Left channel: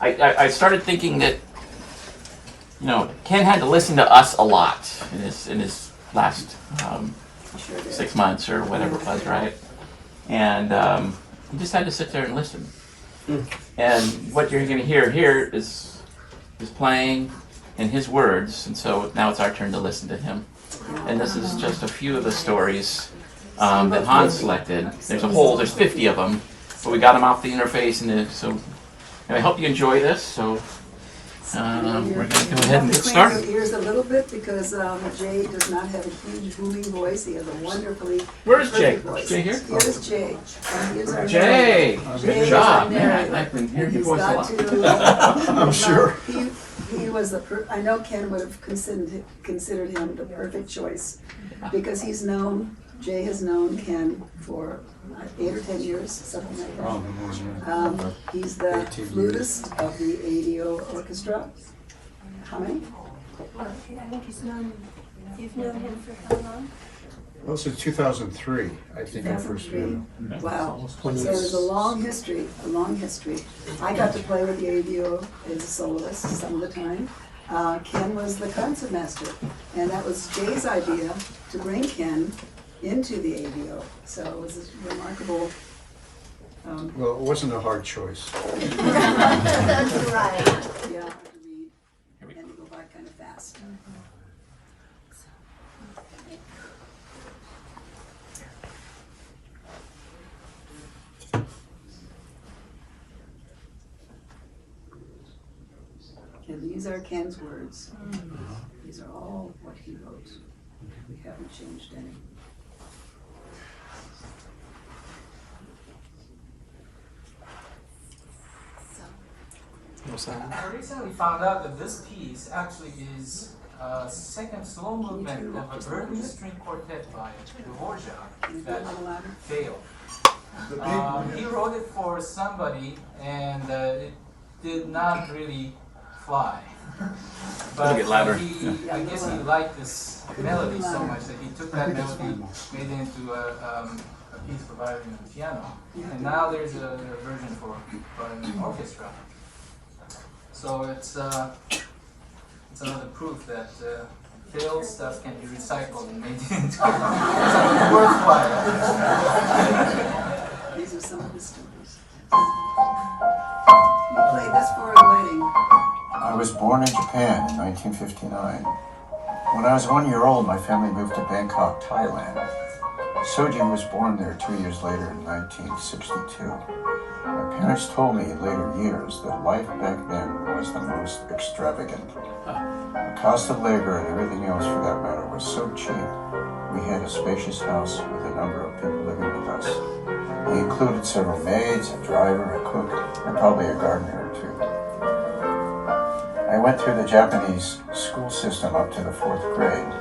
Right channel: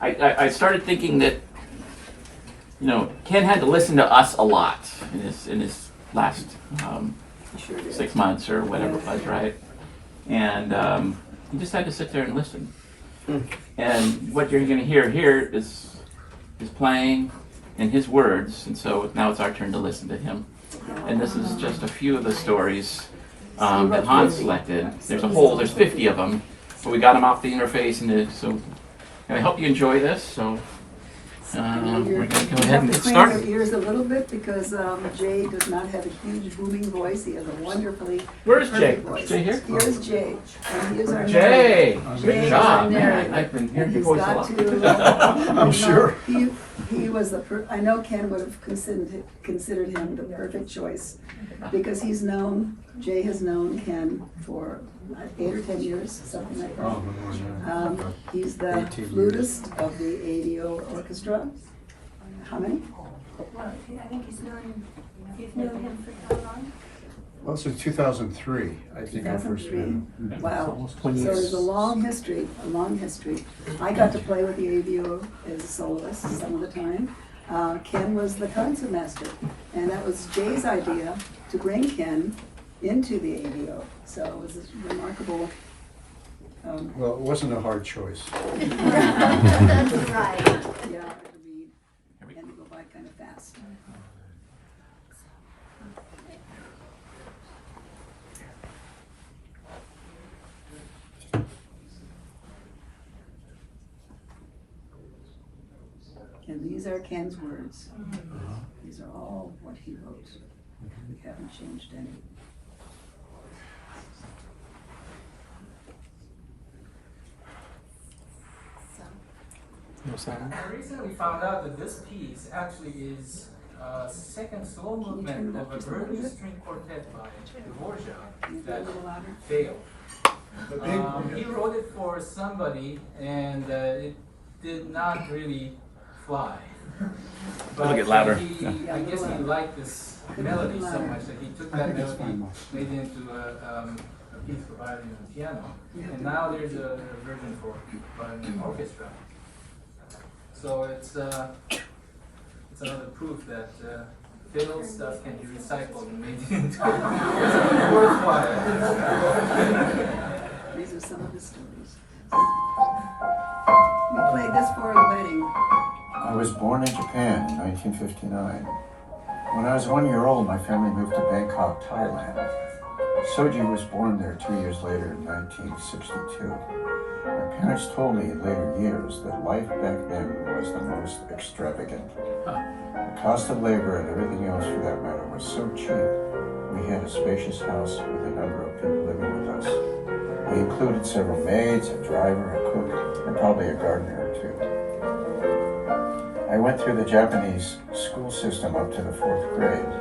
I started thinking that, Ken had to listen to us a lot in his last 6 months or whatever it was, right? And he just had to sit there and listen. And what you're going to hear here is playing in his words, and so now it's our turn to listen to him. And this is just a few of the stories that Hans selected. There's 50 of them, but we got them off the interface, and so I hope you enjoy this. So we're going to go ahead and get started. Clean your ears a little bit because Jay does not have a huge booming voice. He has a wonderfully Where's Jay? voice. Jay here? Here's Jay. And he is our Jay, narrator. good job, man. I've been hearing your voice a lot. I'm sure. He was the. I know Ken would have considered him the perfect choice because Jay has known Ken for 8 or 10 years, something like that. He's the flutist of the ADO Orchestra. How many? I think you've known him for how long? Well, since 2003, I think I first met him. Wow. So there's a long history. I got to play with the ADO as a soloist some of the time. Ken was the concertmaster, and that was Jay's idea to bring Ken into the ADO. So it was a remarkable. Well, it wasn't a hard choice. Right. Yeah, to read and to go by kind of fast. And these are Ken's words. These are all what he wrote. We haven't changed any. I recently found out that this piece actually is a second slow movement of an early string quartet by Dvorak that failed. He wrote it for somebody, and it did not really fly. But It'll get louder. I guess he liked this melody so much that he took that melody, made it into a piece for violin and piano. And now there's a version for an orchestra. So it's another proof that failed stuff can be recycled and made into something worthwhile. These are some of the stories. We played this for a wedding. I was born in Japan in 1959. When I was 1 year old, my family moved to Bangkok, Thailand. Soji was born there 2 years later in 1962. My parents told me in later years that life back then was the most extravagant. The cost of labor and everything else for that matter was so cheap, we had a spacious house with a number of people living with us. They included several maids, a driver, a cook, and probably a gardener or two. I went through the Japanese school system up to the 4th grade.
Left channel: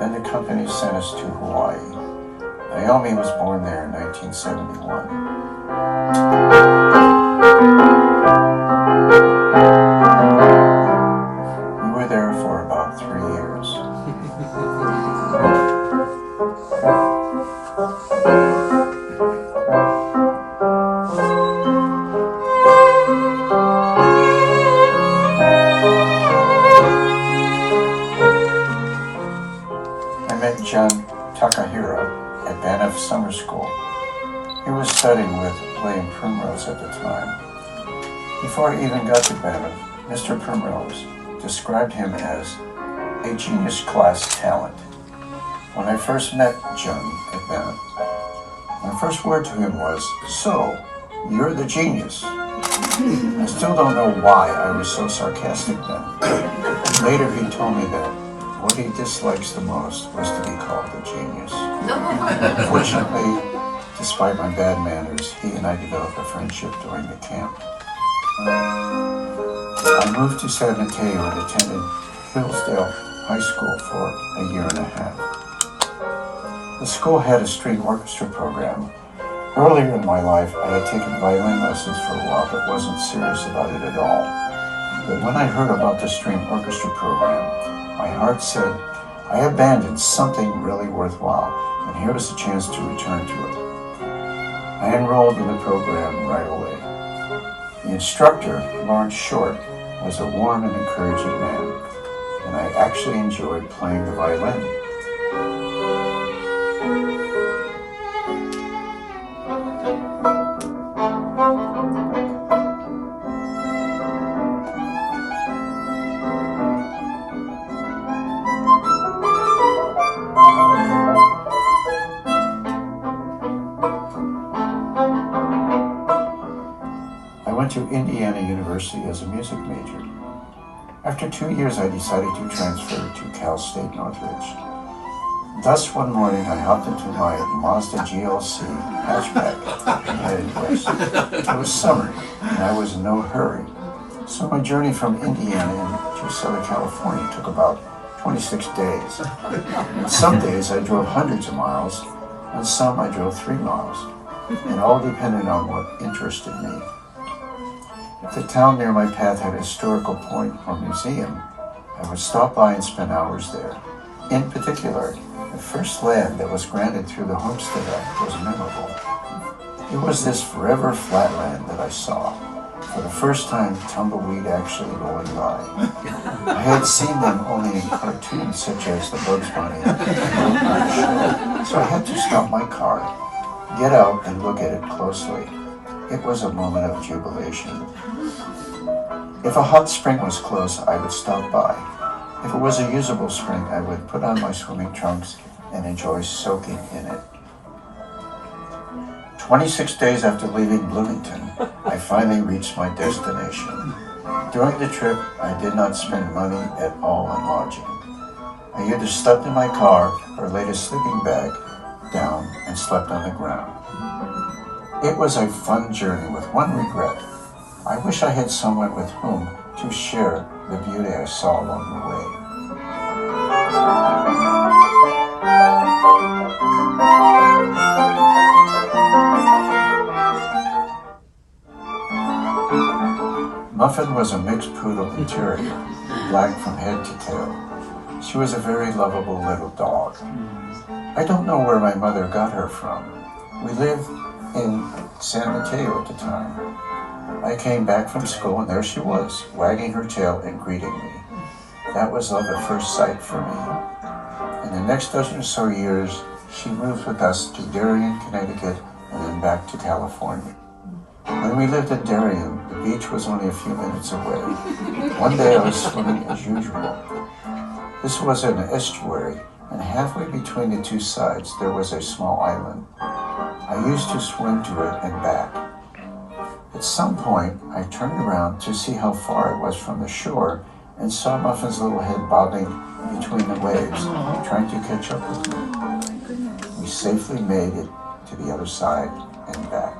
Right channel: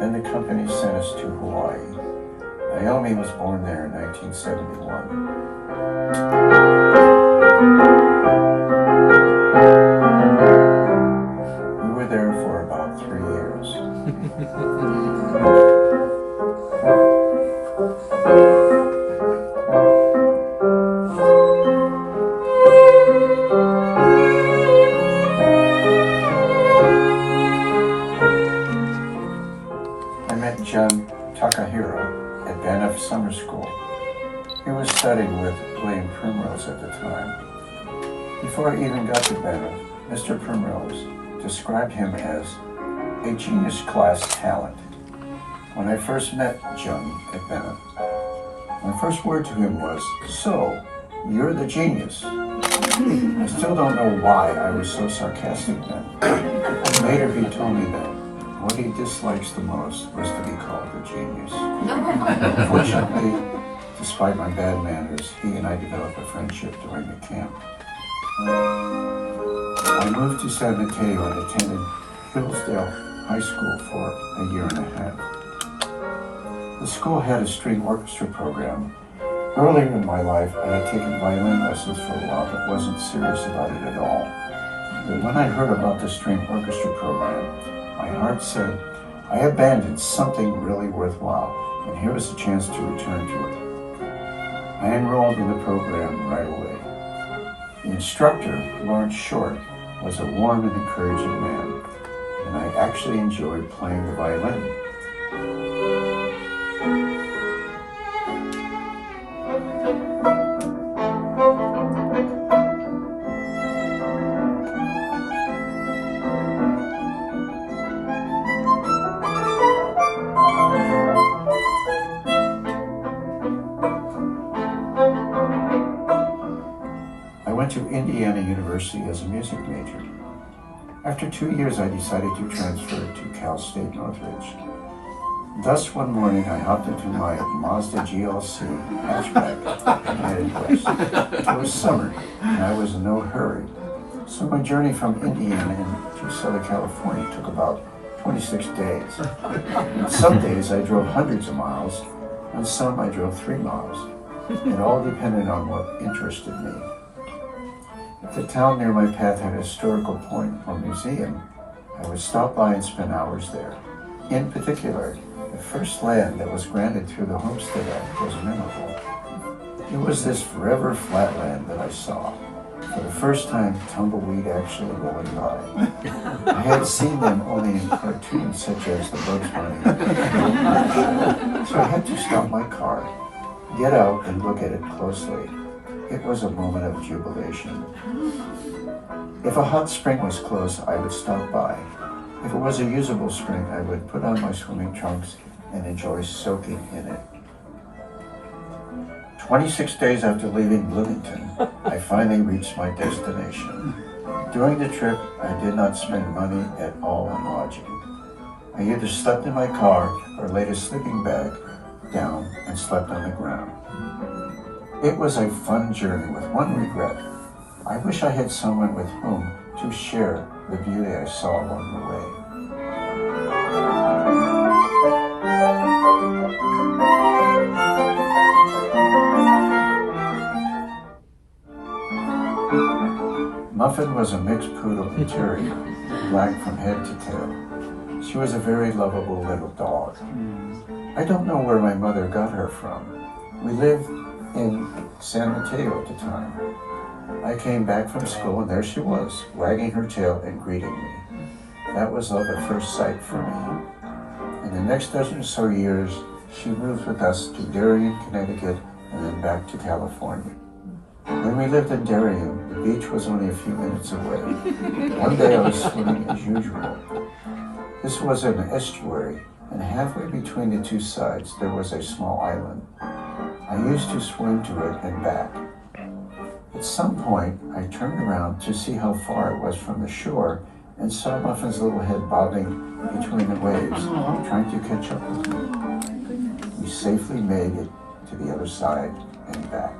Then the company sent us to Hawaii. Naomi was born there in 1971. We were there for about 3 years. I met John Takahira at Banff Summer School. He was studying with William Primrose at the time. Before I even got to Banff, Mr. Primrose described him as a genius class talent. When I first met John at Banff, my first word to him was, "So, you're the genius." I still don't know why I was so sarcastic then. Later he told me that what he dislikes the most was to be called a genius. Fortunately, despite my bad manners, he and I developed a friendship during the camp. I moved to San Mateo and attended Hillsdale High School for a year and a half. The school had a string orchestra program. Earlier in my life, I had taken violin lessons for a while, but wasn't serious about it at all. But when I heard about the string orchestra program, my heart said, I abandoned something really worthwhile, and here was a chance to return to it. I enrolled in the program right away. The instructor, Lawrence Short, was a warm and encouraging man, and I actually enjoyed playing the violin. I went to Indiana University as a music major. After 2 years, I decided to transfer to Cal State Northridge. Thus, one morning, I hopped into my Mazda GLC hatchback and headed west. It was summer, and I was in no hurry, so my journey from Indiana to Southern California took about 26 days. And some days I drove hundreds of miles, and some I drove 3 miles. It all depended on what interested me. If the town near my path had a historical point or museum, I would stop by and spend hours there. In particular, the first land that was granted through the Homestead Act was memorable. It was this forever flatland that I saw. For the first time, tumbleweed actually rolling by. I had seen them only in cartoons such as the Bugs Bunny, so I had to stop my car, get out and look at it closely. It was a moment of jubilation. If a hot spring was close, I would stop by. If it was a usable spring, I would put on my swimming trunks and enjoy soaking in it. 26 days after leaving Bloomington, I finally reached my destination. During the trip, I did not spend money at all on lodging. I either slept in my car or laid a sleeping bag down and slept on the ground. It was a fun journey with one regret. I wish I had someone with whom to share the beauty I saw along the way. Muffin was a mixed poodle interior, black from head to tail. She was a very lovable little dog. I don't know where my mother got her from. We lived in San Mateo at the time. I came back from school and there she was, wagging her tail and greeting me. That was love at first sight for me. In the next dozen or so years, she moved with us to Darien, Connecticut, and then back to California. When we lived in Darien, the beach was only a few minutes away. One day I was swimming as usual. This was an estuary, and halfway between the two sides there was a small island. I used to swim to it and back. At some point, I turned around to see how far it was from the shore and saw Muffin's little head bobbing between the waves, trying to catch up with me. We safely made it to the other side and back.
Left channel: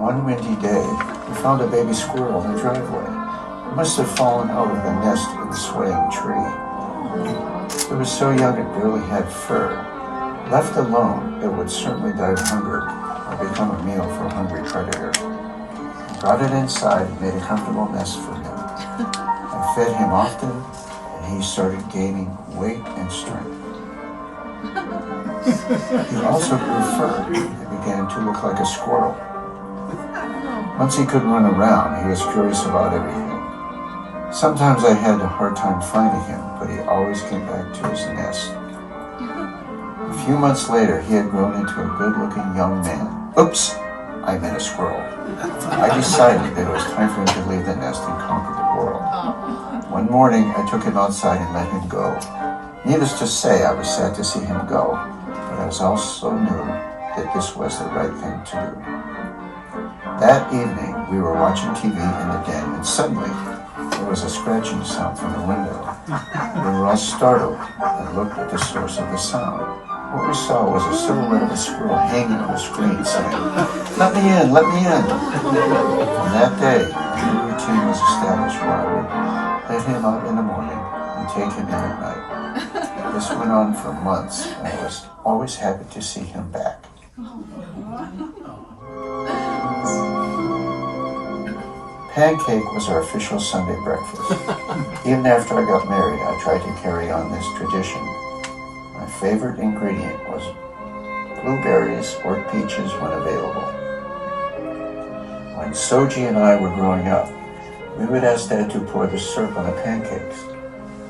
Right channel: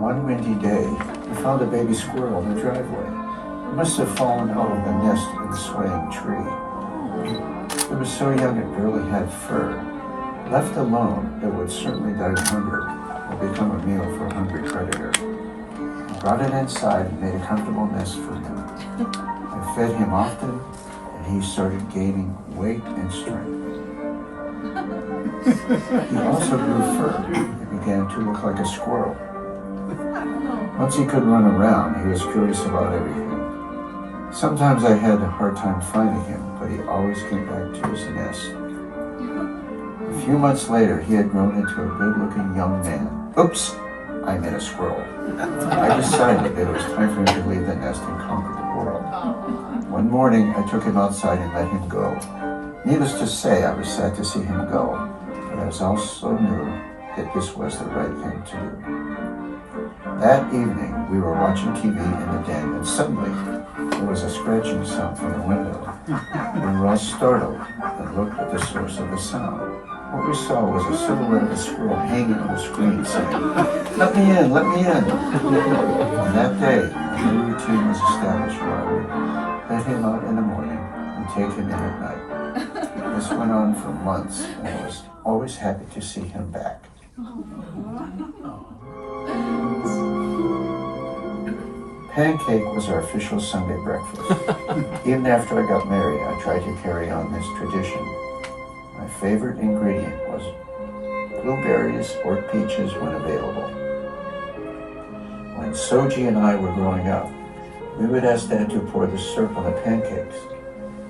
One windy day, we found a baby squirrel in the driveway. It must have fallen out of the nest in the swaying tree. It was so young it barely had fur. Left alone, it would certainly die of hunger or become a meal for a hungry predator. I brought it inside and made a comfortable nest for him. I fed him often, and he started gaining weight and strength. He also grew fur and began to look like a squirrel. Once he could run around, he was curious about everything. Sometimes I had a hard time finding him, but he always came back to his nest. A few months later, he had grown into a good-looking young man. Oops, I meant a squirrel. I decided that it was time for him to leave the nest and conquer the world. One morning, I took him outside and let him go. Needless to say, I was sad to see him go, but I was also knew that this was the right thing to do. That evening, we were watching TV in the den, and suddenly, there was a scratching sound from the window. We were all startled and looked at the source of the sound. What we saw was a silhouette of a squirrel hanging on the screen saying, "Let me in, let me in." On that day, a new routine was established where I would let him out in the morning and take him in at night. This went on for months, and I was always happy to see him back. Pancake was our official Sunday breakfast. Even after I got married, I tried to carry on this tradition. My favorite ingredient was blueberries or peaches when available. When Soji and I were growing up, we would ask Dad to pour the syrup on the pancakes.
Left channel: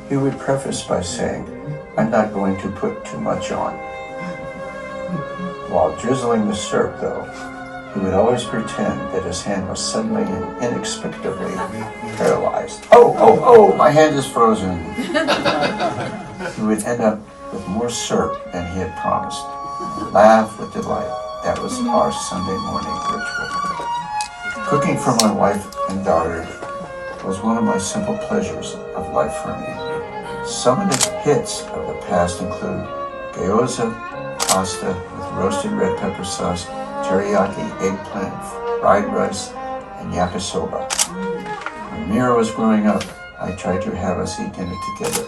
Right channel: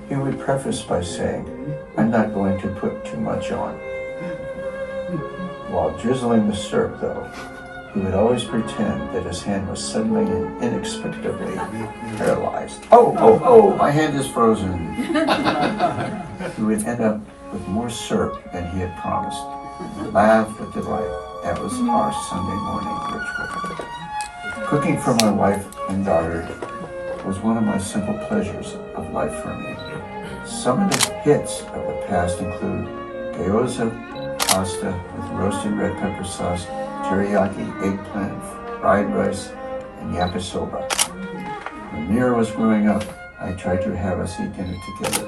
He would preface by saying, "I'm not going to put too much on." While drizzling the syrup, though, he would always pretend that his hand was suddenly and inexplicably paralyzed. Oh, my hand is frozen. He would end up with more syrup than he had promised. We'd laugh with delight. That was our Sunday morning ritual. Cooking for my wife and daughter was one of my simple pleasures of life for me. Some of the hits of the past include gyoza, pasta with roasted red pepper sauce, teriyaki, eggplant, fried rice, and yakisoba. When Mira was growing up, I tried to have us eat dinner together.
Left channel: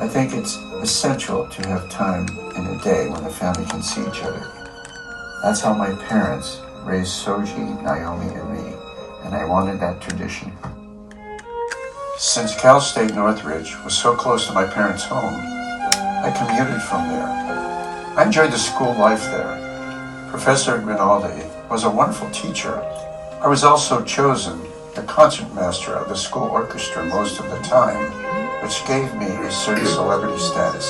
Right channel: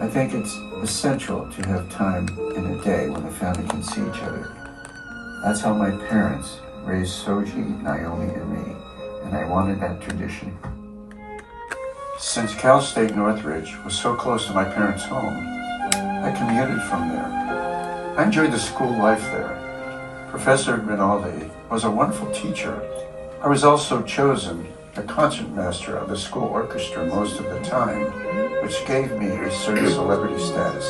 I think it's essential to have time in a day when the family can see each other. That's how my parents raised Soji, Naomi, and me, and I wanted that tradition. Since Cal State Northridge was so close to my parents' home, I commuted from there. I enjoyed the school life there. Professor Rinaldi was a wonderful teacher. I was also chosen the concertmaster of the school orchestra most of the time, which gave me a certain celebrity status.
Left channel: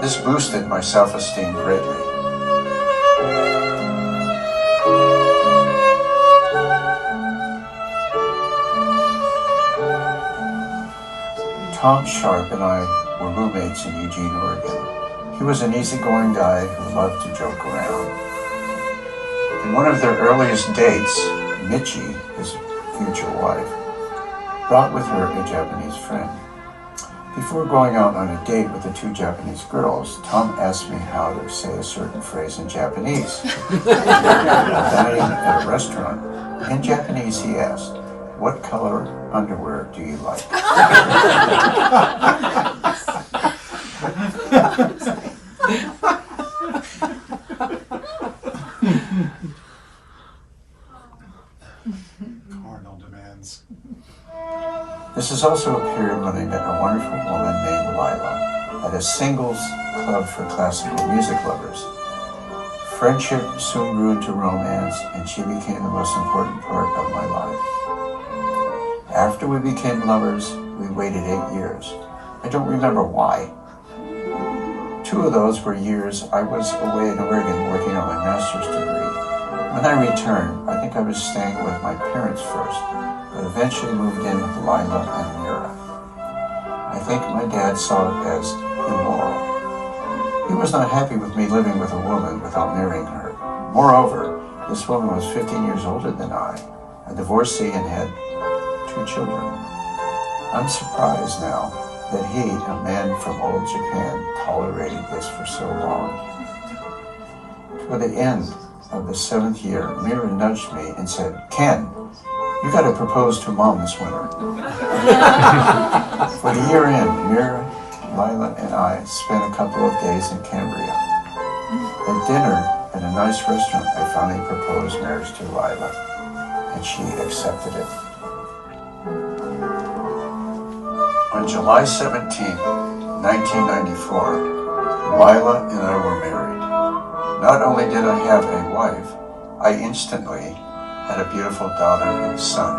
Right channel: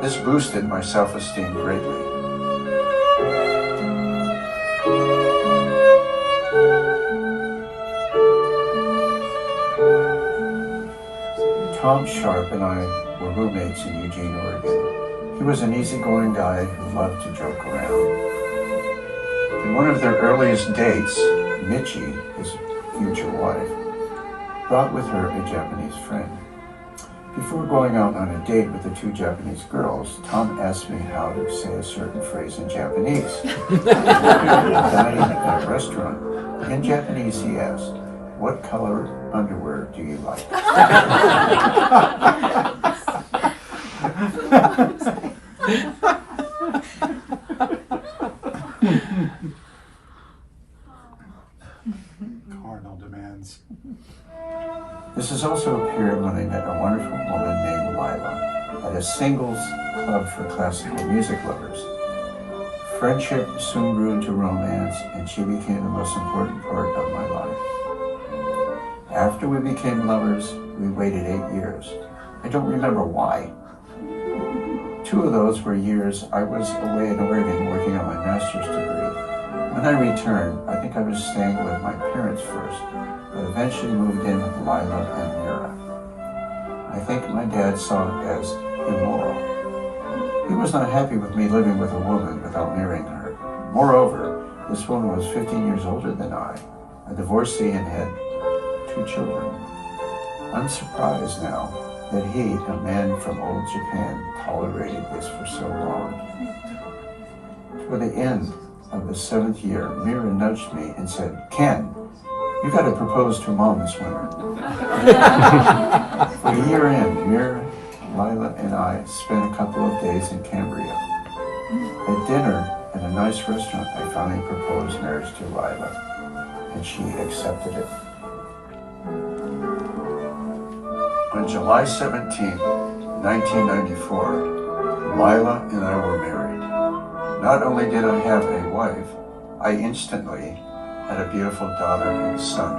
This boosted my self-esteem greatly. Tom Sharp and I were roommates in Eugene, Oregon. He was an easygoing guy who loved to joke around. In one of their earliest dates, Michi, his future wife, brought with her a Japanese friend. Before going out on a date with the two Japanese girls, Tom asked me how to say a certain phrase in Japanese. Dining at a restaurant. In Japanese, he asked, "What color underwear do you like?" Carnal demands. This is also a period when I met a wonderful woman named Lila at a singles club for classical music lovers. Friendship soon grew into romance, and she became the most important part of my life. After we became lovers, we waited 8 years. I don't remember why. 2 of those were years I was away in Oregon working on my master's degree. When I returned, I think I was staying with my parents first, but eventually moved in with Lila and Mira. I think my dad saw it as immoral. He was not happy with me living with a woman without marrying her. Moreover, this woman was 15 years older than I, a divorcee, and had 2 children. I'm surprised now that he, a man from old Japan, tolerated this for so long. Toward the end of the 7th year, Mira nudged me and said, "Ken, you got to propose to Mom this winter." For the year end, Mira, Lila, and I spent a couple of days in Cambria. At dinner at a nice restaurant, I finally proposed marriage to Lila, and she accepted it. On July 17, 1994, Lila and I were married. Not only did I have a wife, I instantly had a beautiful daughter and son.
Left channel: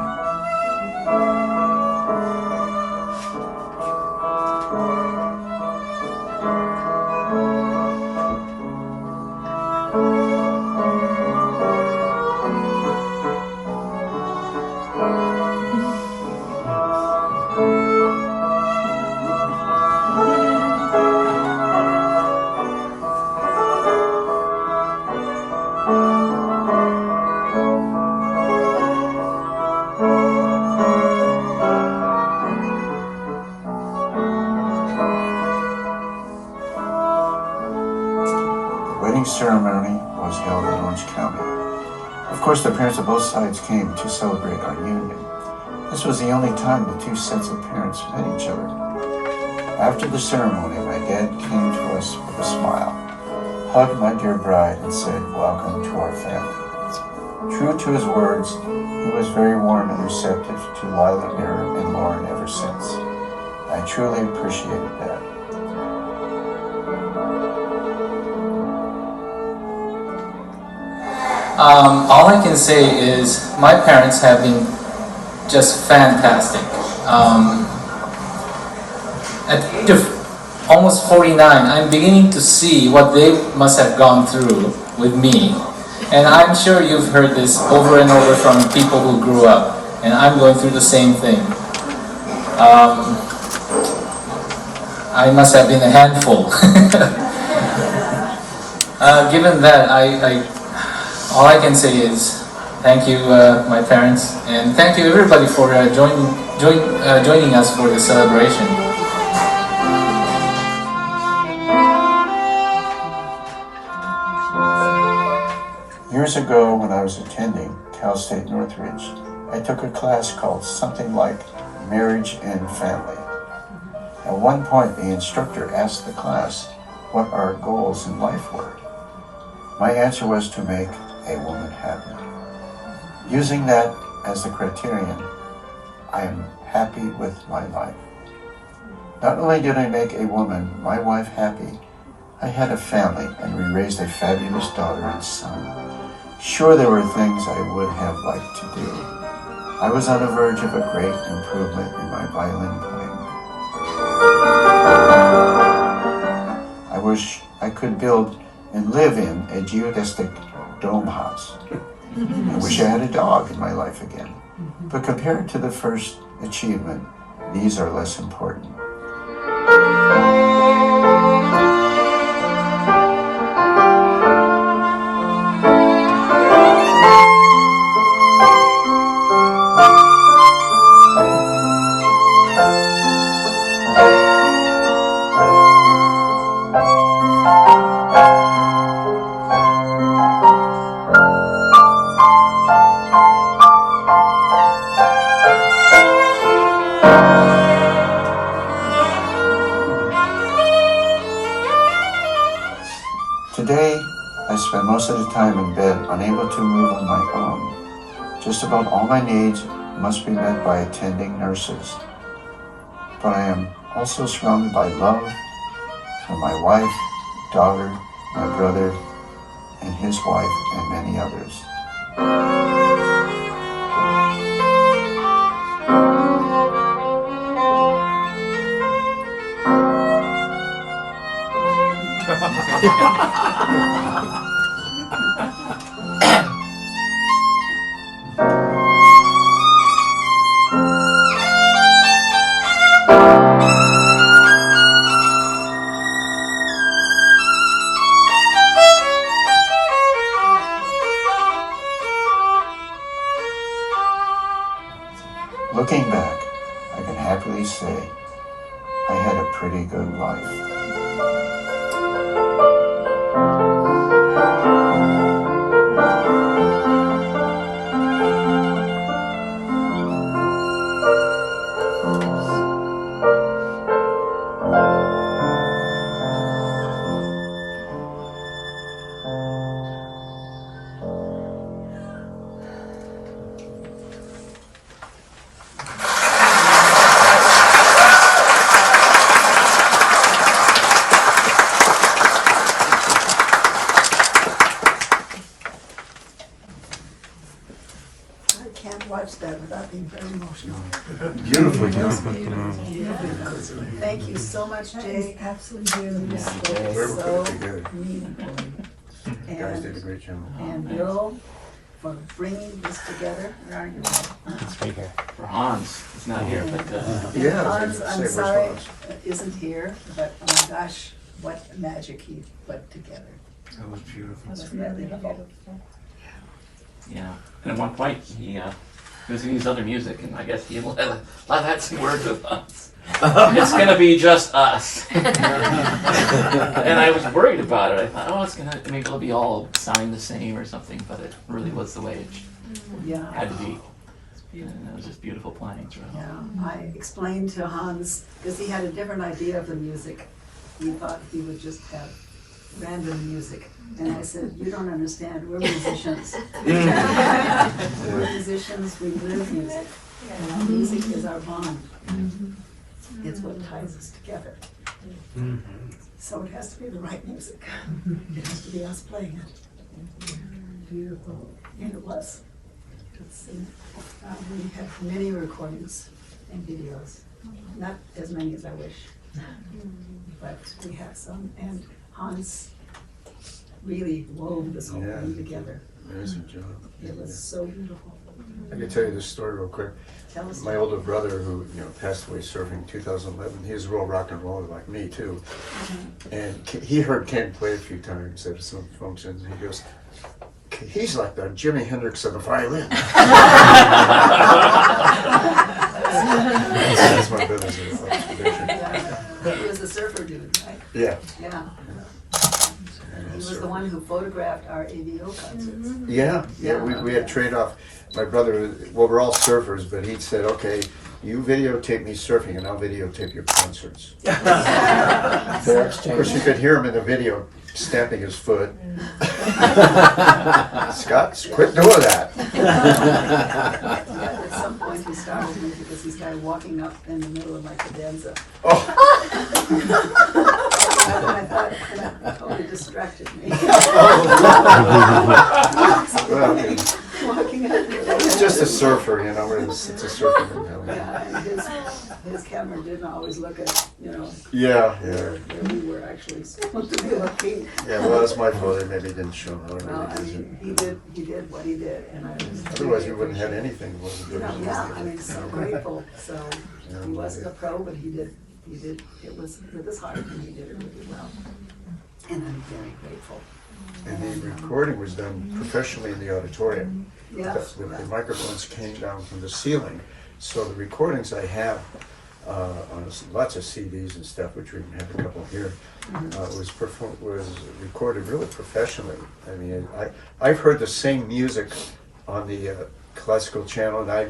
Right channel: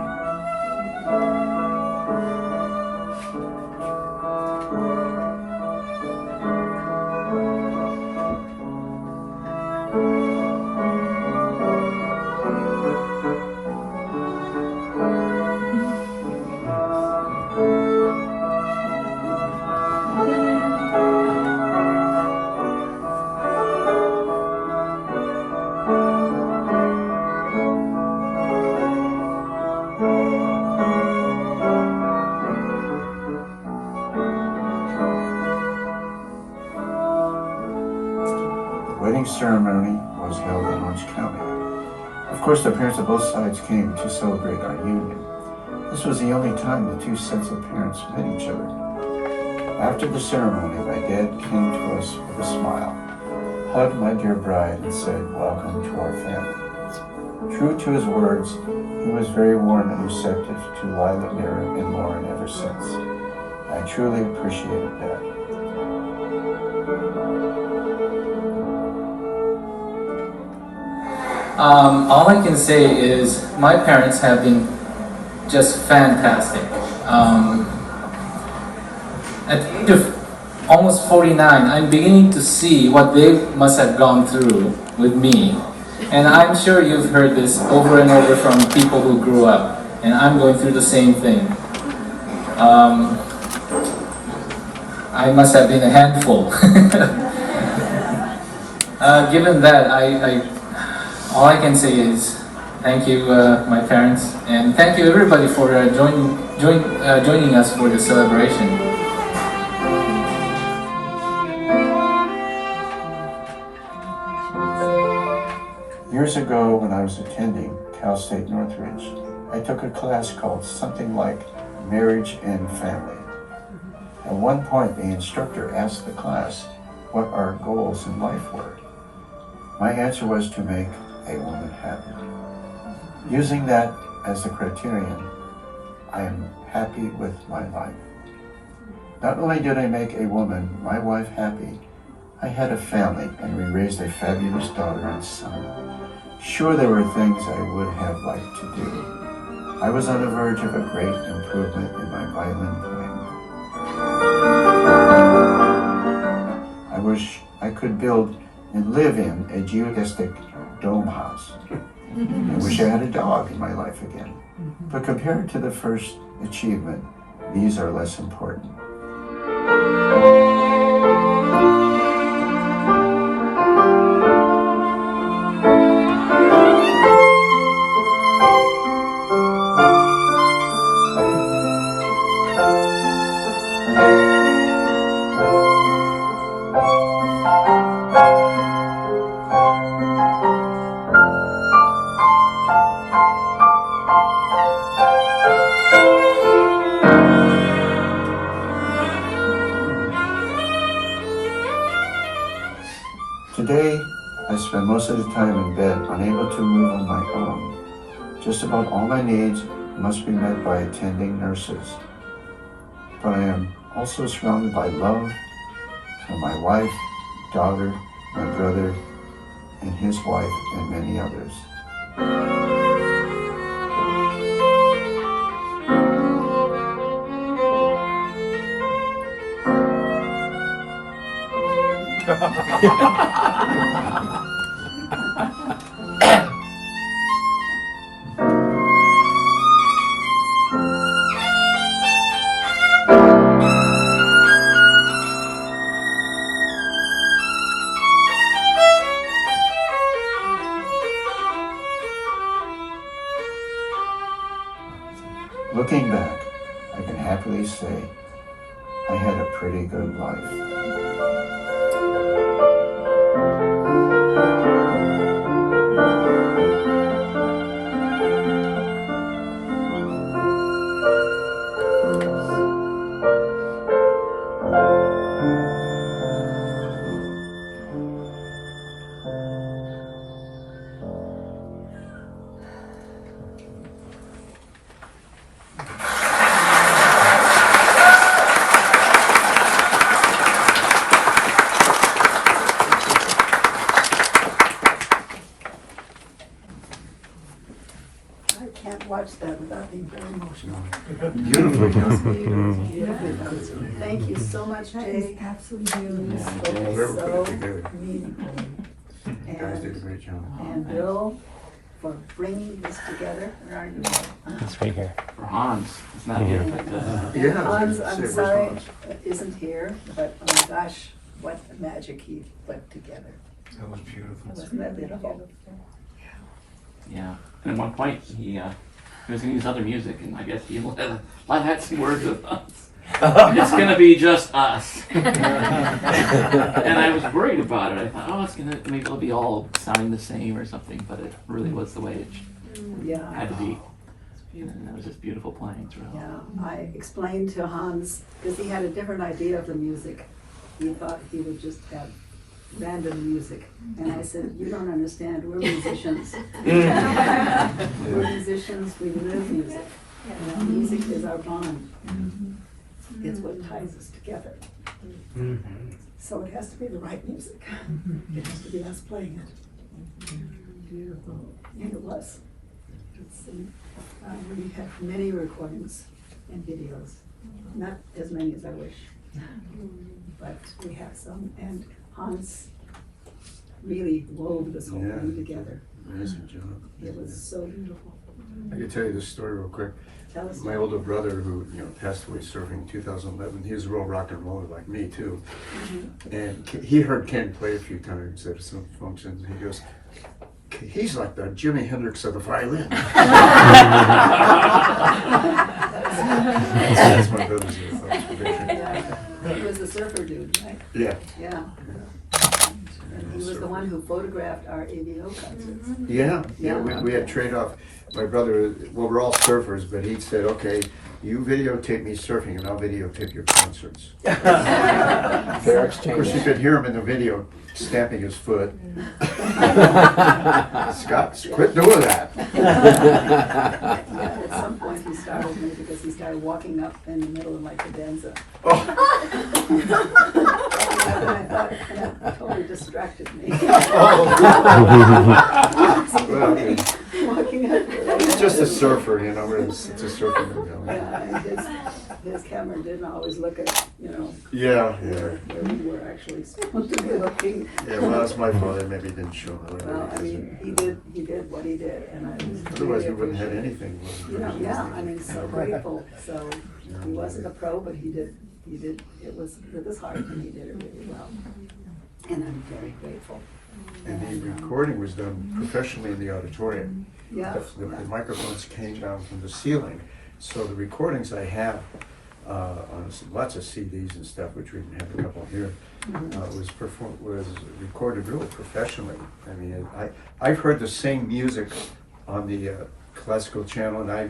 The wedding ceremony was held in Orange County. Of course, the parents of both sides came to celebrate our union. This was the only time the 2 sets of parents met each other. After the ceremony, my dad came to us with a smile, hugged my dear bride, and said, "Welcome to our family." True to his words, he was very warm and receptive to Lila, Mira, and Lauren ever since. I truly appreciated that. All I can say is my parents have been just fantastic. At the age of almost 49, I'm beginning to see what they must have gone through with me. And I'm sure you've heard this over and over from people who grew up, and I'm going through the same thing. I must have been a handful. Given that, all I can say is thank you, my parents, and thank you everybody for joining us for the celebration. Years ago, when I was attending Cal State Northridge, I took a class called something like Marriage and Family. At one point, the instructor asked the class what our goals in life were. My answer was to make a woman happy. Using that as the criterion, I am happy with my life. Not only did I make a woman, my wife, happy, I had a family and we raised a fabulous daughter and son. Sure, there were things I would have liked to do. I was on the verge of a great improvement in my violin playing. I wish I could build and live in a geodesic dome house. I wish I had a dog in my life again. But compared to the first achievement, these are less important. Today, I spend most of the time in bed, unable to move on my own. Just about all my needs must be met by attending nurses. But I am also surrounded by love from my wife, daughter, my brother, and his wife, and many others. Looking back, I can happily say I had a pretty good life. I can't watch that without being very emotional. Beautifully done. Thank you so much, Jay. Absolutely You beautiful. spoke We're so pretty good. meaningfully. You guys did a And, great job. and Bill, for bringing this together. Where are you, Bill? For Hans, it's not here, but Yeah, I Hans, was gonna I'm say, where's sorry, Hans? isn't here, but oh my gosh, what magic he put together. That was beautiful. It was really beautiful. yeah. And at one point, he was going to use other music, and I guess he had some words with us. It's going to be just us. And I was worried about it. I thought, oh, it's maybe it'll be all sounding the same or something, but it really was the way it Yeah. had to be. And it was just beautiful playing throughout. Yeah, I explained to Hans, because he had a different idea of the music. He thought he would just have random music. And I said, you don't understand, we're musicians. We're musicians, we live music. And music is our bond. It's what ties us together. So it has to be the right music. It has to be us playing it. beautiful, and it was. We have many recordings and videos, not as many as I wish, but we have some. And Hans really wove this whole thing together. Amazing job. It was so beautiful. I can tell you this story real quick. Tell us. My older brother, who passed away surfing in 2011, he was a real rock and roller like me too. And he heard Ken play a few times at some functions. And he goes, "He's like the Jimi Hendrix of the violin." That's my brother's picture. Yeah. He was the surfer dude, right? Yeah. Yeah. And he was the one who photographed our AVO concerts. Yeah. We had trade-off. My brother, well, we're all surfers, but he said, "Okay, you videotape me surfing and I'll videotape your concerts." Of course, you could hear him in the video stamping his foot. Scott, quit doing that. Yeah, at some point he started me because he started walking up in the middle of my cadenza. And I thought that totally distracted me. Walking up. He's just a surfer, it's a surfer mentality. Yeah, his camera didn't always look at, Yeah. where we were actually supposed to be looking. Yeah, well, that's my fault. They maybe didn't show him. Well, I mean, he did what he did, and I was. Otherwise, we wouldn't have anything. Yeah, I mean, so grateful. So he wasn't a pro, but he did, it was with his heart, and he did it really well. And I'm very grateful. And the recording was done professionally in the auditorium. Yeah. The microphones came down from the ceiling. So the recordings I have on lots of CDs and stuff, which we have a couple here, was recorded really professionally. I mean, I've heard the same music on the classical channel, and I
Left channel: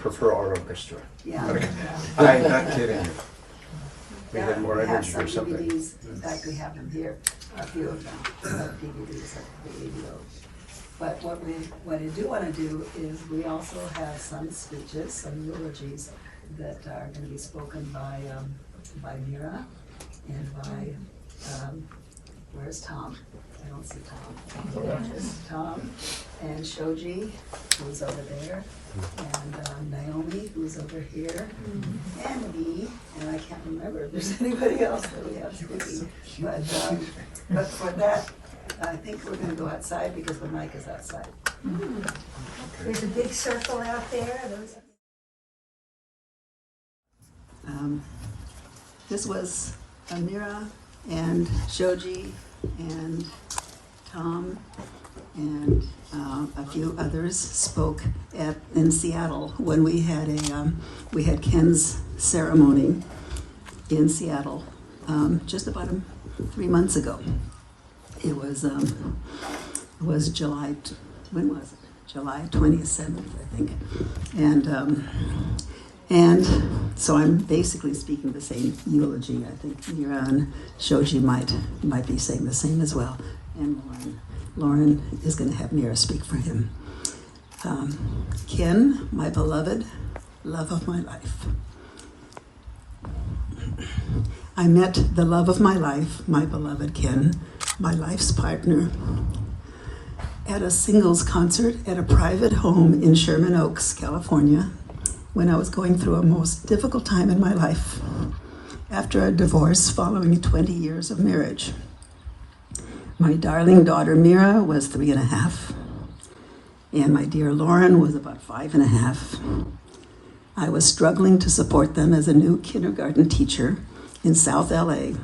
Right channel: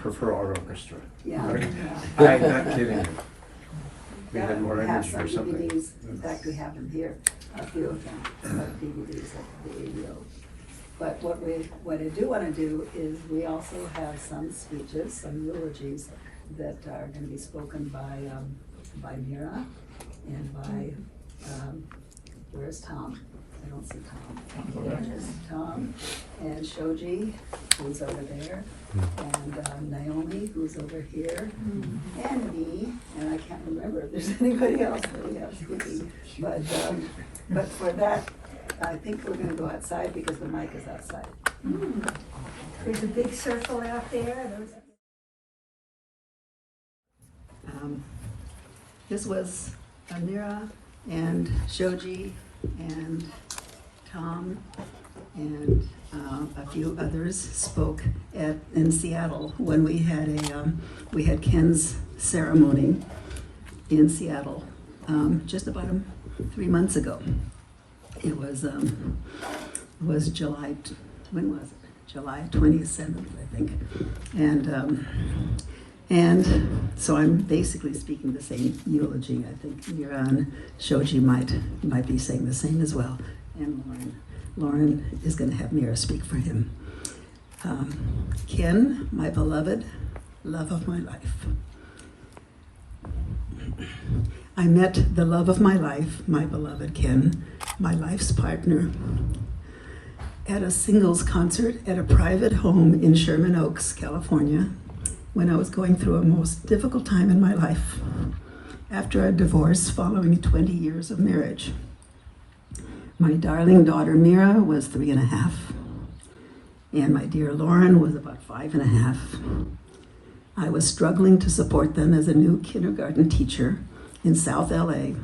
prefer our orchestra. Yeah. I mean, I'm not kidding you. We Yeah, had more we have energy some or something. DVDs. In fact, we have them here, a few of them, DVDs of the AVO. But what I do want to do is we also have some speeches, some eulogies that are going to be spoken by Mira and by, where's Tom? I don't see Tom. There's Tom and Shoji, who's over there, and Naomi, who's over here, and me, and I can't remember if there's anybody else that we have speaking. But for that, I think we're gonna go outside because the mic is outside. There's a big circle out there. This was Amira and Shoji and Tom and a few others spoke in Seattle when we had Ken's ceremony in Seattle just about 3 months ago. It was July. When was it? July 27th, I think. And so I'm basically speaking the same eulogy. I think Mira and Shoji might be saying the same as well. And Lauren is going to have Mira speak for him. Ken, my beloved, love of my life. I met the love of my life, my beloved Ken, my life's partner, at a singles concert at a private home in Sherman Oaks, California, when I was going through a most difficult time in my life after a divorce following 20 years of marriage. My darling daughter Mira was 3.5, and my dear Lauren was about 5.5. I was struggling to support them as a new kindergarten teacher in South LA,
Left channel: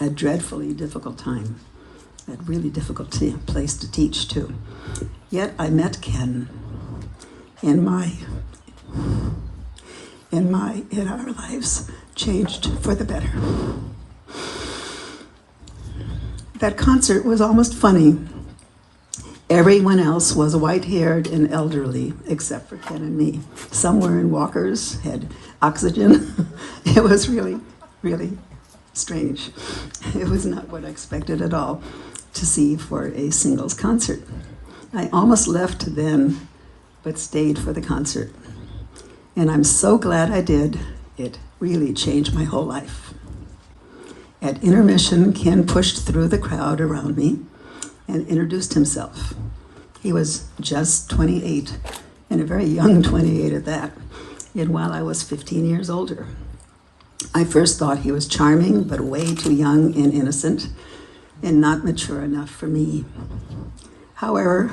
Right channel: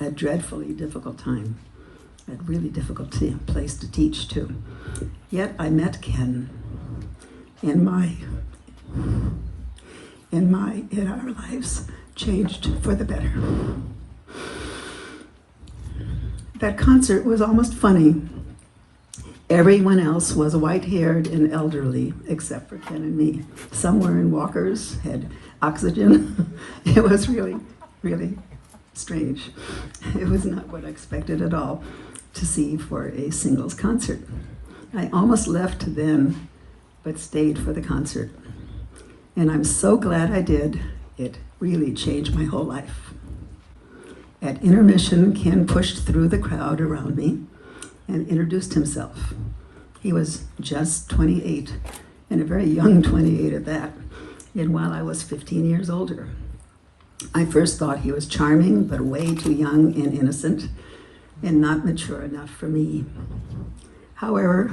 a dreadfully difficult time, a really difficult place to teach too. Yet I met Ken and our lives changed for the better. That concert was almost funny. Everyone else was white-haired and elderly, except for Ken and me. Some were in walkers, had oxygen. It was really, really strange. It was not what I expected at all to see for a singles concert. I almost left then, but stayed for the concert. And I'm so glad I did. It really changed my whole life. At intermission, Ken pushed through the crowd around me and introduced himself. He was just 28, and a very young 28 at that, and while I was 15 years older. I first thought he was charming, but way too young and innocent, and not mature enough for me. However,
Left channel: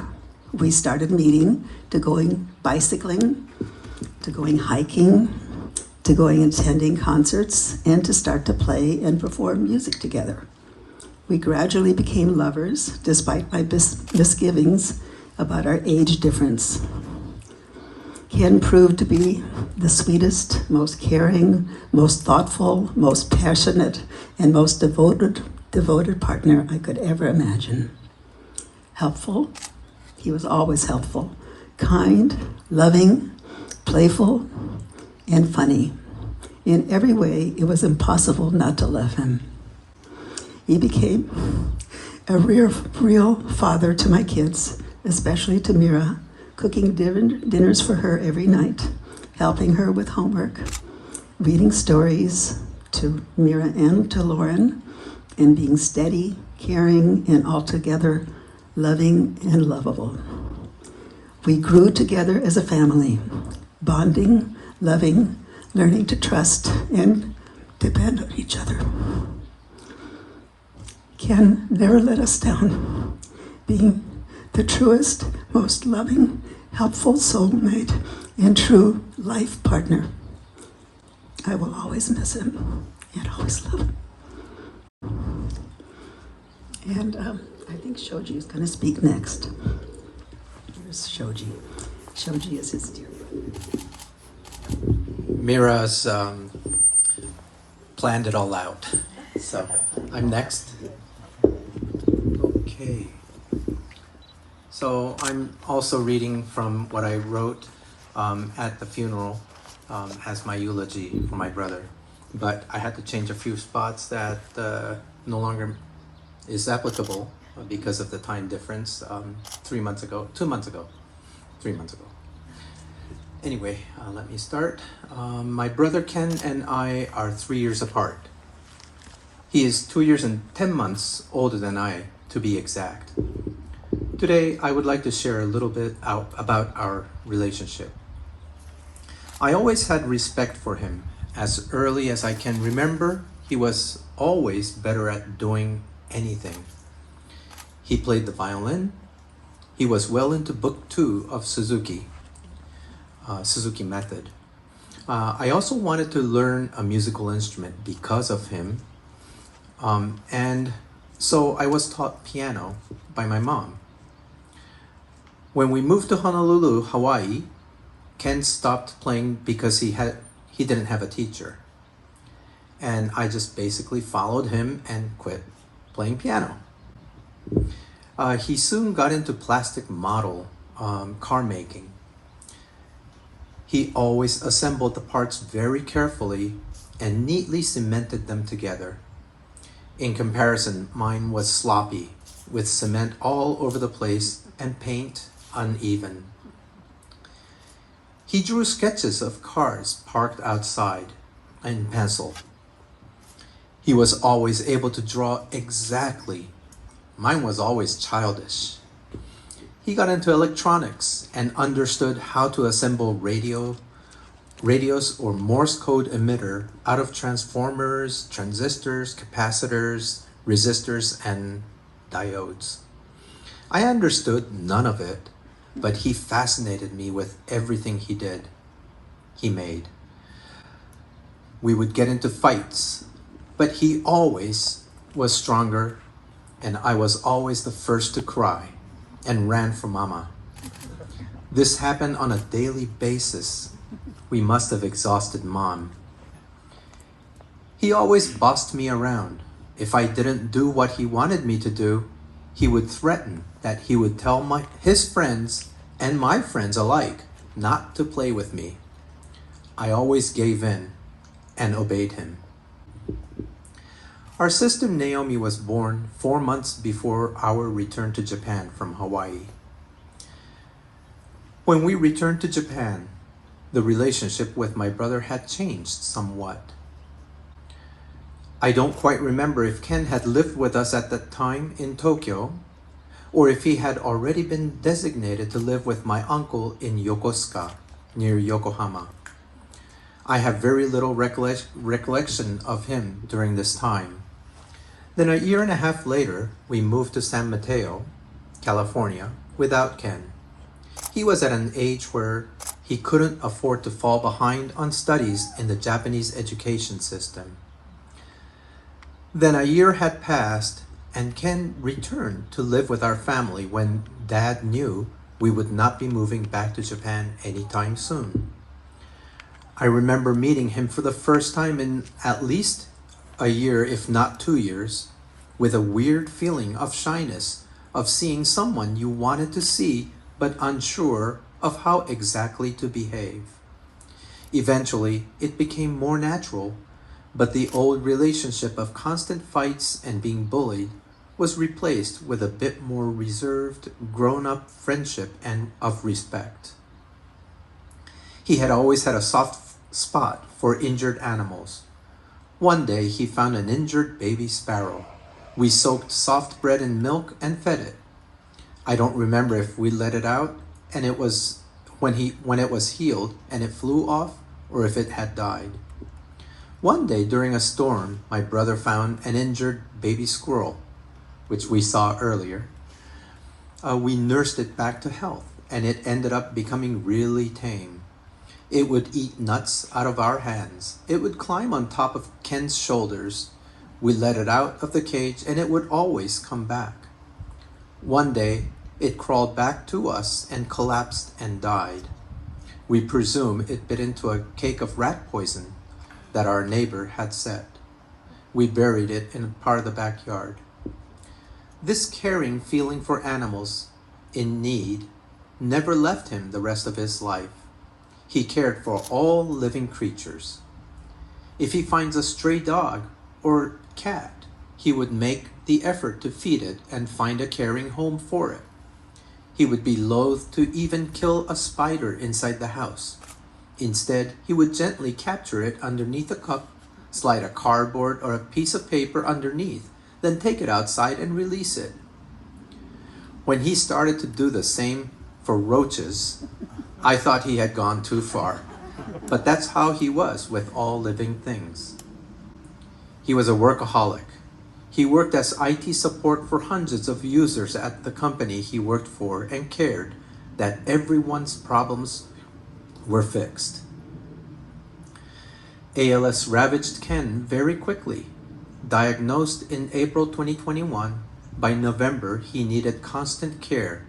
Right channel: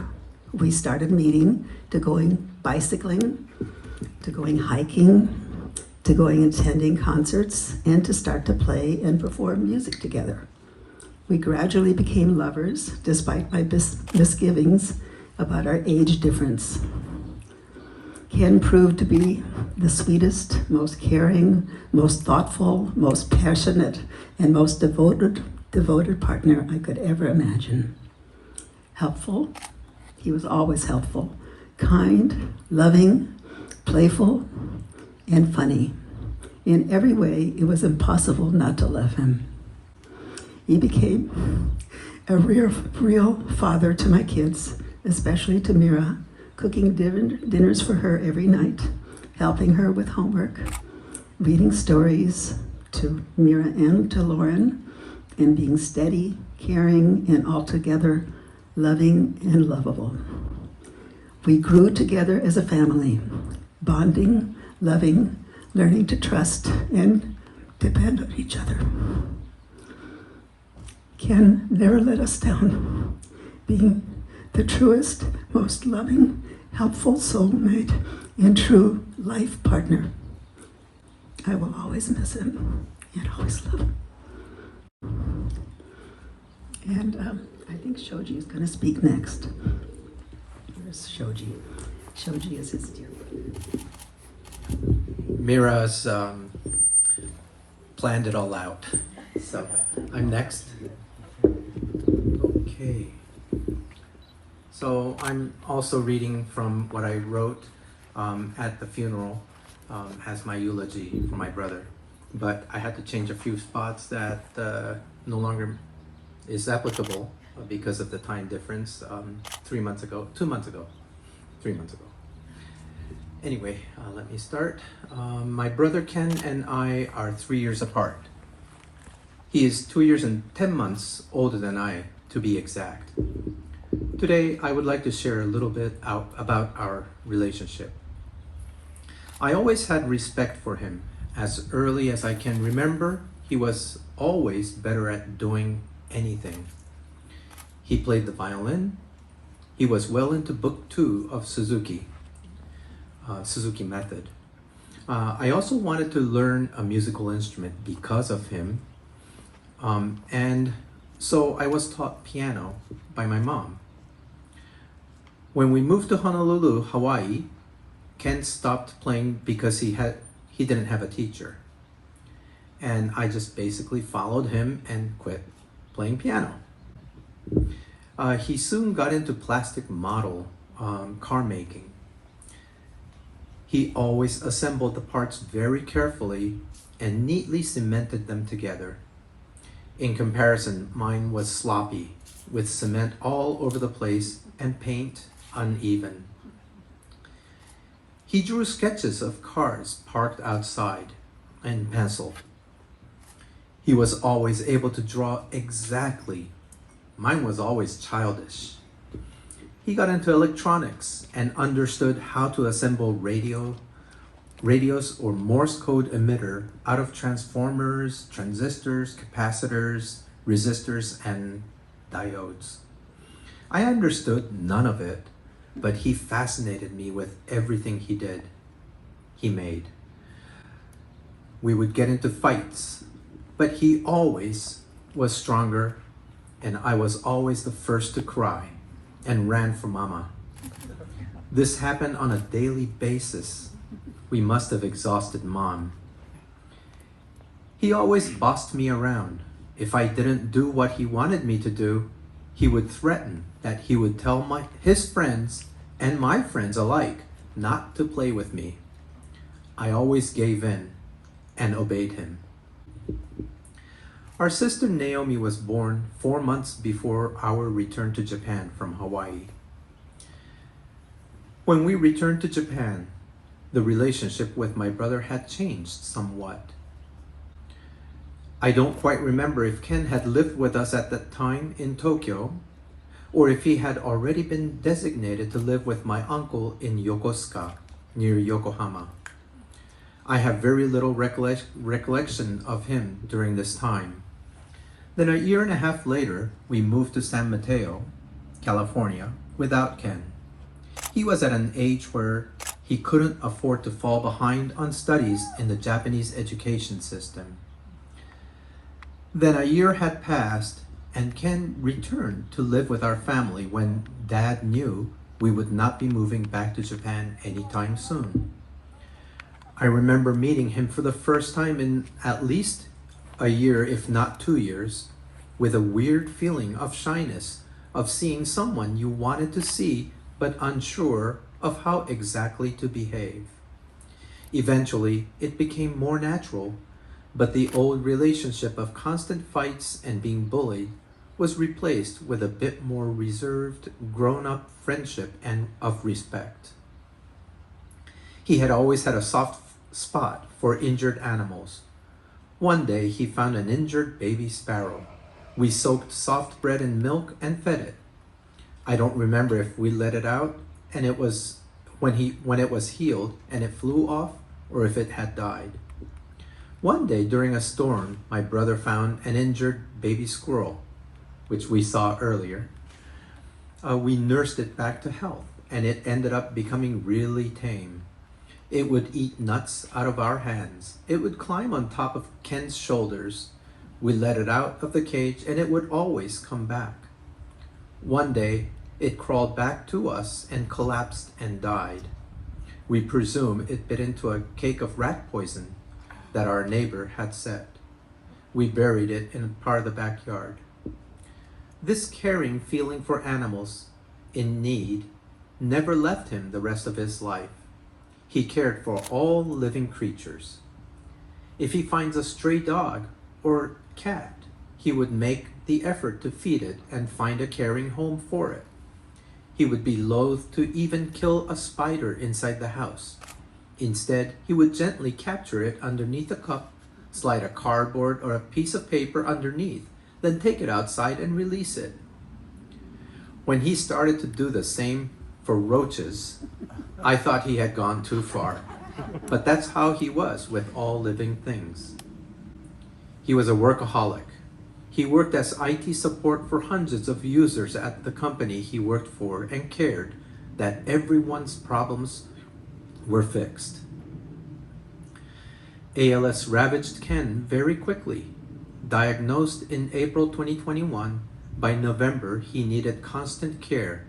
we started meeting, to going bicycling, to going hiking, to going attending concerts, and to start to play and perform music together. We gradually became lovers, despite my misgivings about our age difference. Ken proved to be the sweetest, most caring, most thoughtful, most passionate, and most devoted partner I could ever imagine. Helpful, he was always helpful. Kind, loving, playful, and funny. In every way, it was impossible not to love him. He became a real father to my kids, especially to Mira, cooking dinners for her every night, helping her with homework, reading stories to Mira and to Lauren, and being steady, caring, and altogether loving and lovable. We grew together as a family, bonding, loving, learning to trust and depend on each other. Ken never let us down, being the truest, most loving, helpful soulmate and true life partner. I will always miss him and always love him. And I think Shoji is going to speak next. Here's Shoji. Shoji is his dear. Mira's planned it all out. So I'm next. Okay. So I'm also reading from what I wrote at the funeral as my eulogy for my brother. But I had to change a few spots that no longer is applicable because of the time difference 3 months ago. Anyway, let me start. My brother Ken and I are 3 years apart. He is 2 years and 10 months older than I, to be exact. Today, I would like to share a little bit about our relationship. I always had respect for him. As early as I can remember, he was always better at doing anything. He played the violin. He was well into book 2 of Suzuki method. I also wanted to learn a musical instrument because of him. And so I was taught piano by my mom. When we moved to Honolulu, Hawaii, Ken stopped playing because he didn't have a teacher. And I just basically followed him and quit playing piano. He soon got into plastic model car making. He always assembled the parts very carefully and neatly cemented them together. In comparison, mine was sloppy, with cement all over the place and paint uneven. He drew sketches of cars parked outside in pencil. He was always able to draw exactly. Mine was always childish. He got into electronics and understood how to assemble radios or Morse code emitter out of transformers, transistors, capacitors, resistors, and diodes. I understood none of it, but he fascinated me with everything he made. We would get into fights, but he always was stronger, and I was always the first to cry and ran for Mama. This happened on a daily basis. We must have exhausted Mom. He always bossed me around. If I didn't do what he wanted me to do, he would threaten that he would tell his friends and my friends alike not to play with me. I always gave in and obeyed him. Our sister Naomi was born 4 months before our return to Japan from Hawaii. When we returned to Japan, the relationship with my brother had changed somewhat. I don't quite remember if Ken had lived with us at that time in Tokyo, or if he had already been designated to live with my uncle in Yokosuka, near Yokohama. I have very little recollection of him during this time. Then a year and a half later, we moved to San Mateo, California, without Ken. He was at an age where he couldn't afford to fall behind on studies in the Japanese education system. Then a year had passed, and Ken returned to live with our family when Dad knew we would not be moving back to Japan anytime soon. I remember meeting him for the first time in at least a year, if not 2 years, with a weird feeling of shyness, of seeing someone you wanted to see but unsure of how exactly to behave. Eventually, it became more natural, but the old relationship of constant fights and being bullied was replaced with a bit more reserved, grown-up friendship and of respect. He had always had a soft spot for injured animals. One day he found an injured baby sparrow. We soaked soft bread in milk and fed it. I don't remember if we let it out and it was when it was healed and it flew off, or if it had died. One day during a storm, my brother found an injured baby squirrel, which we saw earlier. We nursed it back to health, and it ended up becoming really tame. It would eat nuts out of our hands. It would climb on top of Ken's shoulders. We let it out of the cage, and it would always come back. One day, it crawled back to us and collapsed and died. We presume it bit into a cake of rat poison that our neighbor had set. We buried it in a part of the backyard. This caring feeling for animals in need never left him the rest of his life. He cared for all living creatures. If he finds a stray dog or cat, he would make the effort to feed it and find a caring home for it. He would be loath to even kill a spider inside the house. Instead, he would gently capture it underneath a cup, slide a cardboard or a piece of paper underneath, then take it outside and release it. When he started to do the same for roaches, I thought he had gone too far. But that's how he was with all living things. He was a workaholic. He worked as IT support for hundreds of users at the company he worked for and cared that everyone's problems were fixed. ALS ravaged Ken very quickly. Diagnosed in April 2021, by November he needed constant care,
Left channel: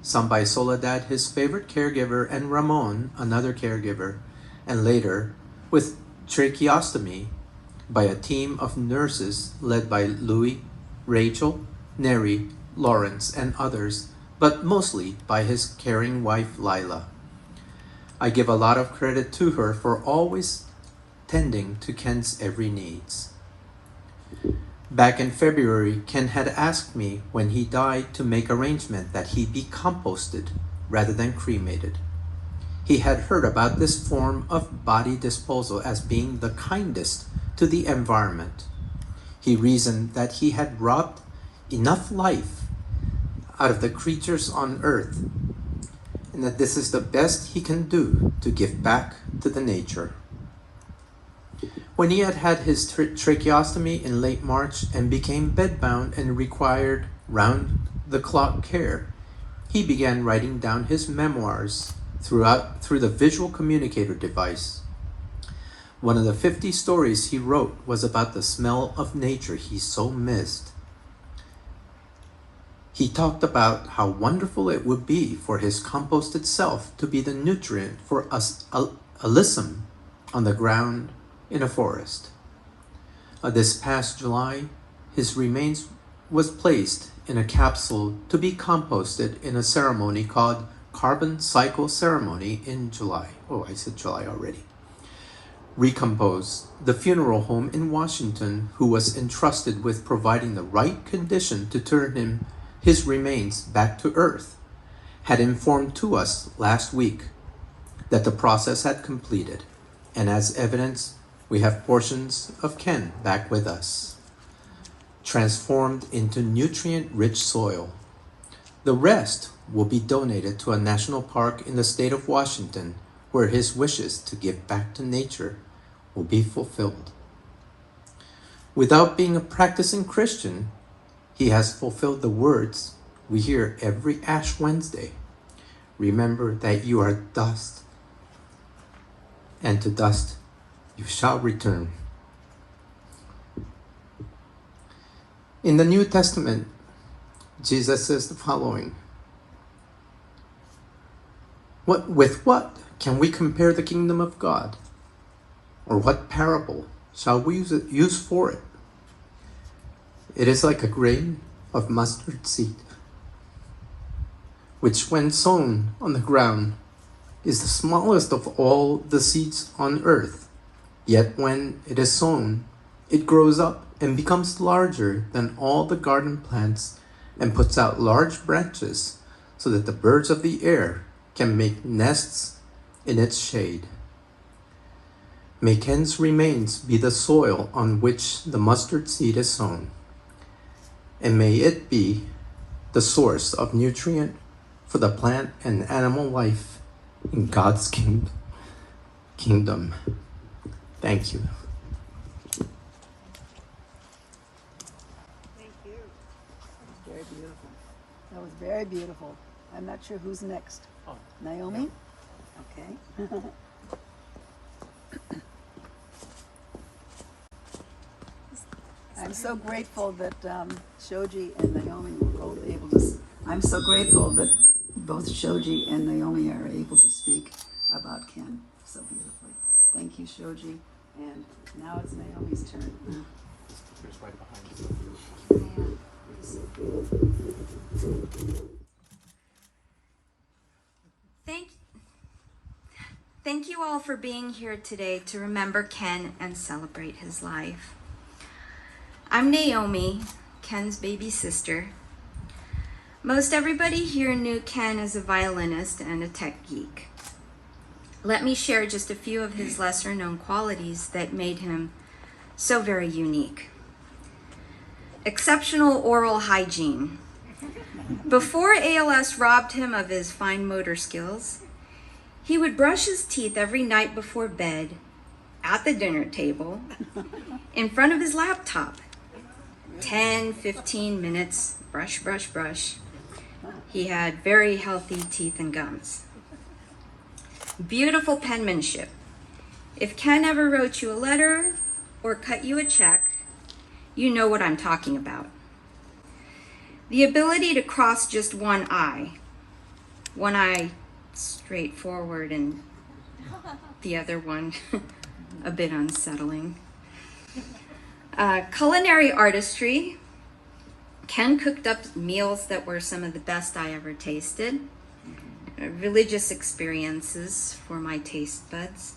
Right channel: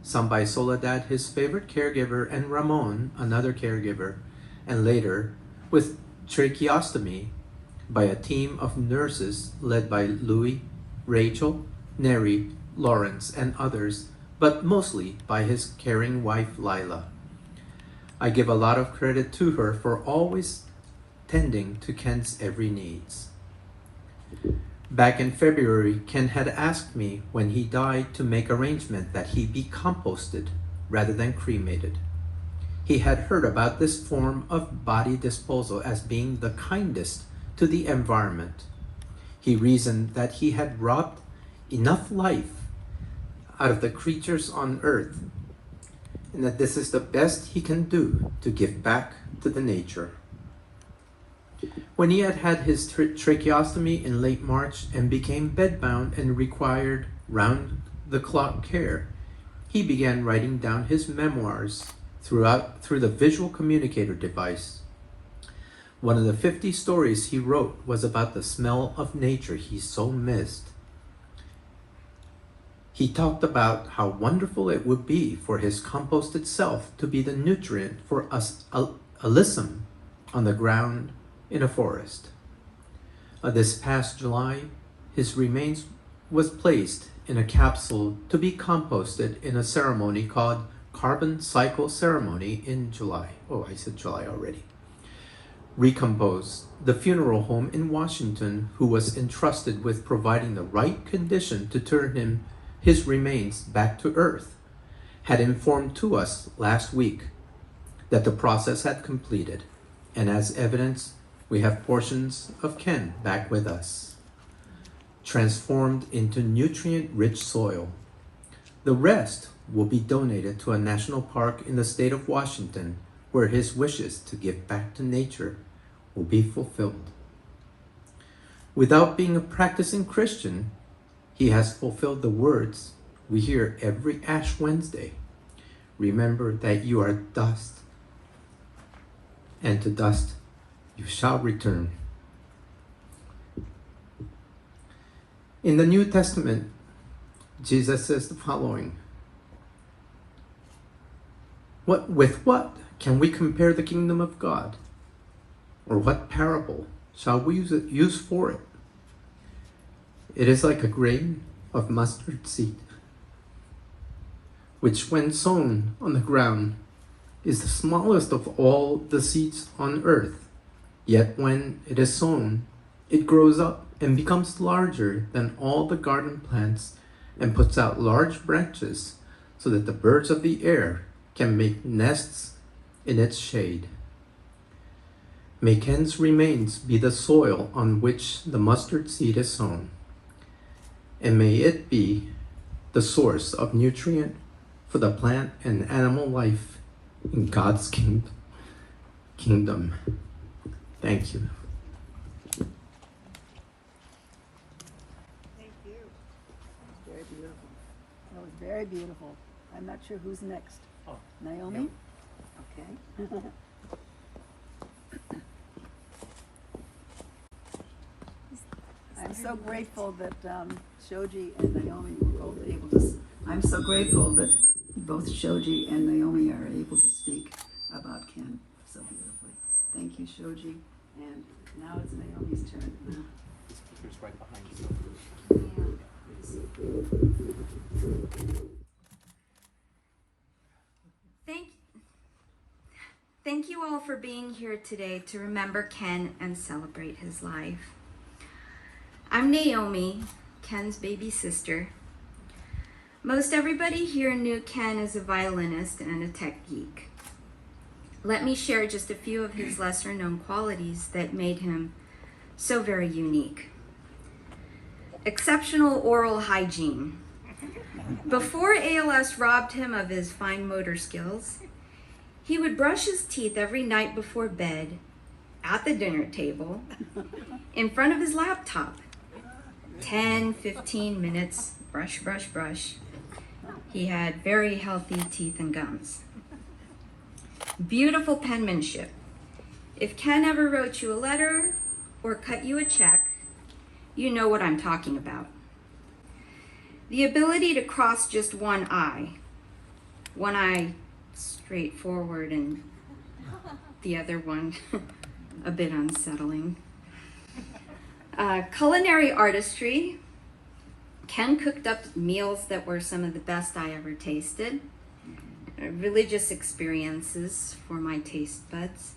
some by Soledad, his favorite caregiver, and Ramon, another caregiver, and later with tracheostomy by a team of nurses led by Louis, Rachel, Neri, Lawrence, and others, but mostly by his caring wife, Lila. I give a lot of credit to her for always tending to Ken's every needs. Back in February, Ken had asked me when he died to make arrangement that he be composted rather than cremated. He had heard about this form of body disposal as being the kindest to the environment. He reasoned that he had robbed enough life out of the creatures on earth, and that this is the best he can do to give back to the nature. When he had had his tracheostomy in late March and became bedbound and required round-the-clock care, he began writing down his memoirs through the visual communicator device. One of the 50 stories he wrote was about the smell of nature he so missed. He talked about how wonderful it would be for his composted self to be the nutrient for alyssum on the ground in a forest. This past July, his remains was placed in a capsule to be composted in a ceremony called Carbon Cycle Ceremony in July. Oh, I said July already. Recompose, the funeral home in Washington, who was entrusted with providing the right condition to turn his remains back to Earth, had informed to us last week that the process had completed, and as evidence, we have portions of Ken back with us, transformed into nutrient-rich soil. The rest will be donated to a national park in the state of Washington, where his wishes to give back to nature will be fulfilled. Without being a practicing Christian, he has fulfilled the words we hear every Ash Wednesday. Remember that you are dust, and to dust you shall return. In the New Testament, Jesus says the following: With what can we compare the kingdom of God? Or what parable shall we use for it? It is like a grain of mustard seed, which when sown on the ground is the smallest of all the seeds on earth. Yet when it is sown, it grows up and becomes larger than all the garden plants and puts out large branches so that the birds of the air can make nests in its shade. May Ken's remains be the soil on which the mustard seed is sown, and may it be the source of nutrient for the plant and animal life in God's kingdom. Thank you. Thank you. Very beautiful. That was very beautiful. I'm not sure who's next. Oh, Naomi? Okay. I'm so grateful that Shoji and Naomi were both able to. I'm so grateful that both Shoji and Naomi are able to speak about Ken so beautifully. Thank you, Shoji. And now it's Naomi's turn. It's right behind you. Thank you all for being here today to remember Ken and celebrate his life. I'm Naomi, Ken's baby sister. Most everybody here knew Ken as a violinist and a tech geek. Let me share just a few of his lesser known qualities that made him so very unique. Exceptional oral hygiene. Before ALS robbed him of his fine motor skills, he would brush his teeth every night before bed, at the dinner table, in front of his laptop. 10, 15 minutes, brush, brush, brush. He had very healthy teeth and gums. Beautiful penmanship. If Ken ever wrote you a letter or cut you a check, you know what I'm talking about. The ability to cross just one eye straight forward and the other one a bit unsettling. Culinary artistry. Ken cooked up meals that were some of the best I ever tasted. Religious experiences for my taste buds.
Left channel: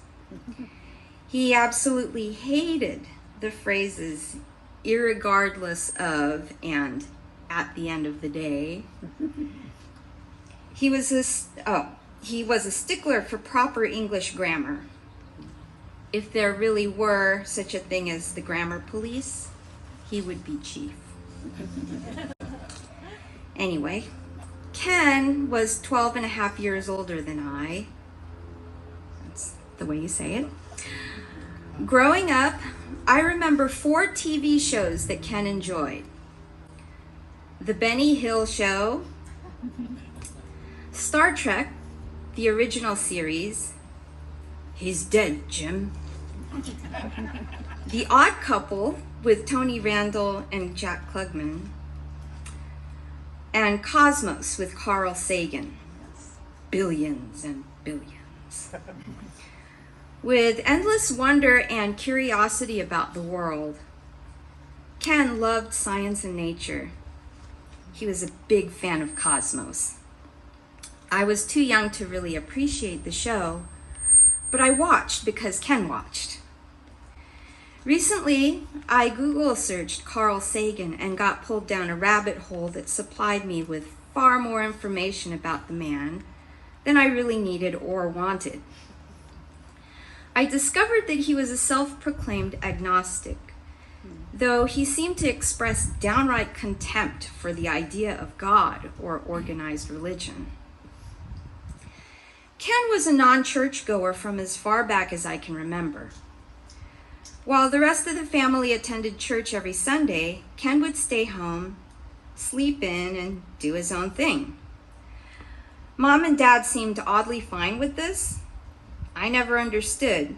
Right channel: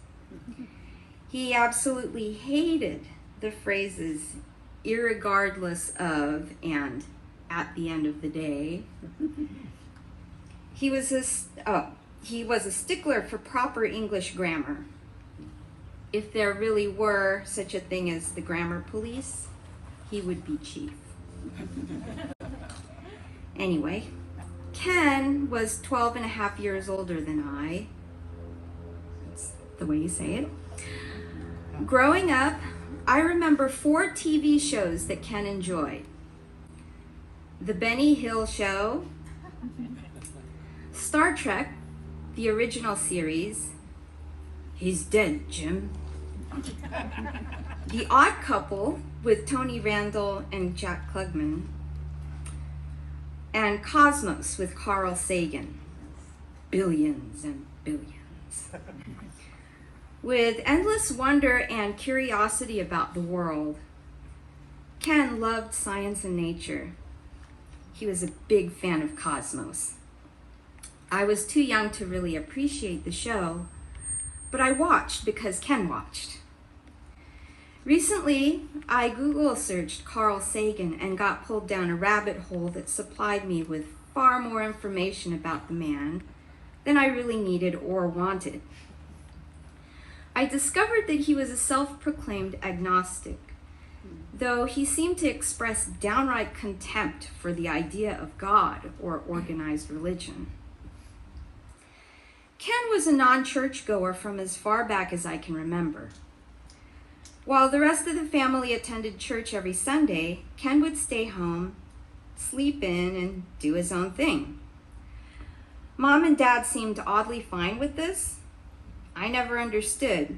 He absolutely hated the phrases irregardless of and at the end of the day. He was a stickler for proper English grammar. If there really were such a thing as the grammar police, he would be chief. Anyway, Ken was 12 and a half years older than I. That's the way you say it. Growing up, I remember 4 TV shows that Ken enjoyed. The Benny Hill Show, Star Trek, the original series, He's Dead, Jim. The Odd Couple with Tony Randall and Jack Klugman, and Cosmos with Carl Sagan. Billions and billions. With endless wonder and curiosity about the world, Ken loved science and nature. He was a big fan of Cosmos. I was too young to really appreciate the show, but I watched because Ken watched. Recently, I Google searched Carl Sagan and got pulled down a rabbit hole that supplied me with far more information about the man than I really needed or wanted. I discovered that he was a self-proclaimed agnostic, though he seemed to express downright contempt for the idea of God or organized religion. Ken was a non-churchgoer from as far back as I can remember. While the rest of the family attended church every Sunday, Ken would stay home, sleep in, and do his own thing. Mom and Dad seemed oddly fine with this. I never understood,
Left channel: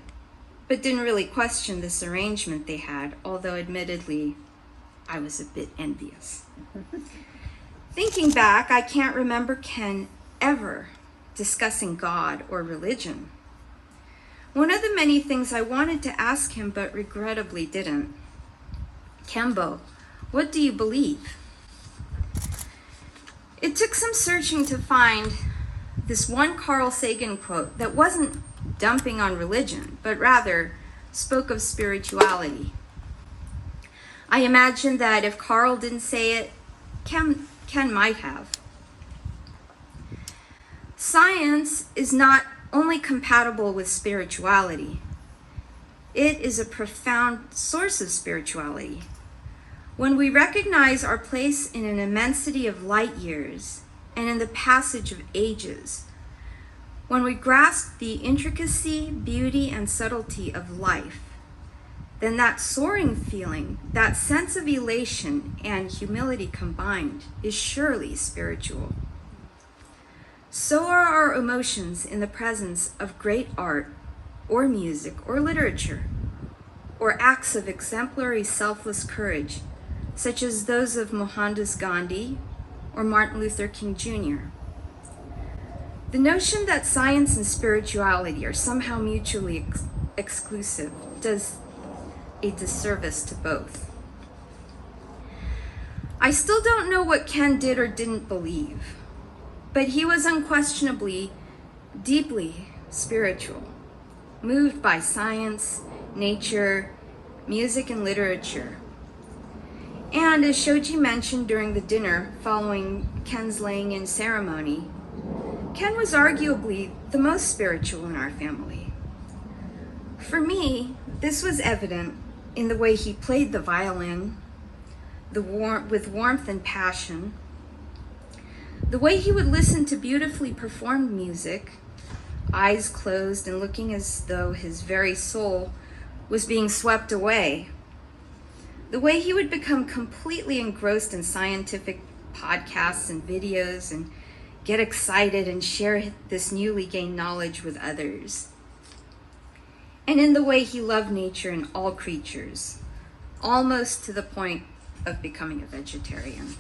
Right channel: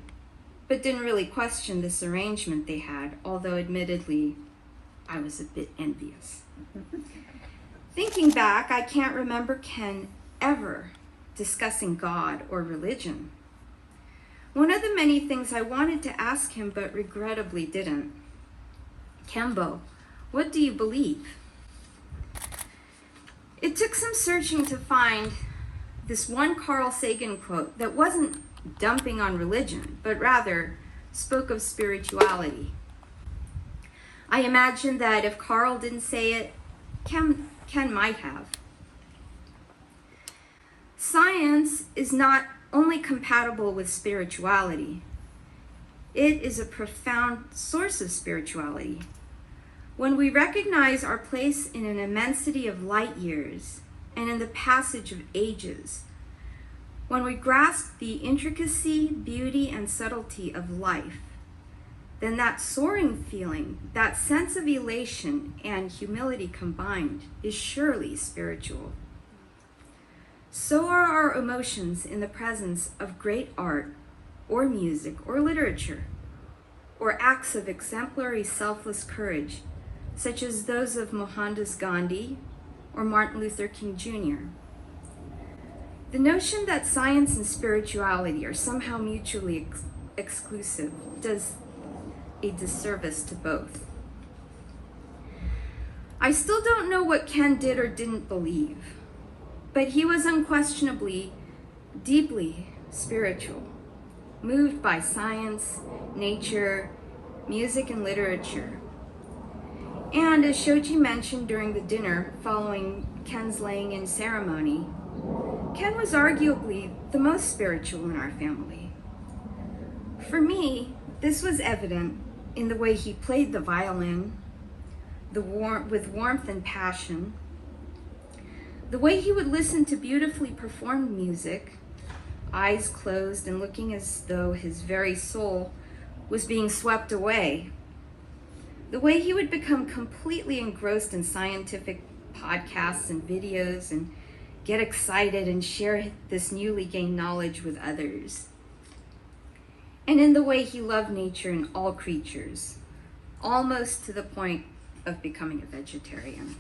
but didn't really question this arrangement they had, although admittedly, I was a bit envious. Thinking back, I can't remember Ken ever discussing God or religion. One of the many things I wanted to ask him, but regrettably didn't. Kembo, what do you believe? It took some searching to find this one Carl Sagan quote that wasn't dumping on religion, but rather spoke of spirituality. I imagined that if Carl didn't say it, Ken might have. Science is not only compatible with spirituality, it is a profound source of spirituality. When we recognize our place in an immensity of light years and in the passage of ages, when we grasp the intricacy, beauty, and subtlety of life, then that soaring feeling, that sense of elation and humility combined, is surely spiritual. So are our emotions in the presence of great art, or music, or literature, or acts of exemplary selfless courage, such as those of Mohandas Gandhi or Martin Luther King Jr. The notion that science and spirituality are somehow mutually exclusive does a disservice to both. I still don't know what Ken did or didn't believe, but he was unquestionably deeply spiritual, moved by science, nature, music, and literature. And as Shoji mentioned during the dinner following Ken's laying-in ceremony, Ken was arguably the most spiritual in our family. For me, this was evident in the way he played the violin, with warmth and passion, the way he would listen to beautifully performed music, eyes closed and looking as though his very soul was being swept away, the way he would become completely engrossed in scientific podcasts and videos and get excited and share this newly gained knowledge with others, and in the way he loved nature and all creatures, almost to the point of becoming a vegetarian.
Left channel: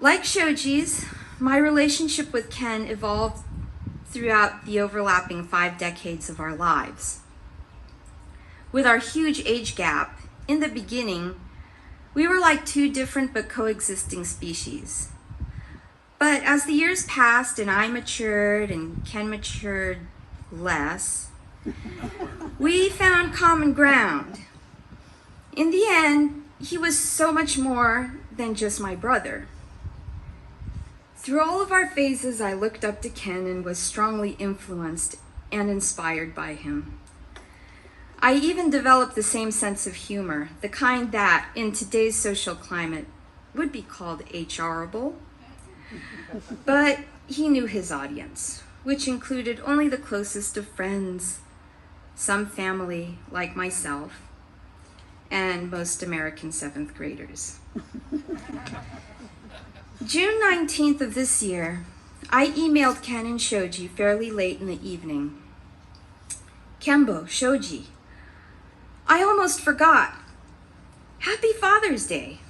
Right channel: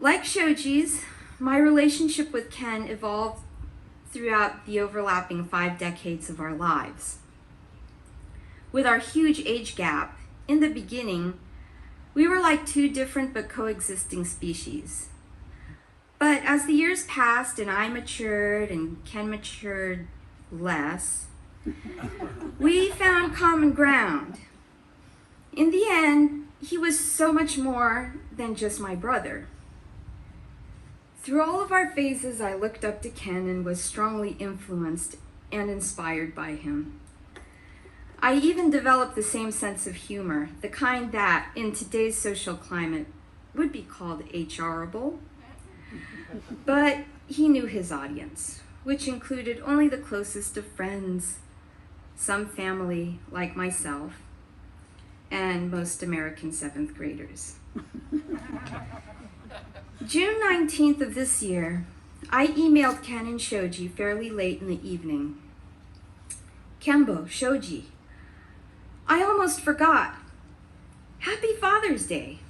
Like Shoji's, my relationship with Ken evolved throughout the overlapping 5 decades of our lives. With our huge age gap, in the beginning, we were like 2 different but coexisting species. But as the years passed and I matured and Ken matured less, we found common ground. In the end, he was so much more than just my brother. Through all of our phases, I looked up to Ken and was strongly influenced and inspired by him. I even developed the same sense of humor, the kind that, in today's social climate, would be called HRable. But he knew his audience, which included only the closest of friends, some family like myself, and most American 7th graders. June 19th of this year, I emailed Ken and Shoji fairly late in the evening. Kembo, Shoji, I almost forgot. Happy Father's Day.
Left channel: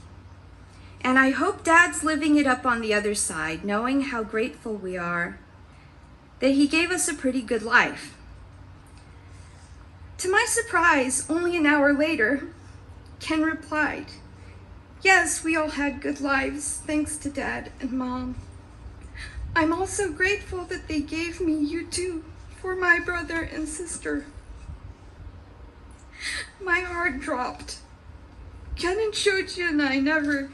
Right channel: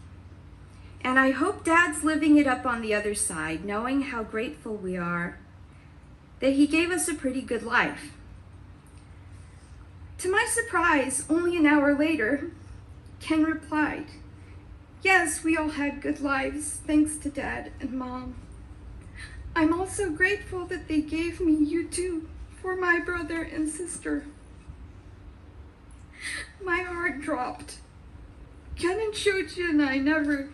And I hope Dad's living it up on the other side, knowing how grateful we are that he gave us a pretty good life. To my surprise, only an hour later, Ken replied, yes, we all had good lives, thanks to Dad and Mom. I'm also grateful that they gave me you two for my brother and sister. My heart dropped. Ken and Shoji and I never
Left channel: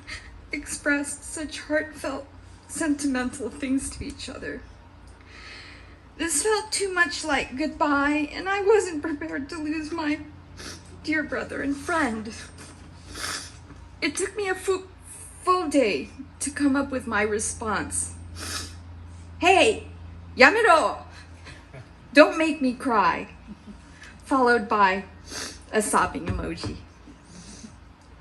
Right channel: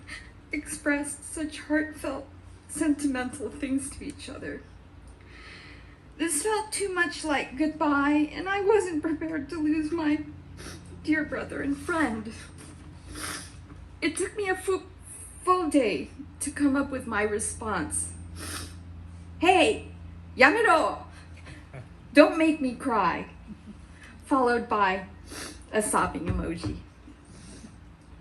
expressed such heartfelt, sentimental things to each other. This felt too much like goodbye, and I wasn't prepared to lose my dear brother and friend. It took me a full day to come up with my response. Hey, yamero! Don't make me cry. Followed by a sobbing emoji.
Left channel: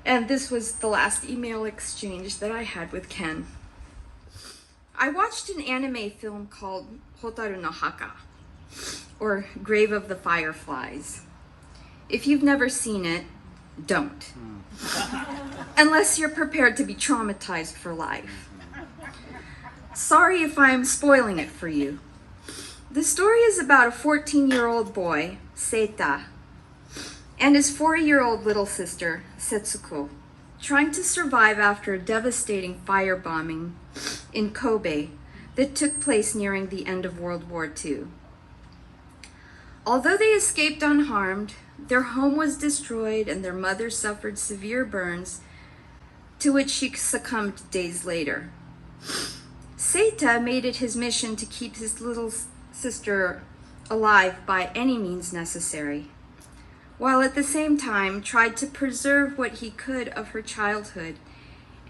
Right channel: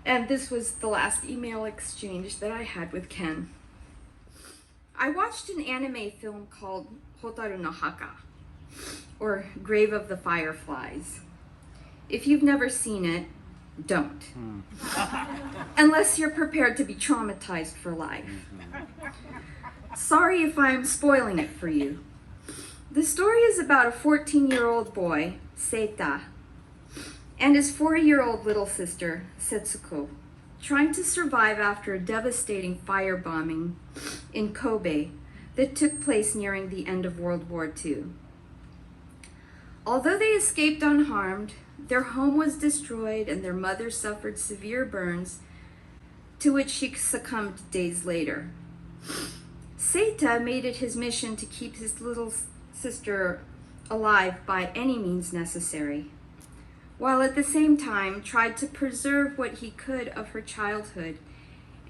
And this was the last email exchange that I had with Ken. I watched an anime film called Hotaru no Haka, or Grave of the Fireflies. If you've never seen it, don't. Unless you're prepared to be traumatized for life. Sorry if I'm spoiling it for you. The story is about a 14-year-old boy, Seita, and his 4-year-old little sister, Setsuko, trying to survive after a devastating firebombing in Kobe that took place nearing the end of World War II. Although they escaped unharmed, their home was destroyed and their mother suffered severe burns, to which she succumbed days later. Seita made it his mission to keep his little sister alive by any means necessary, while at the same time tried to preserve what he could of her childhood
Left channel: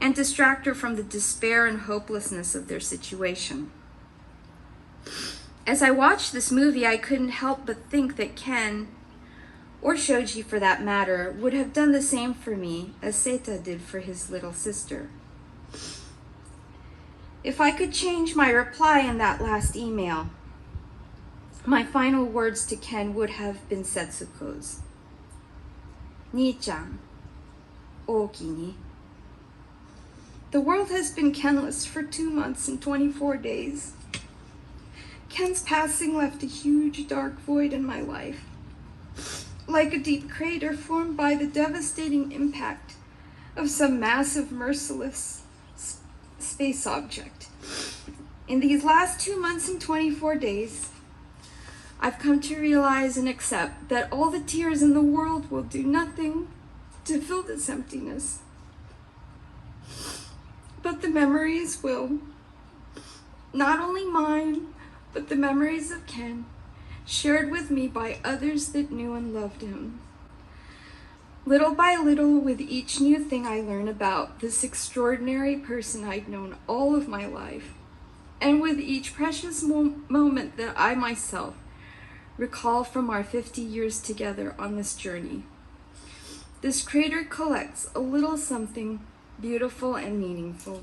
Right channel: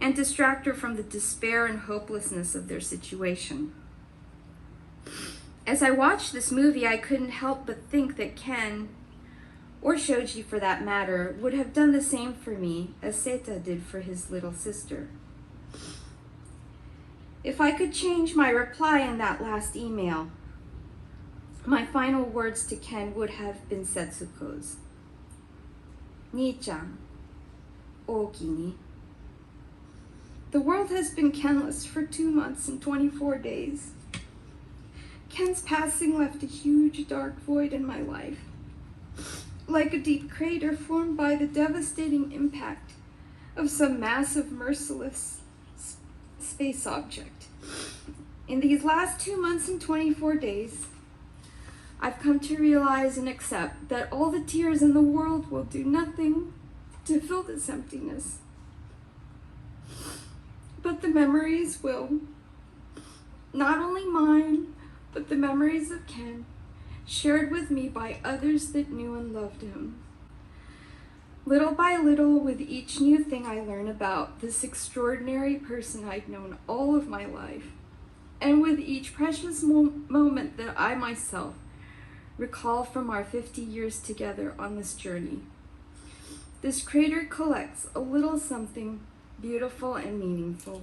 and distract her from the despair and hopelessness of their situation. As I watched this movie, I couldn't help but think that Ken, or Shoji for that matter, would have done the same for me as Seita did for his little sister. If I could change my reply in that last email, my final words to Ken would have been Setsuko's. Nii-chan, ooki ni. The world has been Kenless for 2 months and 24 days. Ken's passing left a huge dark void in my life, like a deep crater formed by the devastating impact of some massive, merciless space object. In these last 2 months and 24 days, I've come to realize and accept that all the tears in the world will do nothing to fill this emptiness. But the memories will. Not only mine, but the memories of Ken, shared with me by others that knew and loved him. Little by little, with each new thing I learn about this extraordinary person I'd known all of my life, and with each precious moment that I myself recall from our 50 years together on this journey, this crater collects a little something beautiful and meaningful.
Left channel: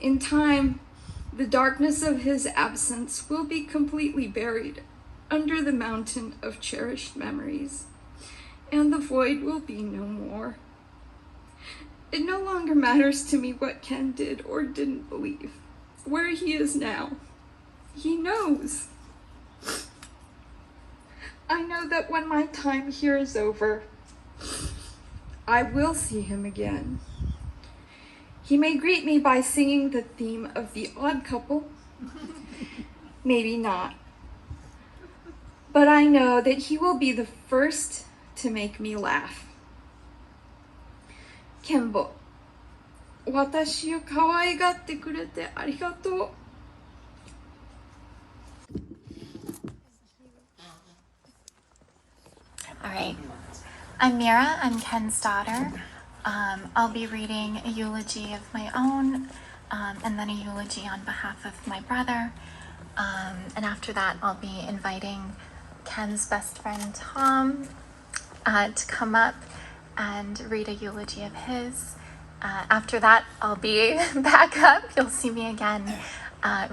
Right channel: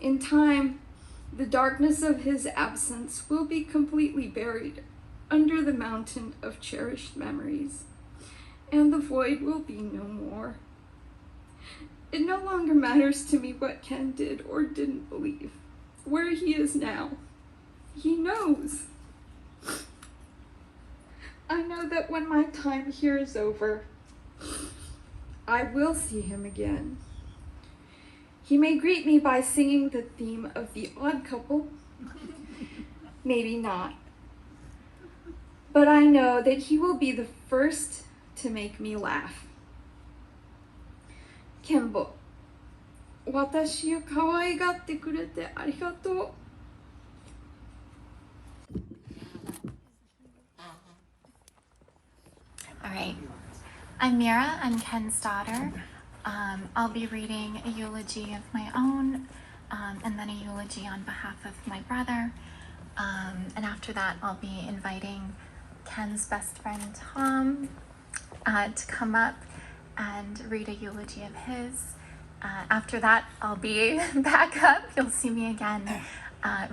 In time, the darkness of his absence will be completely buried under the mountain of cherished memories, and the void will be no more. It no longer matters to me what Ken did or didn't believe, where he is now. He knows. I know that when my time here is over, I will see him again. He may greet me by singing the theme of The Odd Couple. Maybe not. But I know that he will be the first to make me laugh. Kenbo, 私を可愛がってくれてありがとう。All right. I'm Mira. I'm Ken's daughter. I'll be reading a eulogy of my own, and then a eulogy on behalf of my brother. And after that, I'll be inviting Ken's best friend, Tom, to come up and read a eulogy of his. After that, I'll be back up. You'll see me again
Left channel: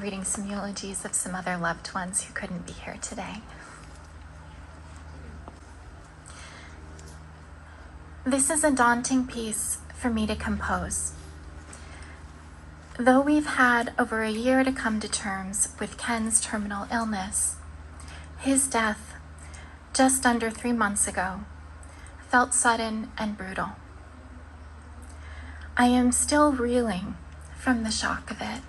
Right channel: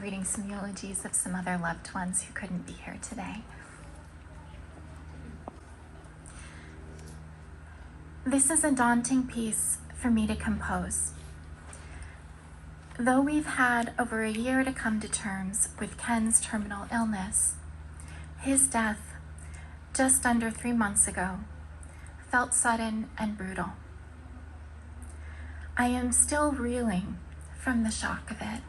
reading some eulogies of some other loved ones who couldn't be here today. This is a daunting piece for me to compose. Though we've had over a year to come to terms with Ken's terminal illness, his death, just under 3 months ago, felt sudden and brutal. I am still reeling from the shock of it.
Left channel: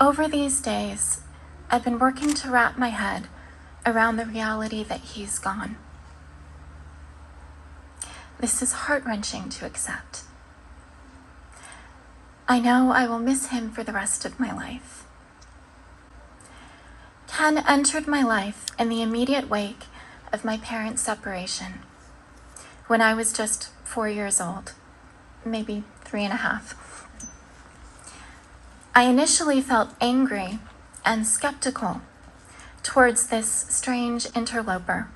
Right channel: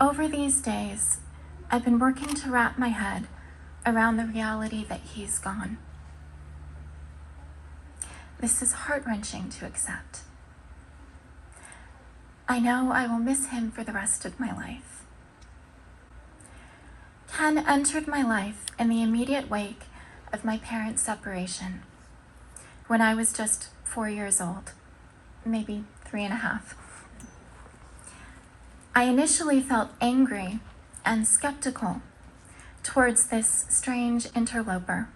Over these days, I've been working to wrap my head around the reality that he's gone. This is heart-wrenching to accept. I know I will miss him for the rest of my life. Ken entered my life in the immediate wake of my parents' separation when I was just 4 years old, maybe 3.5. I initially felt angry and skeptical towards this strange interloper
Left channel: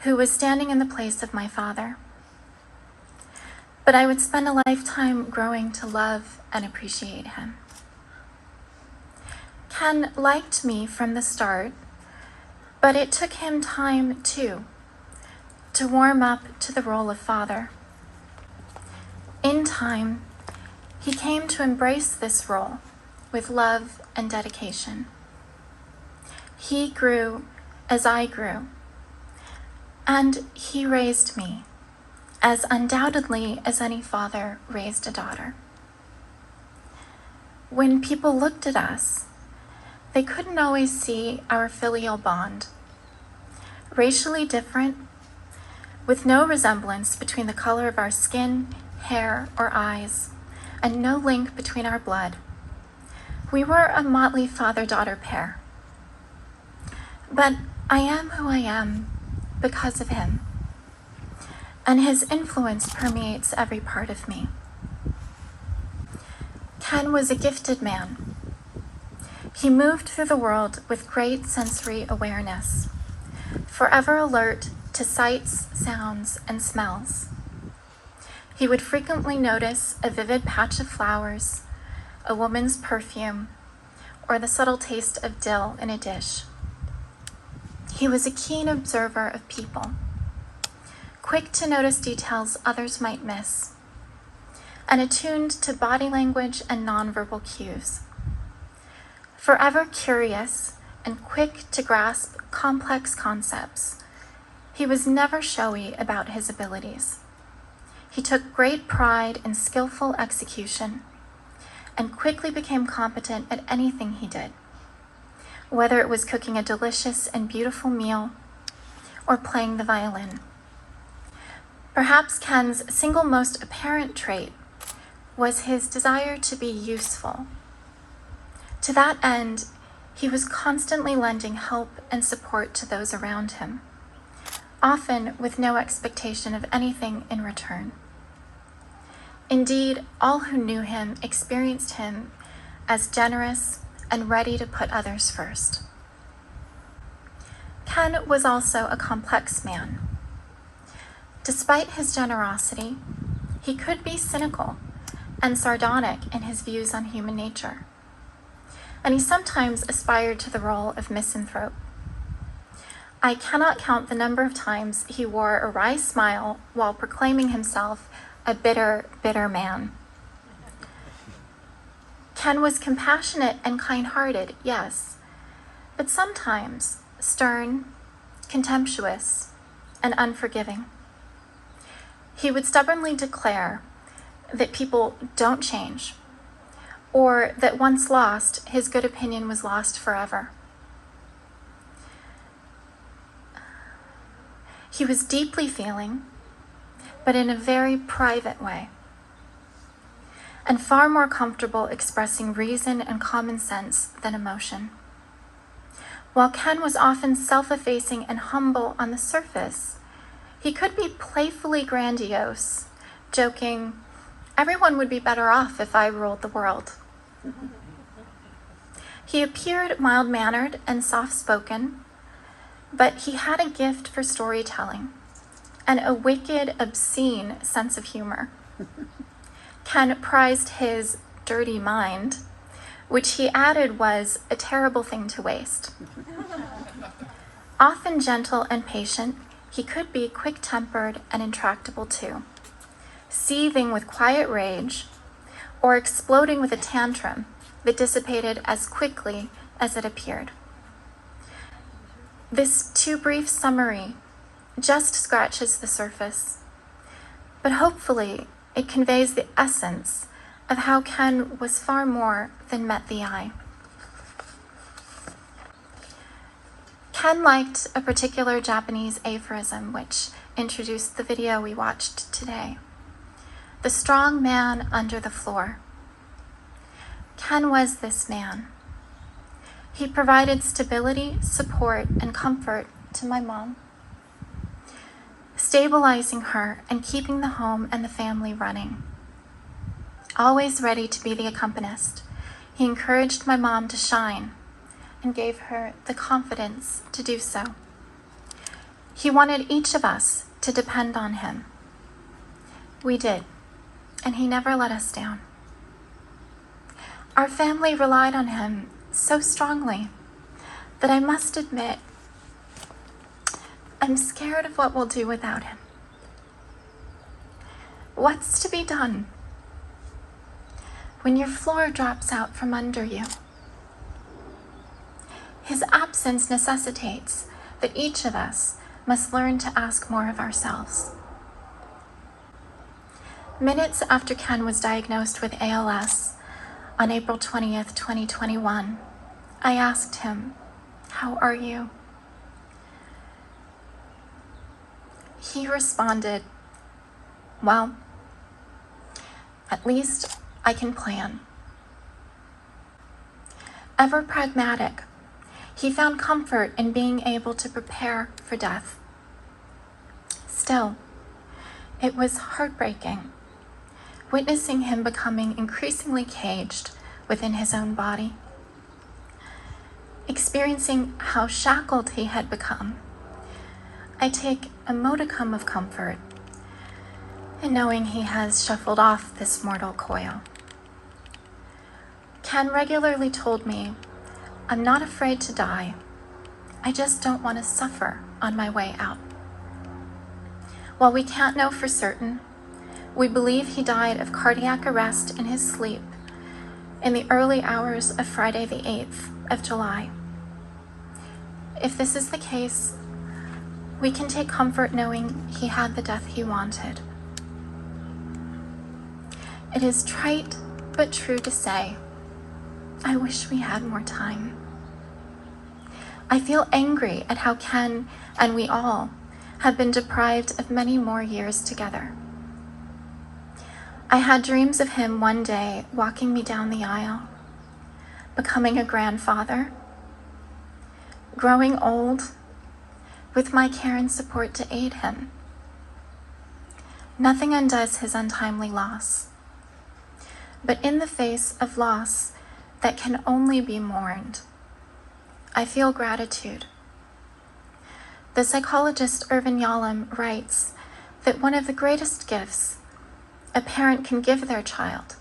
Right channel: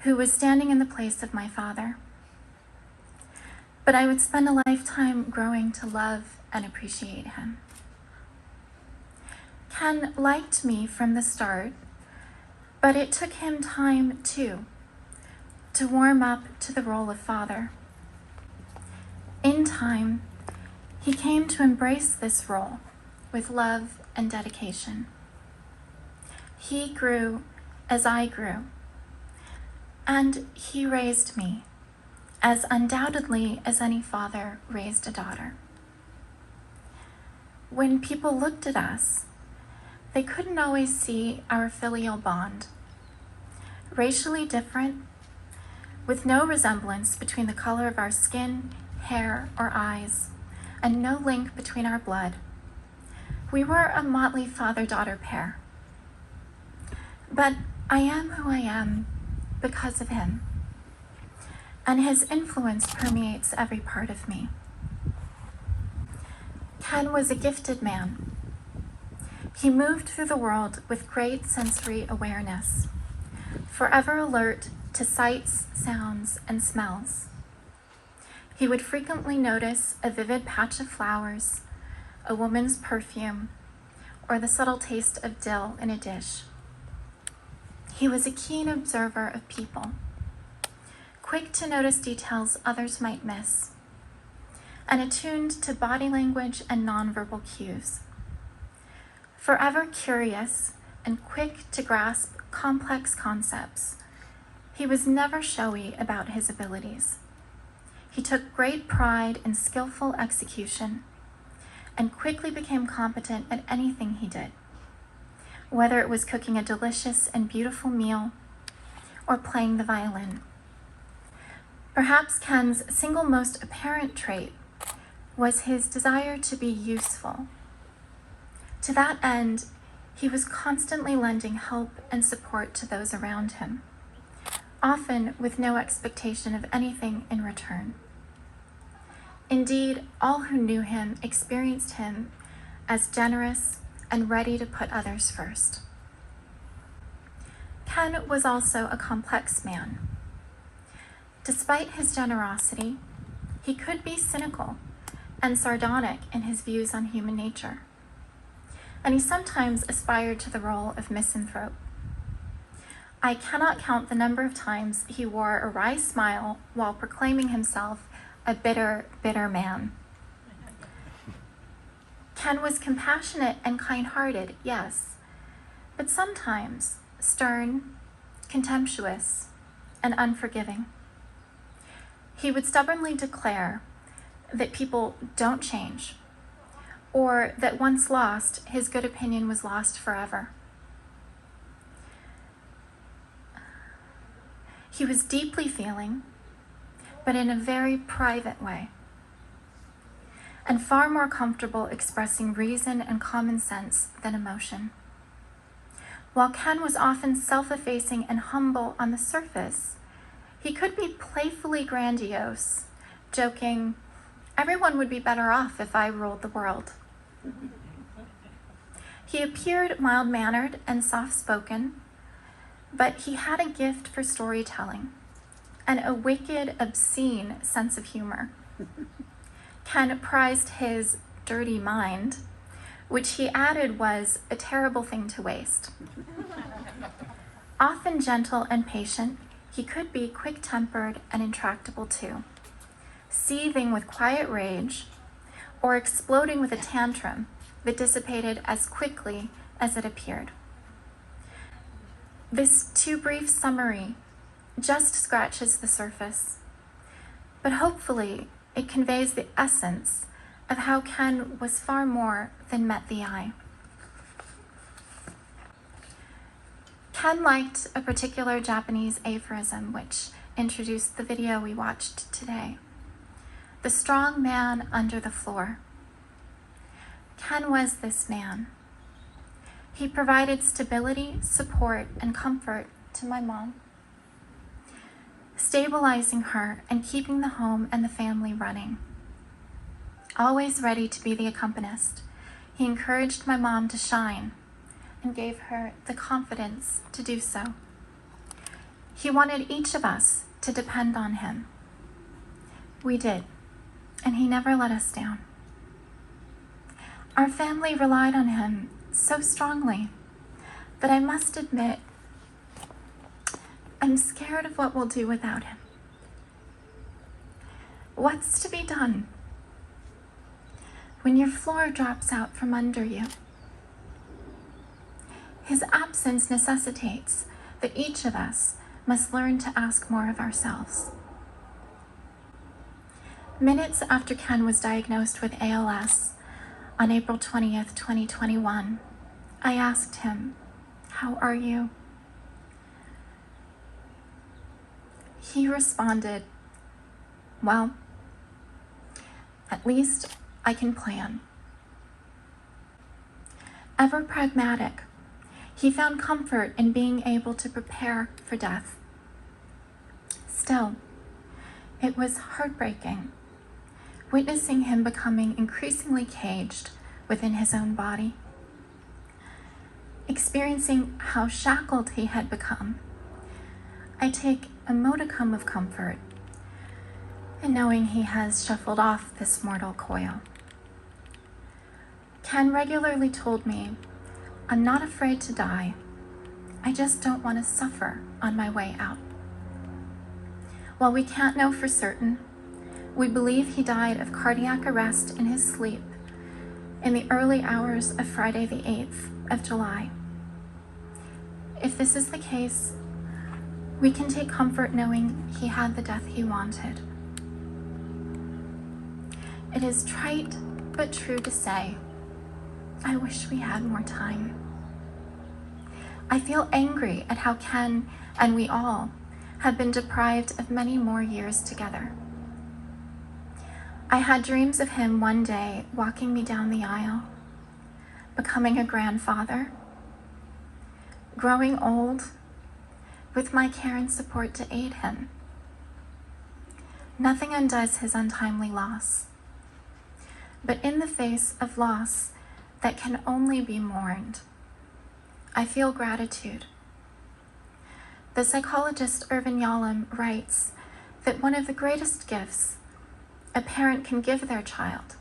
who was standing in the place of my father. But I would spend a lifetime growing to love and appreciate him. Ken liked me from the start, but it took him time too to warm up to the role of father. In time, he came to embrace this role with love and dedication. He grew as I grew, and he raised me as undoubtedly as any father raised a daughter. When people looked at us, they couldn't always see our filial bond. Racially different, with no resemblance between the color of our skin, hair, or eyes, and no link between our blood, we were a motley father-daughter pair. But I am who I am because of him, and his influence permeates every part of me. Ken was a gifted man. He moved through the world with great sensory awareness, forever alert to sights, sounds, and smells. He would frequently notice a vivid patch of flowers, a woman's perfume, or the subtle taste of dill in a dish. He was a keen observer of people, quick to notice details others might miss, and attuned to body language and nonverbal cues. Forever curious and quick to grasp complex concepts, he was never showy about his abilities. He took great pride in skillful execution and quickly became competent at anything he did, whether it was cooking a delicious and beautiful meal or playing the violin. Perhaps Ken's single most apparent trait was his desire to be useful. To that end, he was constantly lending help and support to those around him, often with no expectation of anything in return. Indeed, all who knew him experienced him as generous and ready to put others first. Ken was also a complex man. Despite his generosity, he could be cynical and sardonic in his views on human nature, and he sometimes aspired to the role of misanthrope. I cannot count the number of times he wore a wry smile while proclaiming himself a bitter, bitter man. Ken was compassionate and kind-hearted, yes, but sometimes stern, contemptuous, and unforgiving. He would stubbornly declare that people don't change, or that once lost, his good opinion was lost forever. He was deeply feeling, but in a very private way, and far more comfortable expressing reason and common sense than emotion. While Ken was often self-effacing and humble on the surface, he could be playfully grandiose, joking, "Everyone would be better off if I ruled the world." He appeared mild-mannered and soft-spoken, but he had a gift for storytelling and a wicked, obscene sense of humor. Ken prized his dirty mind, which he added was a terrible thing to waste. Often gentle and patient, he could be quick-tempered and intractable too, seething with quiet rage or exploding with a tantrum that dissipated as quickly as it appeared. This too brief summary just scratches the surface, but hopefully it conveys the essence of how Ken was far more than met the eye. Ken liked a particular Japanese aphorism which introduced the video we watched today: the strong man under the floor. Ken was this man. He provided stability, support, and comfort to my mom, stabilizing her and keeping the home and the family running. Always ready to be the accompanist, he encouraged my mom to shine and gave her the confidence to do so. He wanted each of us to depend on him. We did, and he never let us down. Our family relied on him so strongly that I must admit, I'm scared of what we'll do without him. What's to be done when your floor drops out from under you? His absence necessitates that each of us must learn to ask more of ourselves. Minutes after Ken was diagnosed with ALS on April 20th, 2021, I asked him, "How are you?" He responded, "Well, at least I can plan." Ever pragmatic, he found comfort in being able to prepare for death. Still, it was heartbreaking, witnessing him becoming increasingly caged within his own body. Experiencing how shackled he had become, I take a modicum of comfort in knowing he has shuffled off this mortal coil. Ken regularly told me, "I'm not afraid to die. I just don't want to suffer on my way out." While we can't know for certain, we believe he died of cardiac arrest in his sleep in the early hours of Friday the 8th of July. If this is the case, we can take comfort knowing he had the death he wanted. It is trite but true to say, I wish we had more time. I feel angry at how Ken and we all have been deprived of many more years together. I had dreams of him one day walking me down the aisle, becoming a grandfather, growing old, with my care and support to aid him. Nothing undoes his untimely loss. But in the face of loss that can only be mourned, I feel gratitude. The psychologist Irvin Yalom writes that one of the greatest gifts a parent can give their child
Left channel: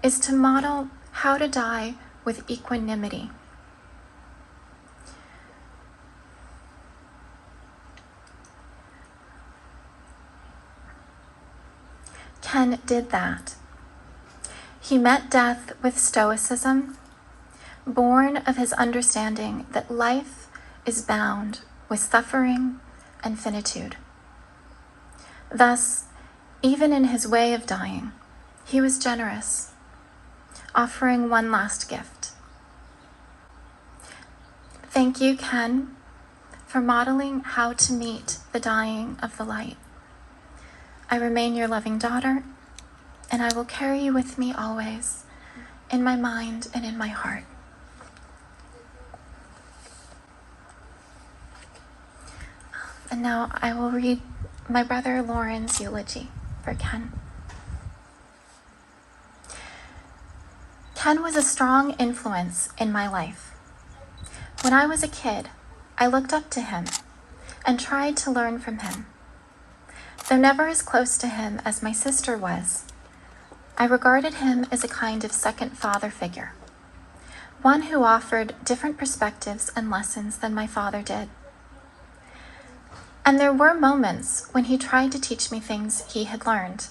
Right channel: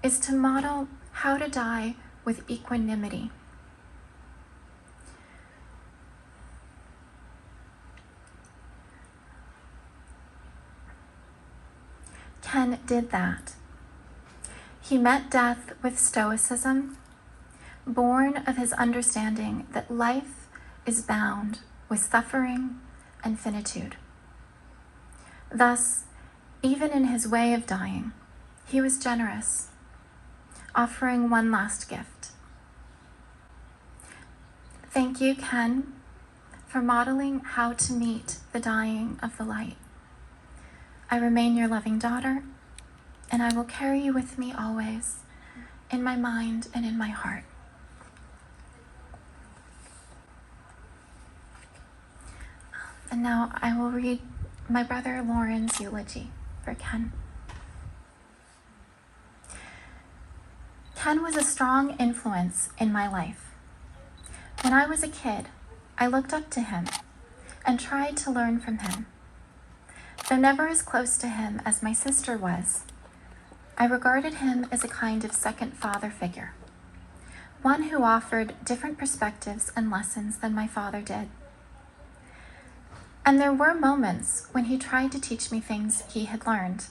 is to model how to die with equanimity. Ken did that. He met death with stoicism, born of his understanding that life is bound with suffering and finitude. Thus, even in his way of dying, he was generous, offering one last gift. Thank you, Ken, for modeling how to meet the dying of the light. I remain your loving daughter, and I will carry you with me always, in my mind and in my heart. And now I will read my brother Lauren's eulogy for Ken. Ken was a strong influence in my life. When I was a kid, I looked up to him and tried to learn from him. Though never as close to him as my sister was, I regarded him as a kind of second father figure, one who offered different perspectives and lessons than my father did. And there were moments when he tried to teach me things he had learned,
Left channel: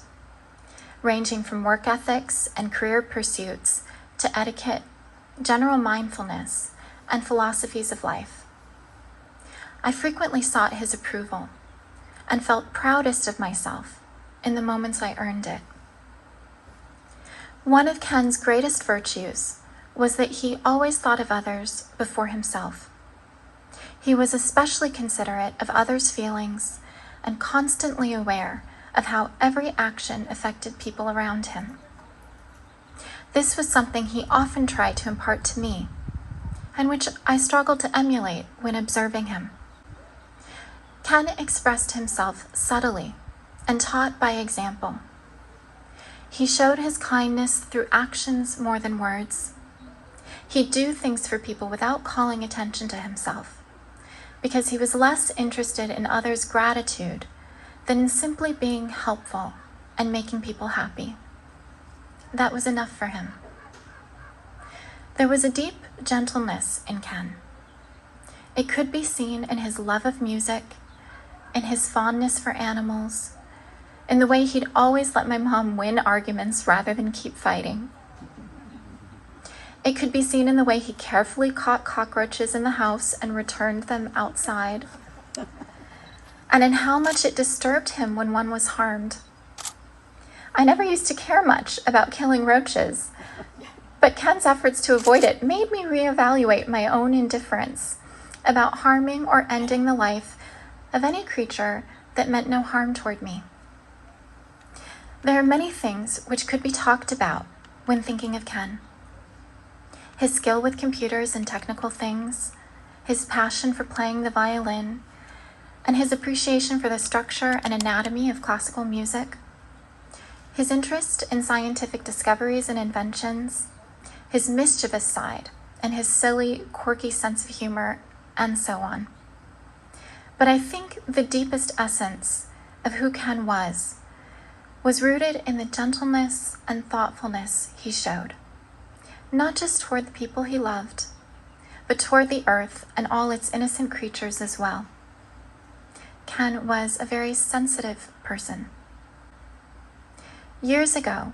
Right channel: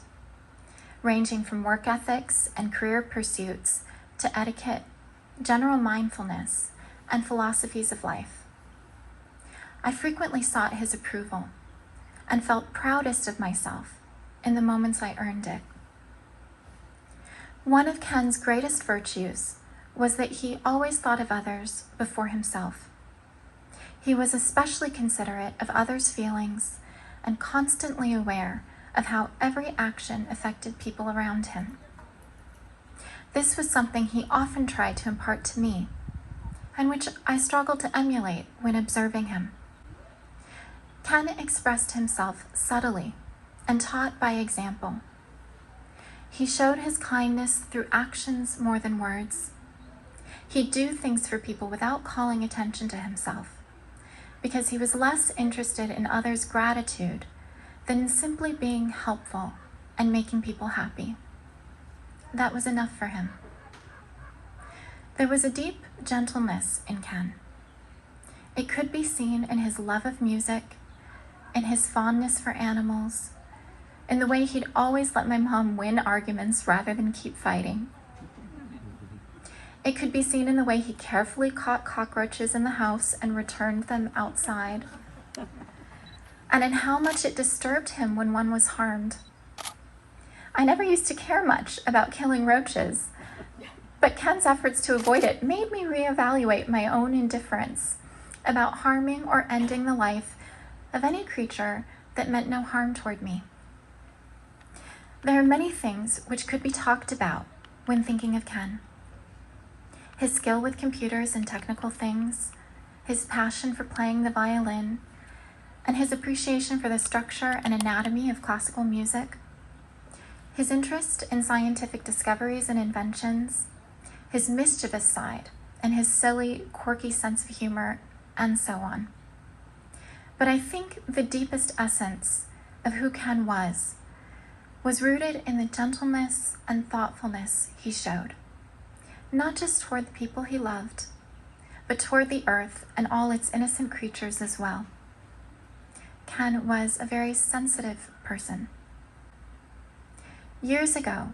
ranging from work ethics and career pursuits to etiquette, general mindfulness, and philosophies of life. I frequently sought his approval and felt proudest of myself in the moments I earned it. One of Ken's greatest virtues was that he always thought of others before himself. He was especially considerate of others' feelings and constantly aware of how every action affected people around him. This was something he often tried to impart to me, and which I struggled to emulate when observing him. Ken expressed himself subtly and taught by example. He showed his kindness through actions more than words. He'd do things for people without calling attention to himself, because he was less interested in others' gratitude than in simply being helpful and making people happy. That was enough for him. There was a deep gentleness in Ken. It could be seen in his love of music, in his fondness for animals, in the way he'd always let my mom win arguments rather than keep fighting. It could be seen in the way he carefully caught cockroaches in the house and returned them outside, and in how much it disturbed him when one was harmed. I never used to care much about killing roaches, but Ken's efforts to avoid it made me reevaluate my own indifference about harming or ending the life of any creature that meant no harm toward me. There are many things which could be talked about when thinking of Ken. His skill with computers and technical things, his passion for playing the violin, and his appreciation for the structure and anatomy of classical music, his interest in scientific discoveries and inventions, his mischievous side, and his silly, quirky sense of humor, and so on. But I think the deepest essence of who Ken was rooted in the gentleness and thoughtfulness he showed, not just toward the people he loved, but toward the earth and all its innocent creatures as well. Ken was a very sensitive person. Years ago,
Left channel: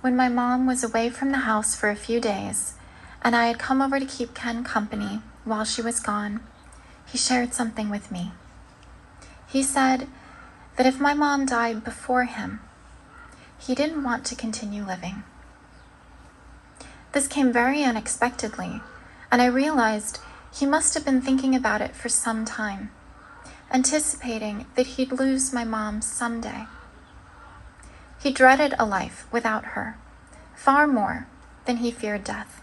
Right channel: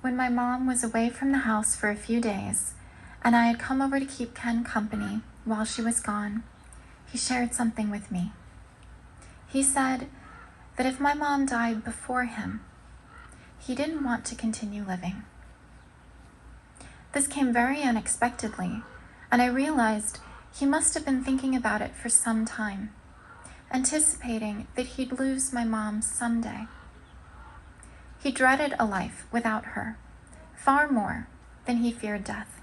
when my mom was away from the house for a few days, and I had come over to keep Ken company while she was gone, he shared something with me. He said that if my mom died before him, he didn't want to continue living. This came very unexpectedly, and I realized he must have been thinking about it for some time, anticipating that he'd lose my mom someday. He dreaded a life without her, far more than he feared death.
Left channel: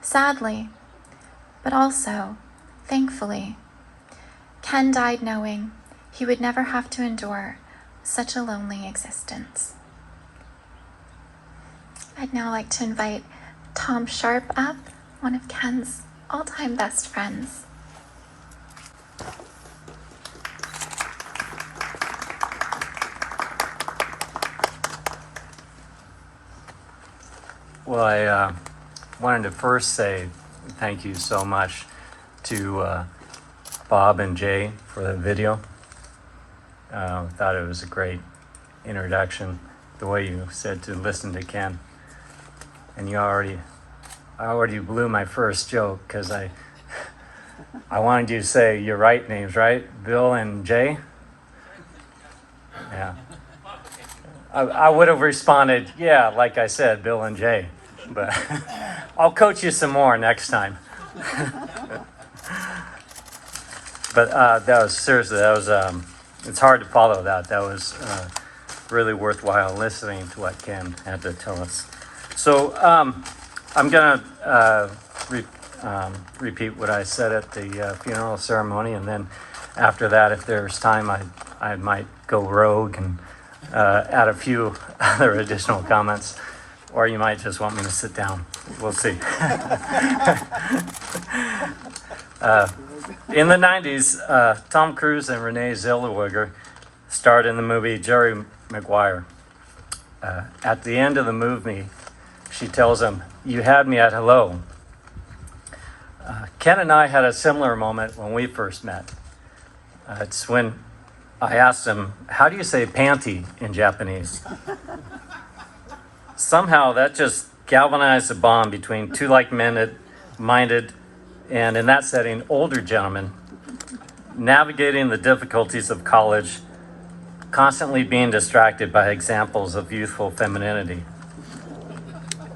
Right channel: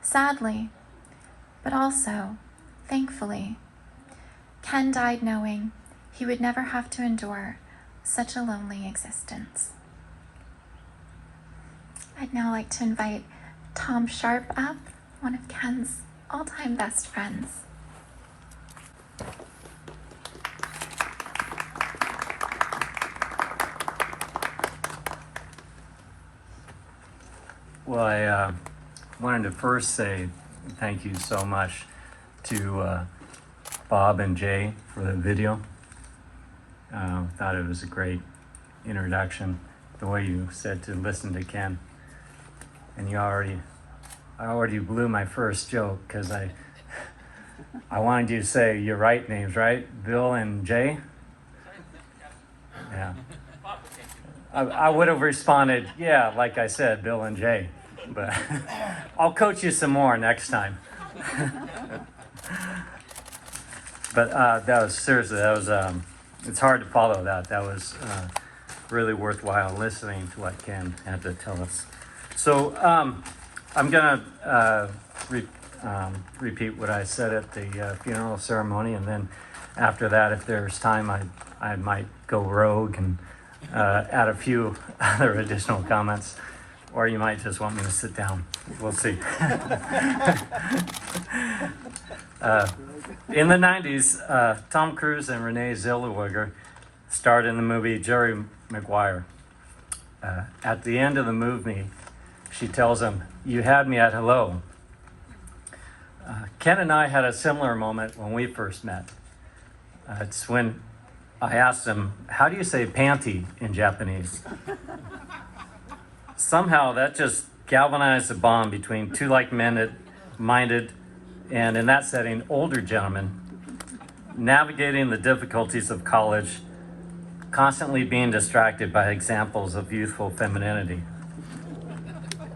Sadly, but also thankfully, Ken died knowing he would never have to endure such a lonely existence. I'd now like to invite Tom Sharp up, one of Ken's all-time best friends. Well, I wanted to first say thank you so much to Bob and Jay for the video. Thought it was a great introduction, the way you said to listen to Ken. And I already blew my first joke because I wanted you to say your right names, right? Bill and Jay? Yeah. I would have responded, yeah, like I said, Bill and Jay. But I'll coach you some more next time. But that was, it's hard to follow that. That was really worthwhile listening to what Ken had to tell us. So I'm going to repeat what I said at the funeral ceremony, and then after that, if there's time, I might go rogue and add a few other additional comments, or you might just want me to sit down. We'll see. In the 90s, Tom Cruise and Renee Zellweger starred in the movie Jerry Maguire. At the end of the movie, she tells him, "You had me at hello." Ken and I had a similar moment when we first met. It's when I asked him, "How do you say panty in Japanese?" Somehow that just galvanized a bond between two like-minded, and in that setting, older gentlemen, navigating the difficulties of college, constantly being distracted by examples of youthful femininity.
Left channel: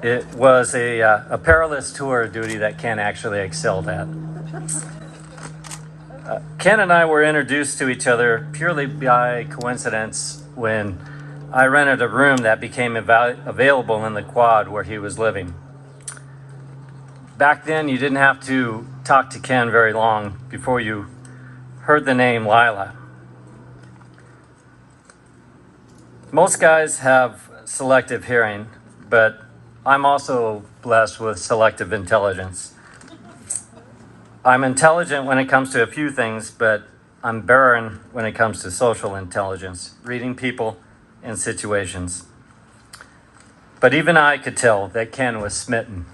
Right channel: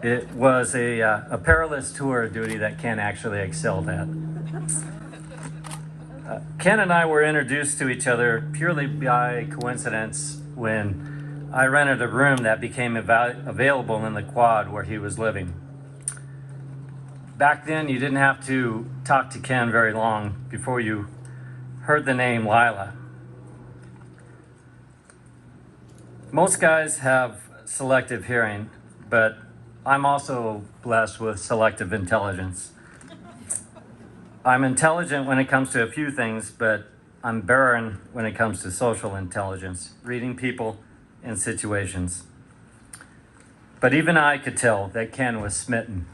It was a perilous tour of duty that Ken actually excelled at. Ken and I were introduced to each other purely by coincidence when I rented a room that became available in the quad where he was living. Back then, you didn't have to talk to Ken very long before you heard the name Lila. Most guys have selective hearing, but I'm also blessed with selective intelligence. I'm intelligent when it comes to a few things, but I'm barren when it comes to social intelligence, reading people and situations. But even I could tell that Ken was smitten.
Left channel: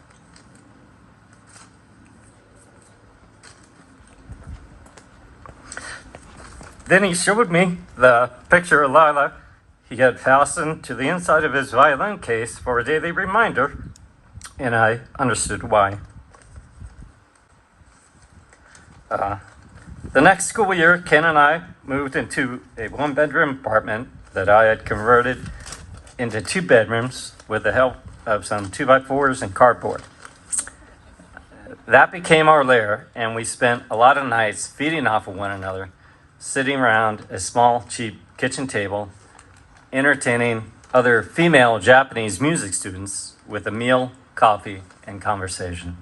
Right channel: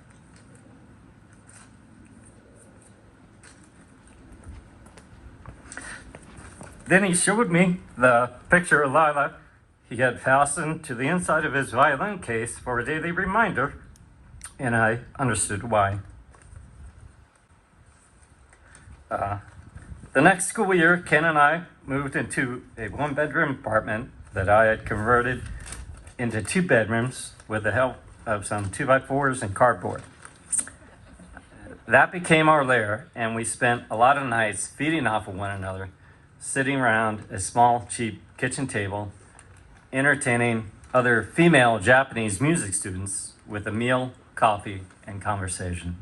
Then he showed me the picture of Lila he had fastened to the inside of his violin case for a daily reminder, and I understood why. The next school year, Ken and I moved into a one-bedroom apartment that I had converted into 2 bedrooms with the help of some 2x4s and cardboard. That became our lair, and we spent a lot of nights feeding off of one another, sitting around a small, cheap kitchen table, entertaining other female Japanese music students with a meal, coffee, and conversation.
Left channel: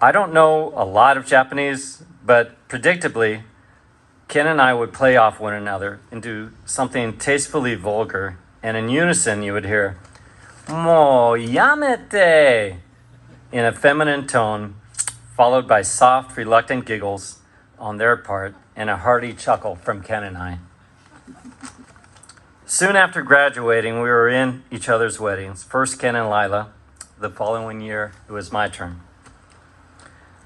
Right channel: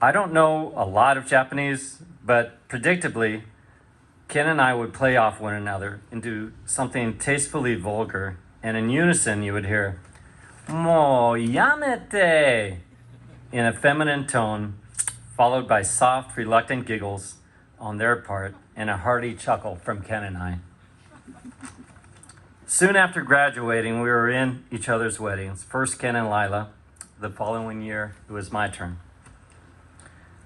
I don't know a lot of Japanese, but predictably, Ken and I would play off one another into something tastefully vulgar, and in unison you would hear, "Mo yamete," in a feminine tone, followed by soft, reluctant giggles on their part and a hearty chuckle from Ken and I. Soon after graduating, we were in each other's weddings. First Ken and Lila. The following year, it was my turn.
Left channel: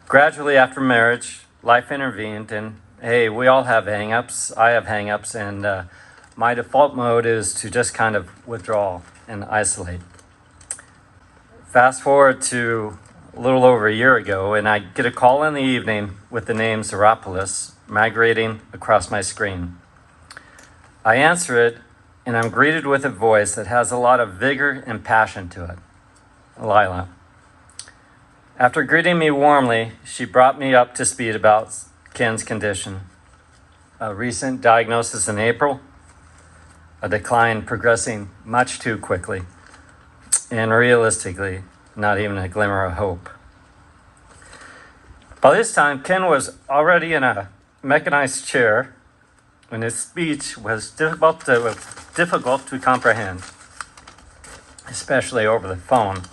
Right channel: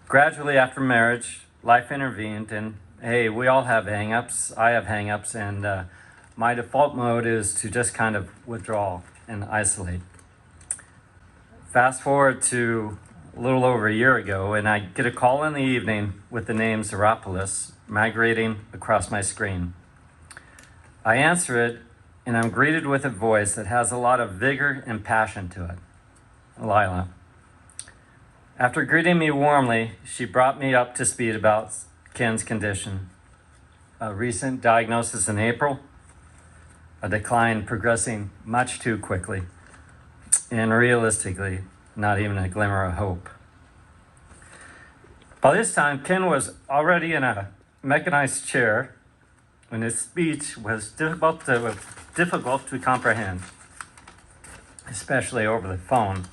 Gradually after marriage, life intervened, and hey, we all have hang-ups. I have hang-ups, and my default mode is to just kind of withdraw and isolate. Fast forward to a little over a year ago, and I get a call in the evening with the name Zeropolis migrating across my screen. I answer it, and I'm greeted with a voice that has a lot of vigor and passion to it. Lila. After greeting me warmly, she brought me up to speed about Ken's condition. A recent diagnosis in April, a decline progressing much too quickly, and realistically, not even a glimmer of hope. By this time, Ken was already in a mechanized chair, and his speech was difficult to comprehend, especially over the phone.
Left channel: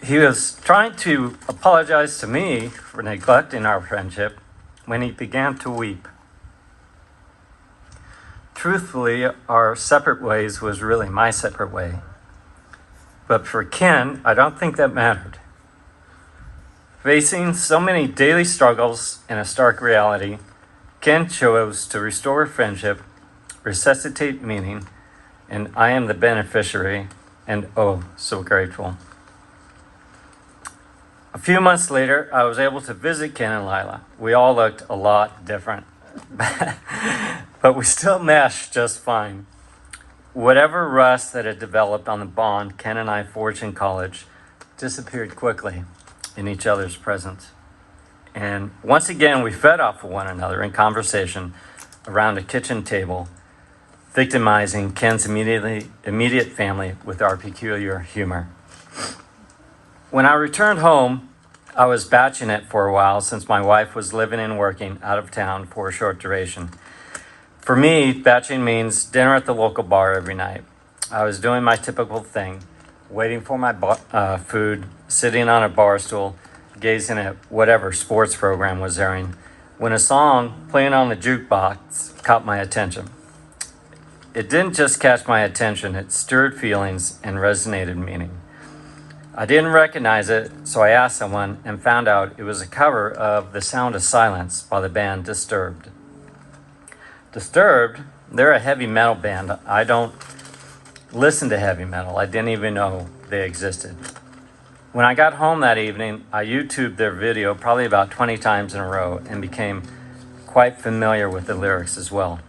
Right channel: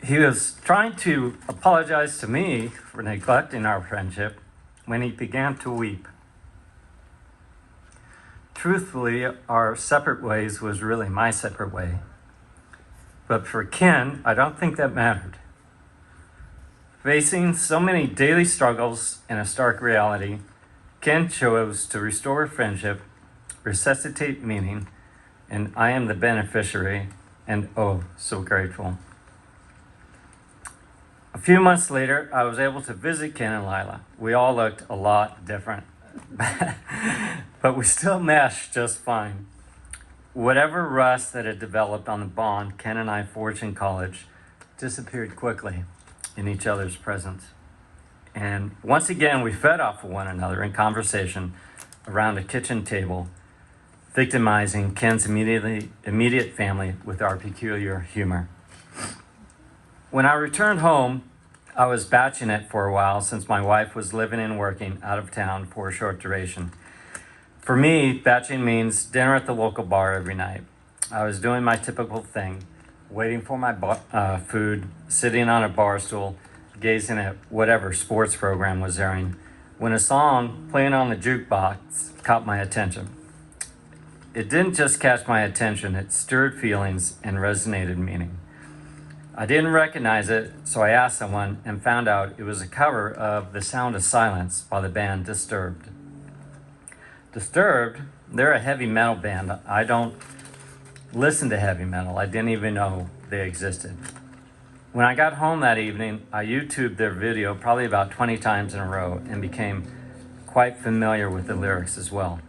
He was trying to apologize to me for neglecting our friendship when he began to weep. Truthfully, our separate ways was really my separate way. But for Ken, I don't think that mattered. Facing so many daily struggles and a stark reality, Ken chose to restore friendship, resuscitate meaning, and I am the beneficiary, and oh, so grateful. A few months later, I was able to visit Ken and Lila. We all looked a lot different, but we still meshed just fine. Whatever rust that had developed on the bond Ken and I forged in college disappeared quickly in each other's presence. And once again, we fed off of one another in conversation around a kitchen table, victimizing Ken's immediate family with our peculiar humor. When I returned home, I was batching it for a while since my wife was living and working out of town for a short duration. For me, batching means dinner at the local bar every night. I was doing my typical thing, waiting for my food, sitting on a bar stool, gazing at whatever sports program was airing, when a song playing on the jukebox caught my attention. It didn't just catch my attention, it stirred feelings and resonated meaning. I didn't recognize it, so I asked someone and found out it was a cover of The Sound of Silence by the band Disturbed. Disturbed, they're a heavy metal band. I don't listen to heavy metal. I didn't even know they existed. When I got home that evening, I YouTubed their video probably about 20 times in a row and became quite familiar with the lyrics as well.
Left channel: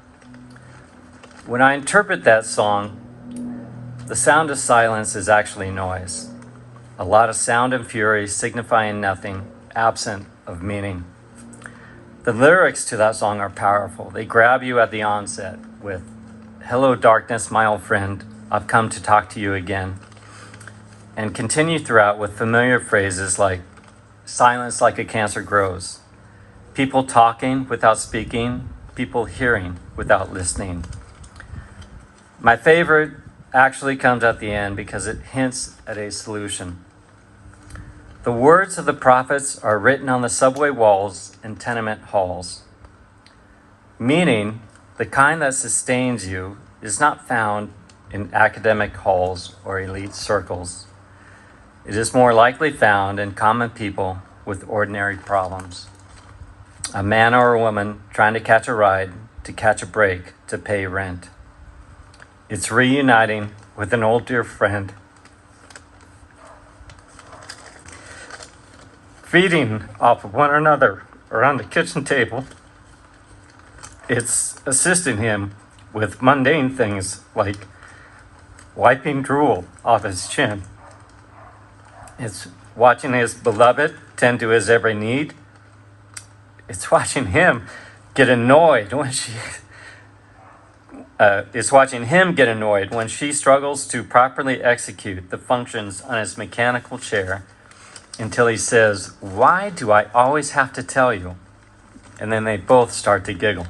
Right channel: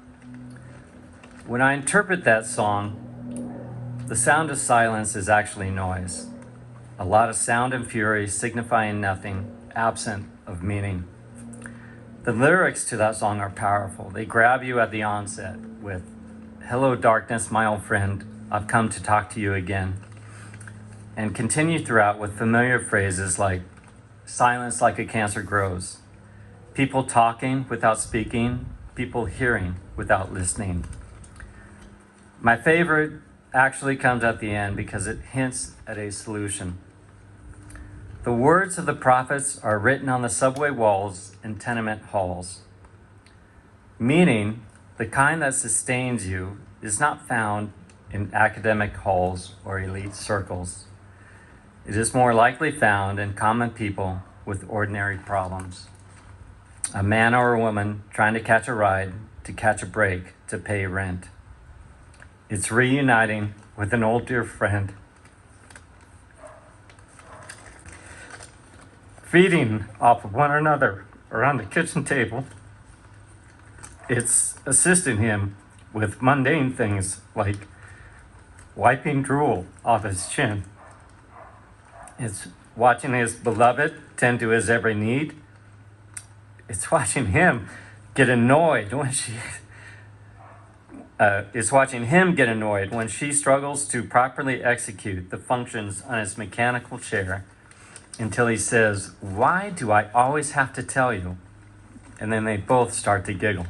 When I interpret that song, the sound of silence is actually noise. A lot of sound and fury signifying nothing, absent of meaning. The lyrics to that song are powerful. They grab you at the onset with, "Hello darkness, my old friend, I've come to talk to you again," and continue throughout with familiar phrases like, "Silence like a cancer grows," people talking without speaking, people hearing without listening. My favorite actually comes at the end because it hints at a solution. The words of the prophets are written on the subway walls and tenement halls, meaning the kind that sustains you is not found in academic halls or elite circles. It is more likely found in common people with ordinary problems. A man or a woman trying to catch a ride, to catch a break, to pay rent. It's reuniting with an old dear friend, feeding off of one another around the kitchen table. It's assisting him with mundane things like wiping drool off his chin. It's watching his beloved tend to his every need. It's watching him get annoyed when she struggles to properly execute the functions on his mechanical chair until he says, "Why do I always have to tell you?" And then they both start to giggle.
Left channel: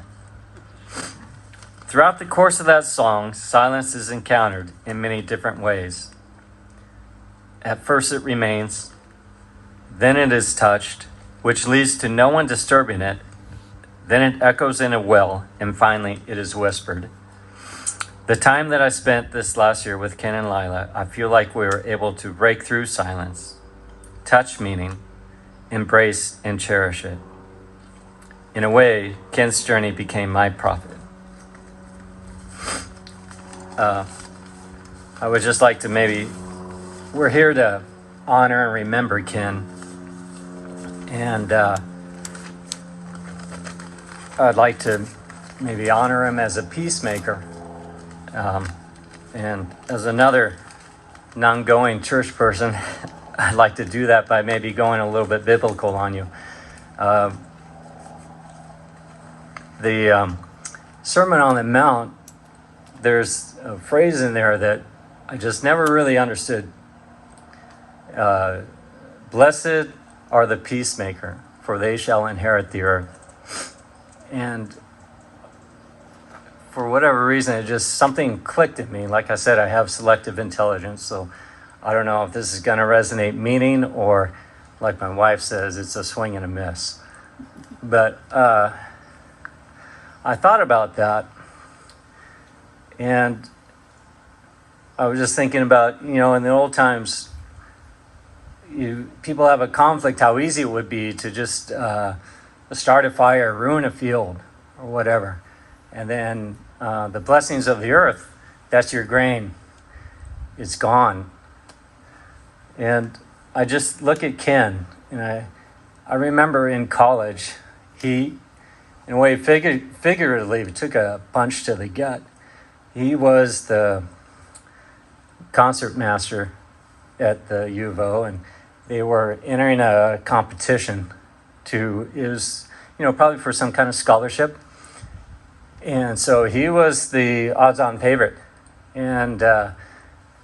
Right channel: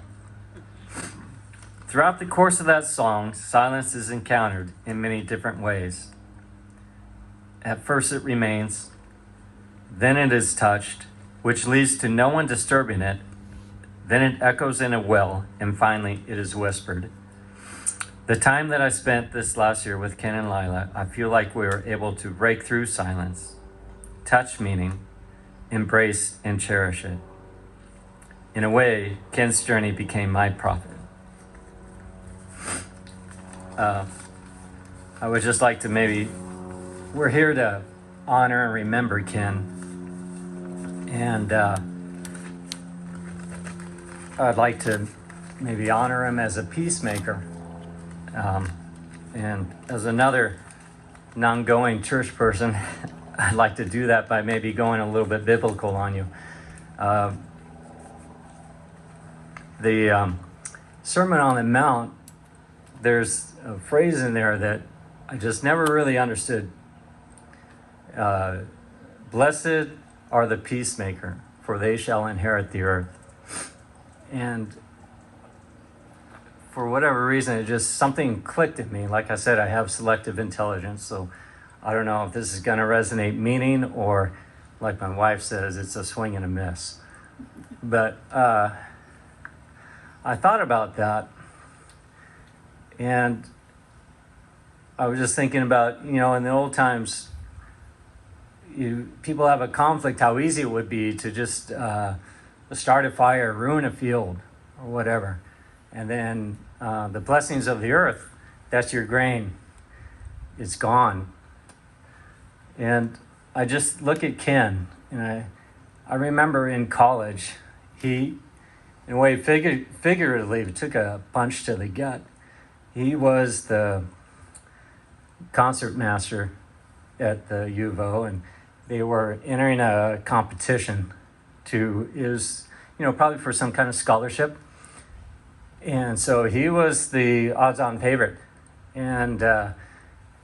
Throughout the course of that song, silence is encountered in many different ways. At first it remains, then it is touched, which leads to no one disturbing it. Then it echoes in a well, and finally it is whispered. The time that I spent this last year with Ken and Lila, I feel like we were able to break through silence, touch meaning, embrace and cherish it. In a way, Ken's journey became my prophet. I would just like to we're here to honor and remember Ken. And I'd like to maybe honor him as a peacemaker. And as another non-going church person, I'd like to do that by maybe going a little bit biblical on you. The Sermon on the Mount, there's a phrase in there that I just never really understood. Blessed are the peacemaker, for they shall inherit the earth. And for whatever reason, it just something clicked at me. Like I said, I have selective intelligence, so I don't know if this is going to resonate meaning or, like my wife says, it's a swing and a miss. But I thought about that, and I was just thinking about, in the old times, people have a conflict, how easy it would be to just start a fire, ruin a field, or whatever. And then the blessings of the earth, that's your grain. It's gone. And I just look at Ken, and I remember in college, he, in a way, figuratively took a punch to the gut. He was the concert master at the U of O, and they were entering a competition probably for some kind of scholarship. And so he was the odds-on favorite. And out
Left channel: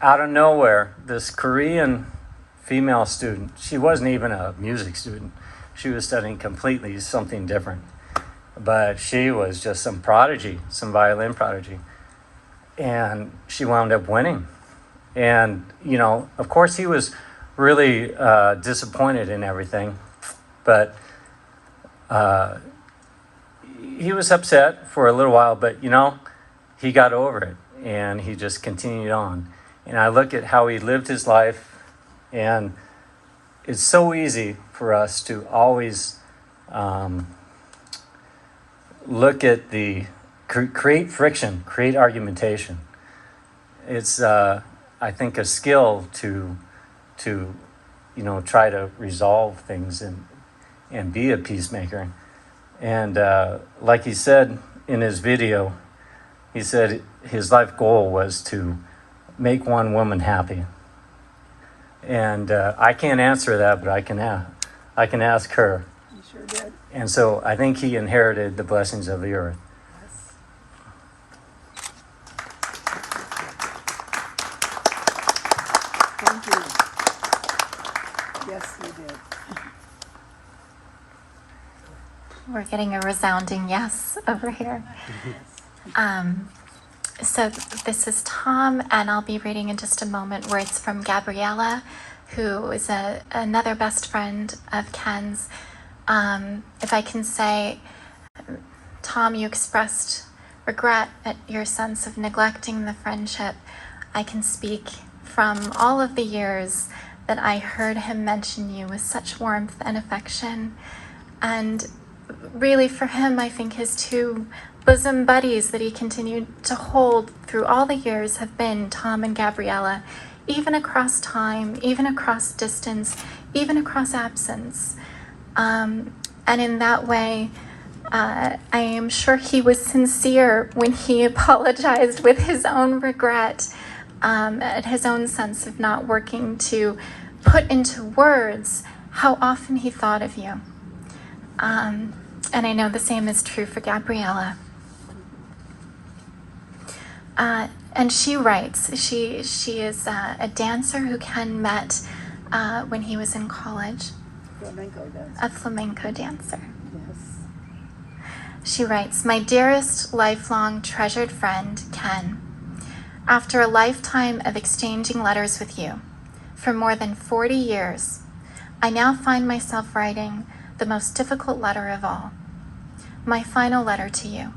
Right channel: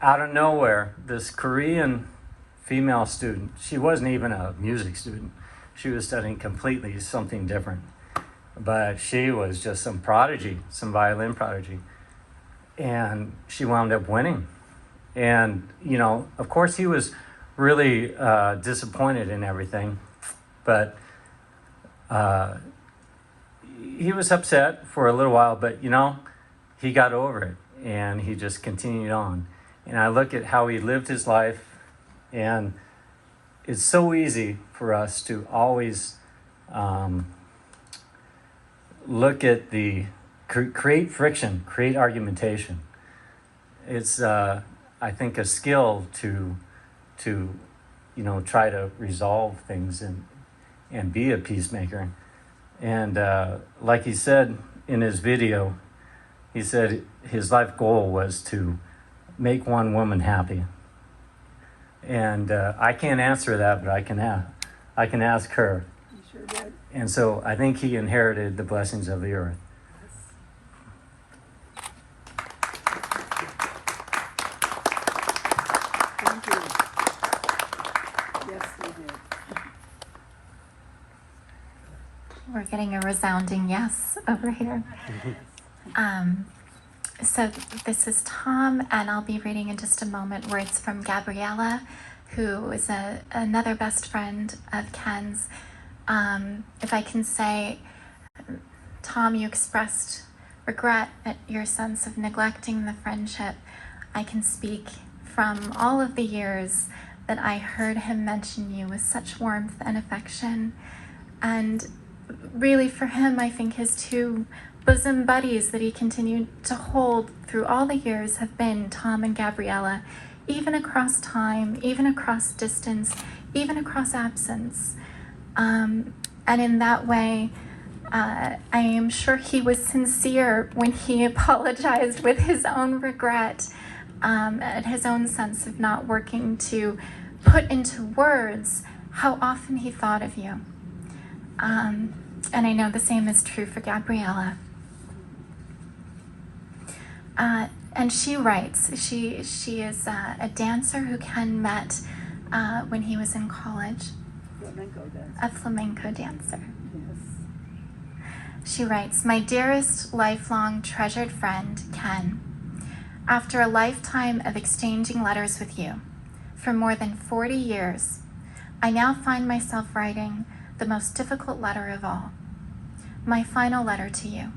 of nowhere, this Korean female student, she wasn't even a music student. She was studying completely something different. But she was just some prodigy, some violin prodigy. And she wound up winning. And, of course he was really disappointed in everything. But he was upset for a little while, but, he got over it. And he just continued on. And I look at how he lived his life, and it's so easy for us to always look at create friction, create argumentation. It's, I think, a skill to try to resolve things and be a peacemaker. And like he said in his video, he said his life goal was to make one woman happy. And I can't answer that, but I can ask her. You sure did. And so I think he inherited the blessings of the earth. Thank you. Yes, you did. getting a resounding yes over here. So this is Tom, and I'll be reading in just a moment words from Gabriella, who is another best friend of Ken's. If I can say, Tom, you expressed regret at your sense of neglecting the friendship. I can speak from all of the years that I heard him mention you with such warmth and affection. And really for him, I think his two bosom buddies that he continued to hold through all the years have been Tom and Gabriella, even across time, even across distance, even across absence. And in that way, I am sure he was sincere when he apologized with his own regret at his own sense of not working to put into words how often he thought of you. And I know the same is true for Gabriella. And she writes, she is a dancer who Ken met when he was in college. A flamenco dancer. She writes, "My dearest, lifelong, treasured friend, Ken, after a lifetime of exchanging letters with you, for more than 40 years, I now find myself writing the most difficult letter of all, my final letter to you,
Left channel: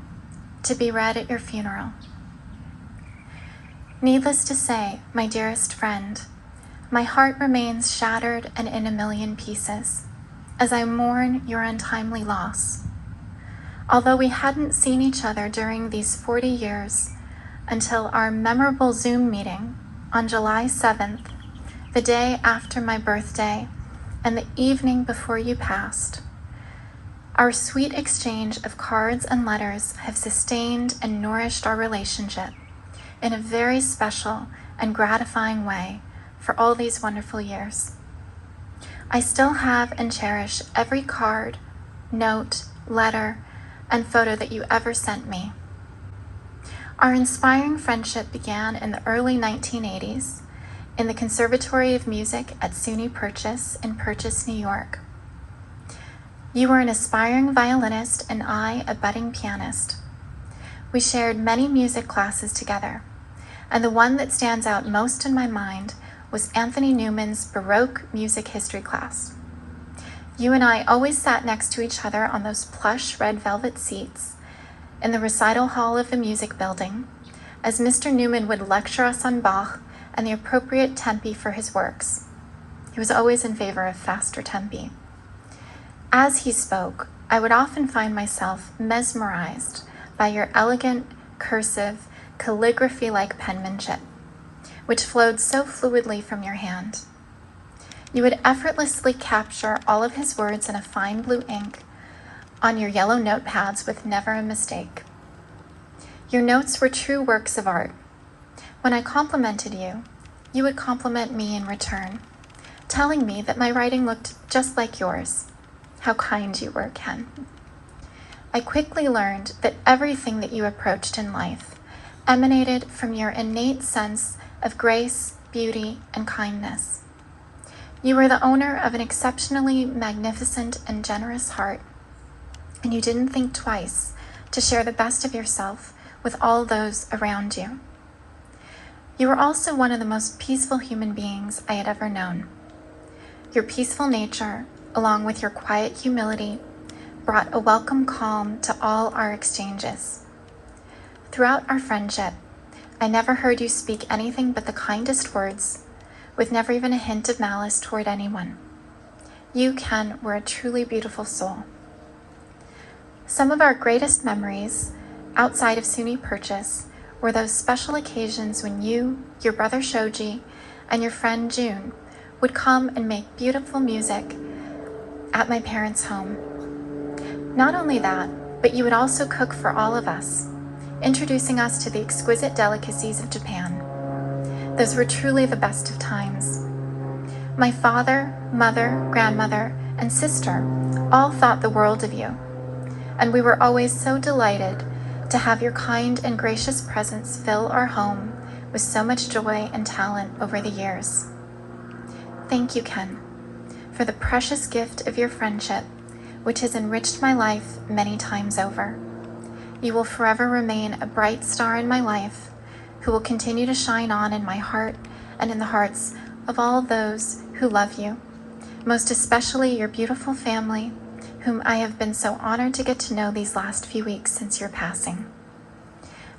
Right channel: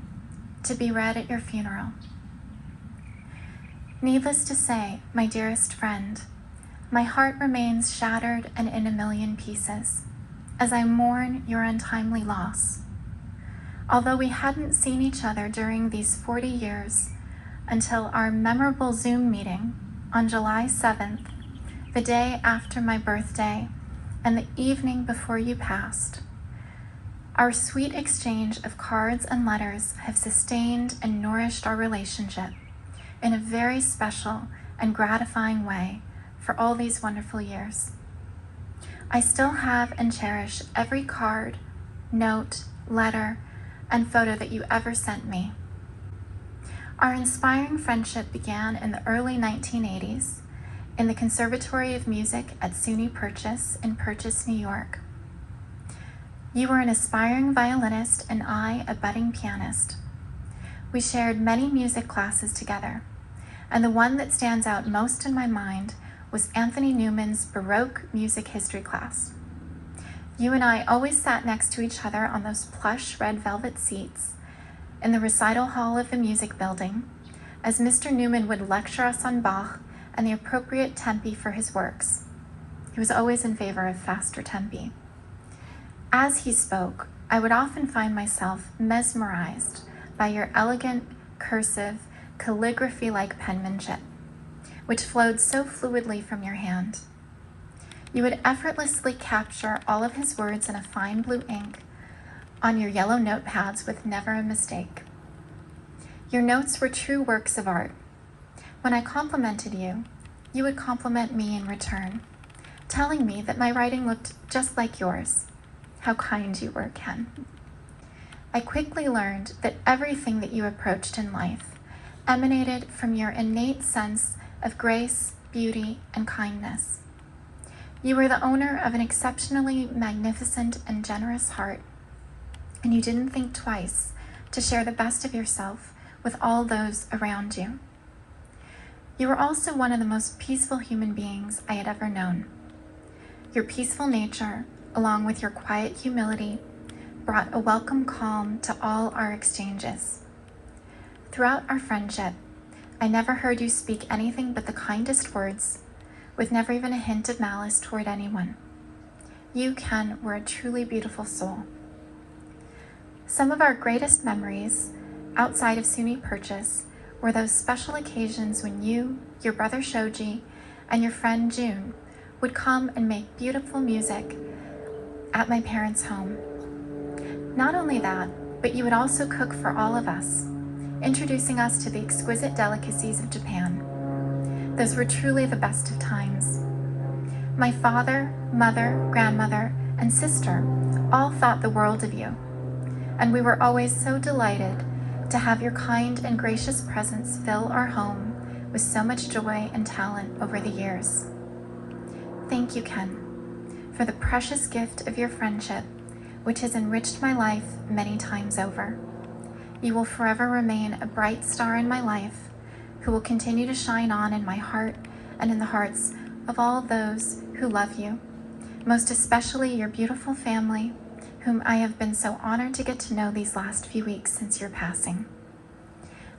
to be read at your funeral. Needless to say, my dearest friend, my heart remains shattered and in a million pieces as I mourn your untimely loss. Although we hadn't seen each other during these 40 years until our memorable Zoom meeting on July 7th, the day after my birthday and the evening before you passed, our sweet exchange of cards and letters have sustained and nourished our relationship in a very special and gratifying way for all these wonderful years. I still have and cherish every card, note, letter, and photo that you ever sent me. Our inspiring friendship began in the early 1980s in the Conservatory of Music at SUNY Purchase in Purchase, New York. You were an aspiring violinist and I a budding pianist. We shared many music classes together, and the one that stands out most in my mind was Anthony Newman's Baroque music history class. You and I always sat next to each other on those plush red velvet seats in the recital hall of the music building, as Mr. Newman would lecture us on Bach and the appropriate tempi for his works. He was always in favor of faster tempi. As he spoke, I would often find myself mesmerized by your elegant, cursive, calligraphy-like penmanship, which flowed so fluidly from your hand. You would effortlessly capture all of his words in a fine blue ink on your yellow notepads with never a mistake. Your notes were true works of art. When I complimented you, you would compliment me in return, telling me that my writing looked just like yours. How kind you were, Ken. I quickly learned that everything that you approached in life emanated from your innate sense of grace, beauty, and kindness. You were the owner of an exceptionally magnificent and generous heart, and you didn't think twice to share the best of yourself with all those around you. You were also one of the most peaceful human beings I had ever known. Your peaceful nature, along with your quiet humility, brought a welcome calm to all our exchanges. Throughout our friendship, I never heard you speak anything but the kindest words, with never even a hint of malice toward anyone. You, Ken, were a truly beautiful soul. Some of our greatest memories, outside of SUNY Purchase, were those special occasions when you, your brother Shoji, and your friend June would come and make beautiful music at my parents' home. Not only that, but you would also cook for all of us, introducing us to the exquisite delicacies of Japan. Those were truly the best of times. My father, mother, grandmother, and sister all thought the world of you, and we were always so delighted to have your kind and gracious presence fill our home with so much joy and talent over the years. Thank you, Ken, for the precious gift of your friendship, which has enriched my life many times over. You will forever remain a bright star in my life, who will continue to shine on in my heart and in the hearts of all those who love you, most especially your beautiful family, whom I have been so honored to get to know these last few weeks since your passing.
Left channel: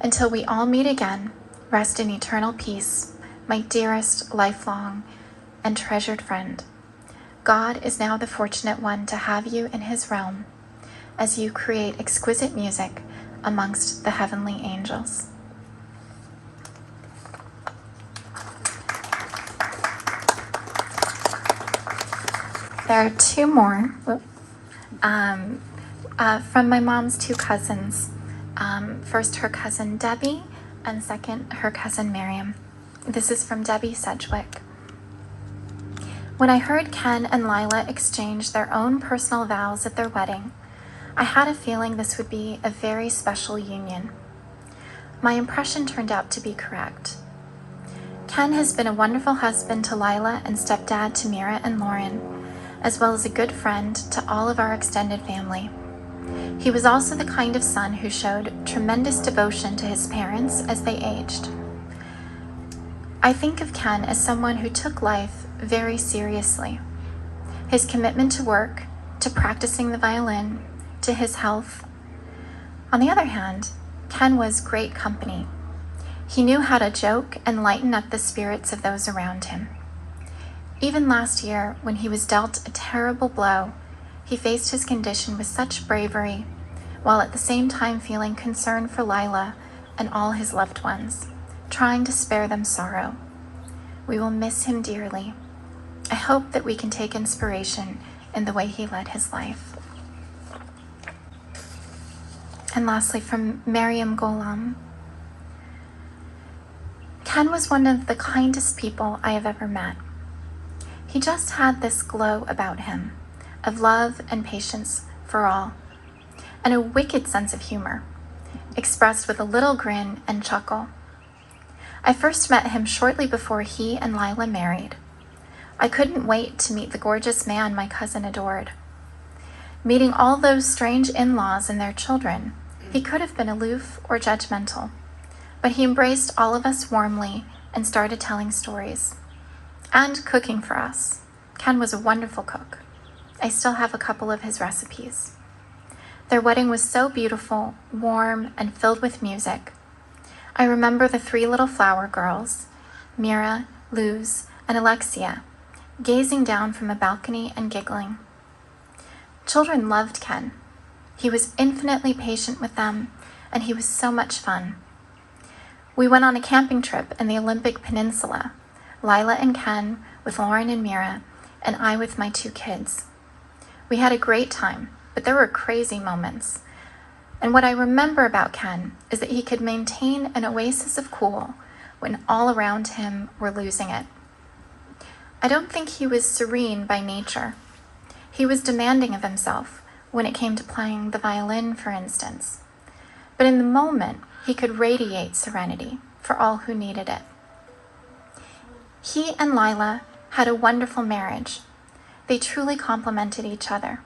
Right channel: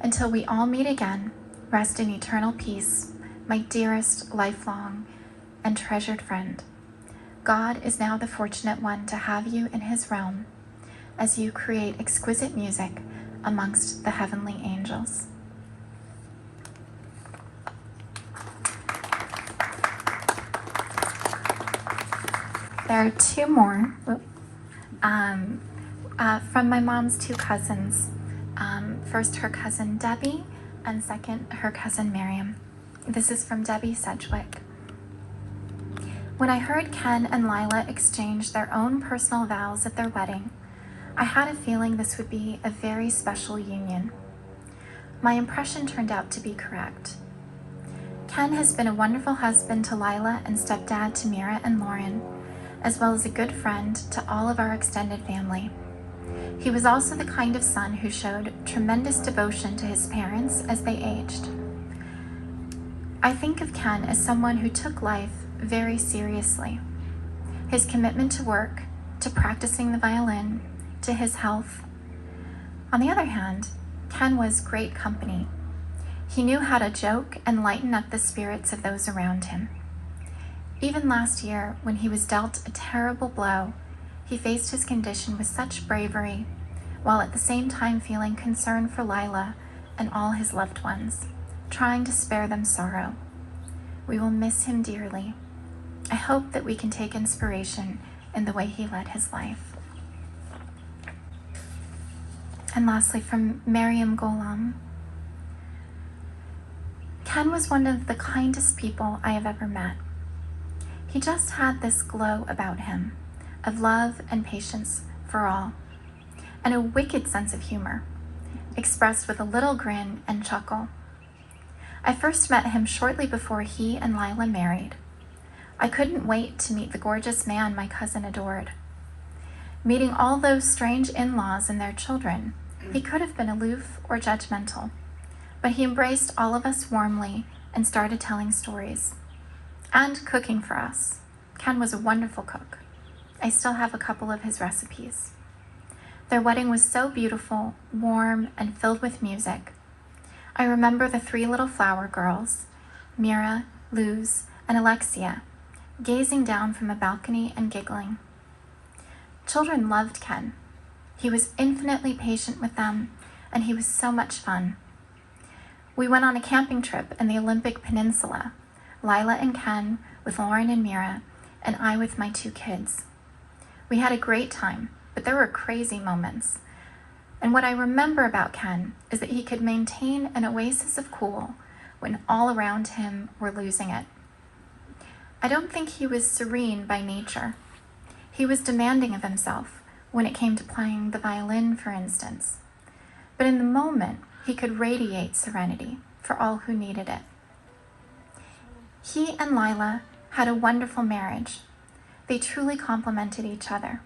Until we all meet again, rest in eternal peace, my dearest, lifelong, and treasured friend. God is now the fortunate one to have you in his realm as you create exquisite music amongst the heavenly angels. There are two more from my mom's two cousins. First, her cousin Debbie, and second, her cousin Miriam. This is from Debbie Sedgwick. When I heard Ken and Lila exchange their own personal vows at their wedding, I had a feeling this would be a very special union. My impression turned out to be correct. Ken has been a wonderful husband to Lila and stepdad to Mira and Lauren, as well as a good friend to all of our extended family. He was also the kind of son who showed tremendous devotion to his parents as they aged. I think of Ken as someone who took life very seriously. His commitment to work, to practicing the violin, to his health. On the other hand, Ken was great company. He knew how to joke and lighten up the spirits of those around him. Even last year, when he was dealt a terrible blow, he faced his condition with such bravery, while at the same time feeling concern for Lila and all his loved ones, trying to spare them sorrow. We will miss him dearly. I hope that we can take inspiration in the way he led his life. And lastly, from Miriam Golam. Ken was one of the kindest people I have ever met. He just had this glow about him of love and patience for all, and a wicked sense of humor, expressed with a little grin and chuckle. I first met him shortly before he and Lila married. I couldn't wait to meet the gorgeous man my cousin adored. Meeting all those strange in-laws and their children, he could have been aloof or judgmental, but he embraced all of us warmly and started telling stories. And cooking for us. Ken was a wonderful cook. I still have a couple of his recipes. Their wedding was so beautiful, warm, and filled with music. I remember the three little flower girls, Mira, Luz, and Alexia, gazing down from a balcony and giggling. Children loved Ken. He was infinitely patient with them, and he was so much fun. We went on a camping trip in the Olympic Peninsula, Lila and Ken with Lauren and Mira, and I with my two kids. We had a great time, but there were crazy moments. And what I remember about Ken is that he could maintain an oasis of cool when all around him were losing it. I don't think he was serene by nature. He was demanding of himself when it came to playing the violin, for instance. But in the moment, he could radiate serenity for all who needed it. He and Lila had a wonderful marriage. They truly complemented each other.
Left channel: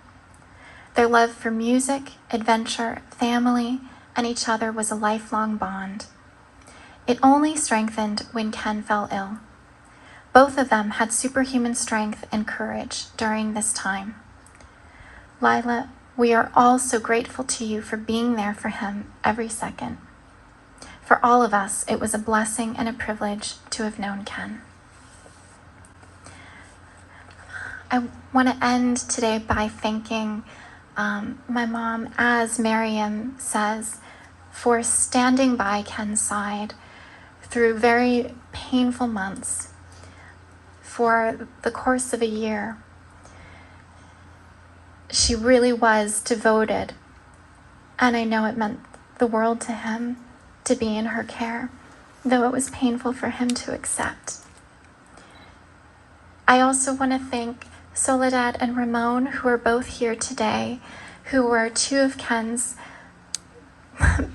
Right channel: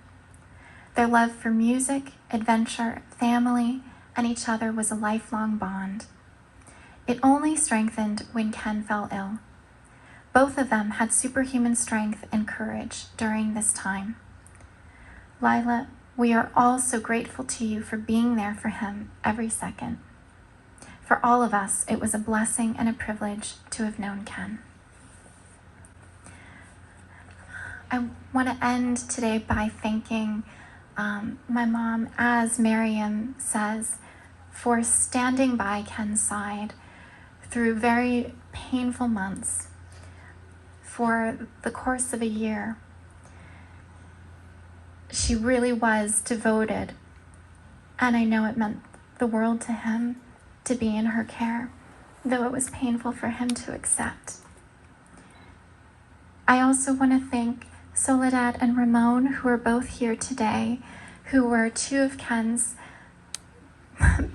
Their love for music, adventure, family, and each other was a lifelong bond. It only strengthened when Ken fell ill. Both of them had superhuman strength and courage during this time. Lila, we are all so grateful to you for being there for him every second. For all of us, it was a blessing and a privilege to have known Ken. I want to end today by thanking my mom, as Miriam says, for standing by Ken's side through very painful months for the course of a year. She really was devoted, and I know it meant the world to him to be in her care, though it was painful for him to accept. I also want to thank Soledad and Ramon, who are both here today, who were two of Ken's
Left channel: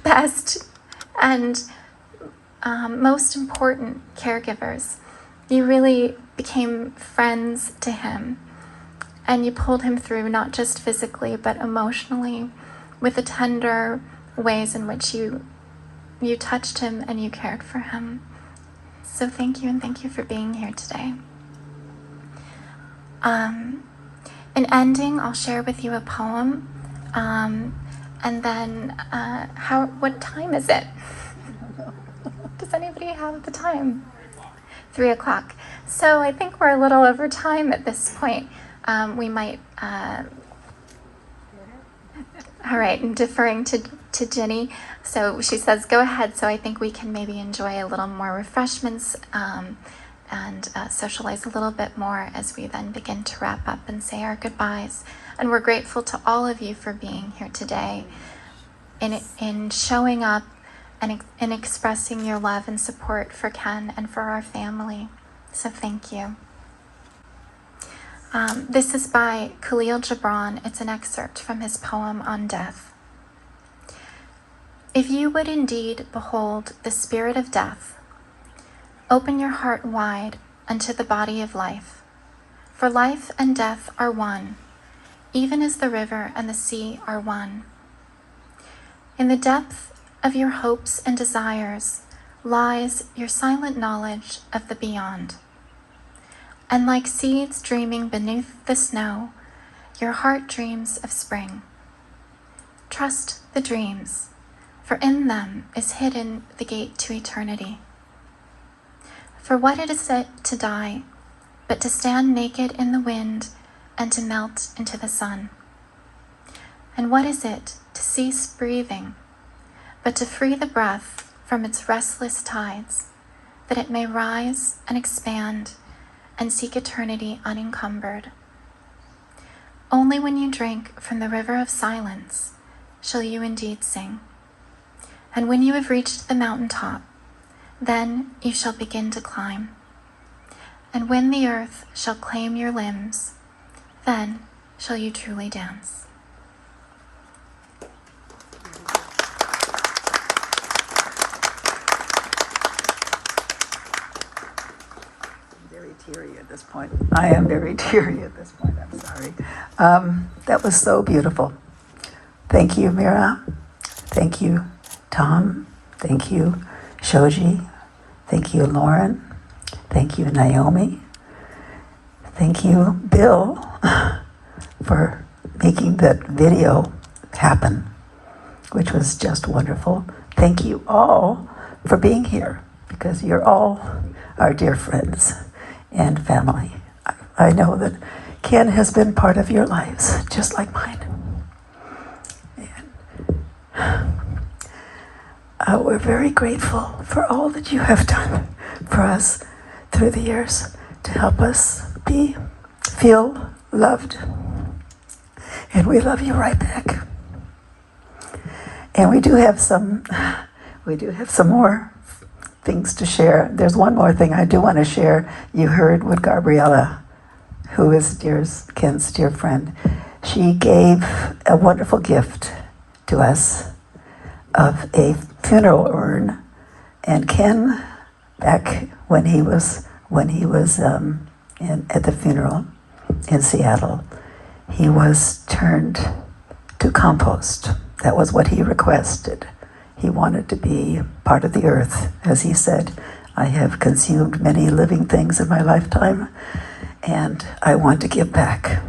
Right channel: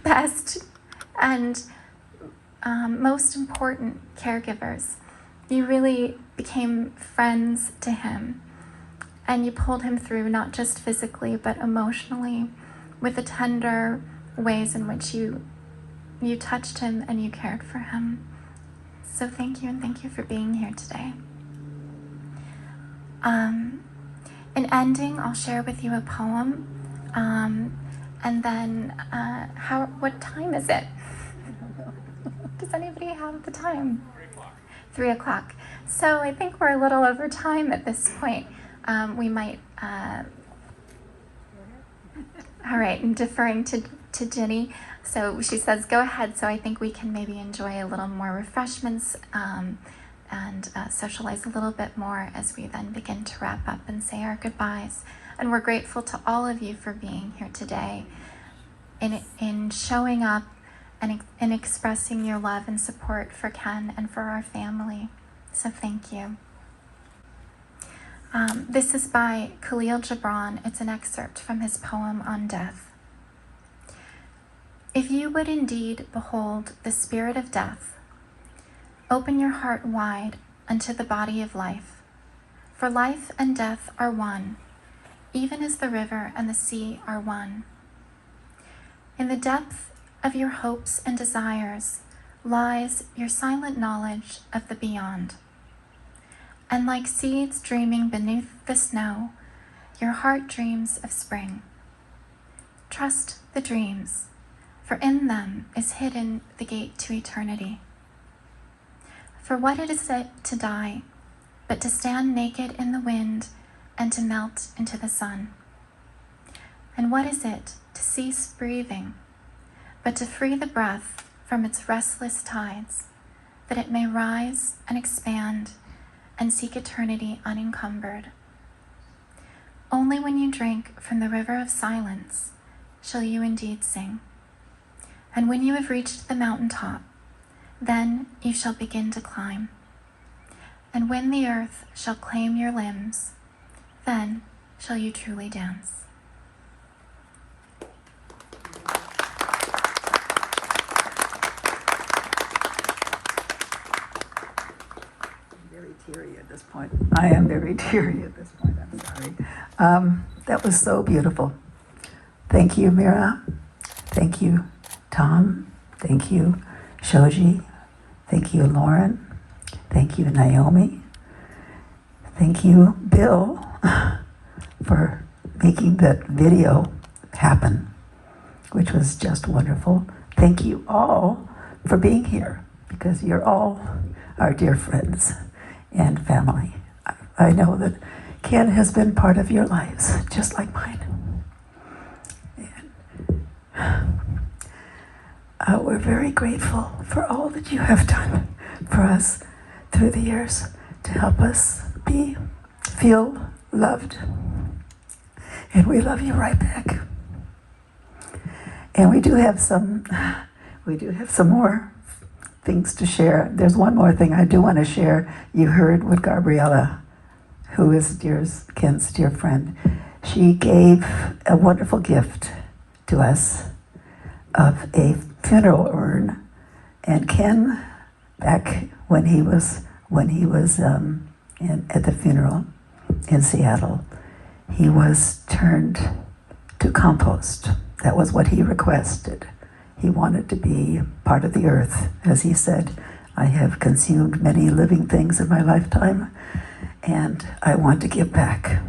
best and most important caregivers. You really became friends to him, and you pulled him through, not just physically, but emotionally, with the tender ways in which you touched him and you cared for him. So thank you, and thank you for being here today. In ending, I'll share with you a poem, and then what time is it? Does anybody have the time? 3 o'clock. So I think we're a little over time at this point. We might, all right, I'm deferring to Jenny. So she says, go ahead. So I think we can maybe enjoy a little more refreshments and socialize a little bit more as we then begin to wrap up and say our goodbyes. And we're grateful to all of you for being here today, in showing up and in expressing your love and support for Ken and for our family. So thank you. This is by Khalil Gibran. It's an excerpt from his poem on death. If you would indeed behold the spirit of death, open your heart wide unto the body of life. For life and death are one, even as the river and the sea are one. In the depth of your hopes and desires lies your silent knowledge of the beyond. And like seeds dreaming beneath the snow, your heart dreams of spring. Trust the dreams, for in them is hidden the gate to eternity. For what it is to die, but to stand naked in the wind and to melt into the sun? And what is it to cease breathing, but to free the breath from its restless tides, that it may rise and expand and seek eternity unencumbered? Only when you drink from the river of silence shall you indeed sing. And when you have reached the mountaintop, then you shall begin to climb. And when the earth shall claim your limbs, then shall you truly dance. Very teary at this point. I am very teary at this point. I'm sorry. That was so beautiful. Thank you, Mira. Thank you, Tom. Thank you, Shoji. Thank you, Lauren. Thank you, Naomi. Thank you, Bill, for making that video happen, which was just wonderful. Thank you all for being here, because you're all our dear friends and family. I know that Ken has been part of your lives, just like mine. And we're very grateful for all that you have done for us through the years to help us feel loved. And we love you right back. And we do have some more things to share. There's one more thing I do want to share. You heard with Gabriella, who is Ken's dear friend. She gave a wonderful gift to us of a funeral urn. And Ken, back when he was at the funeral in Seattle, he was turned to compost. That was what he requested. He wanted to be part of the earth. As he said, I have consumed many living things in my lifetime, and I want to give back.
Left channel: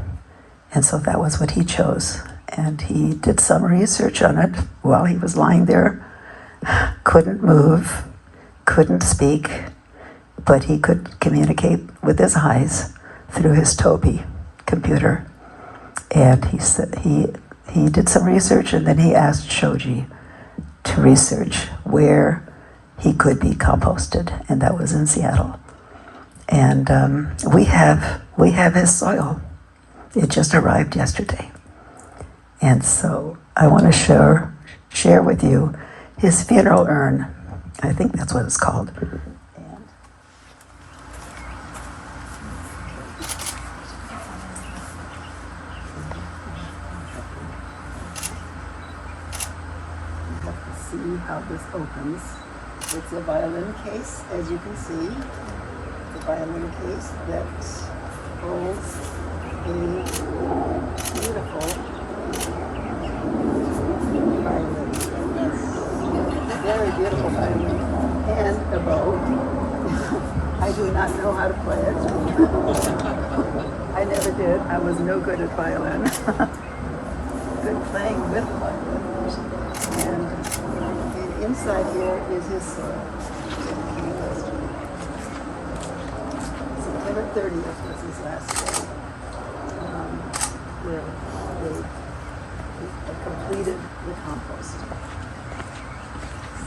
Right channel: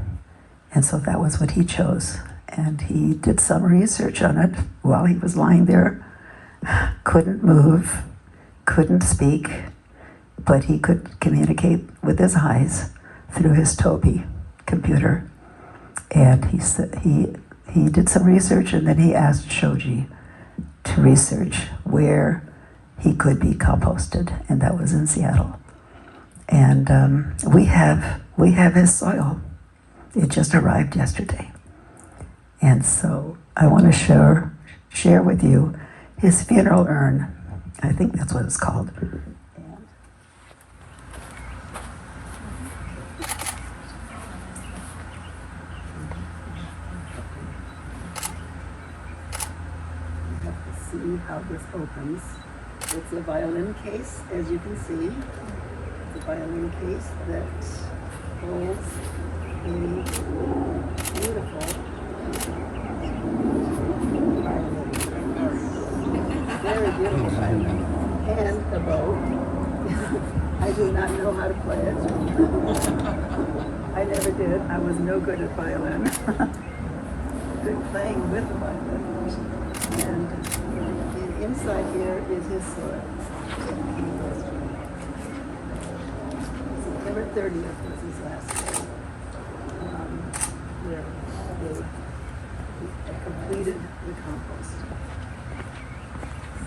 And so that was what he chose. And he did some research on it while he was lying there. Couldn't move, couldn't speak, but he could communicate with his eyes through his Tobii computer. And he said he did some research, and then he asked Shoji to research where he could be composted, and that was in Seattle. And we have his soil. It just arrived yesterday. And so I want to share with you his funeral urn. I think that's what it's called. See how this opens. It's a violin case, as you can see. It's a violin case that holds beautiful violin. Very beautiful violin. And a bow. I do not know how to play it. I never did. I was no good at violin. Good playing with violin. And inside here is his soil. September 30th was his last day. Where they completed the compost.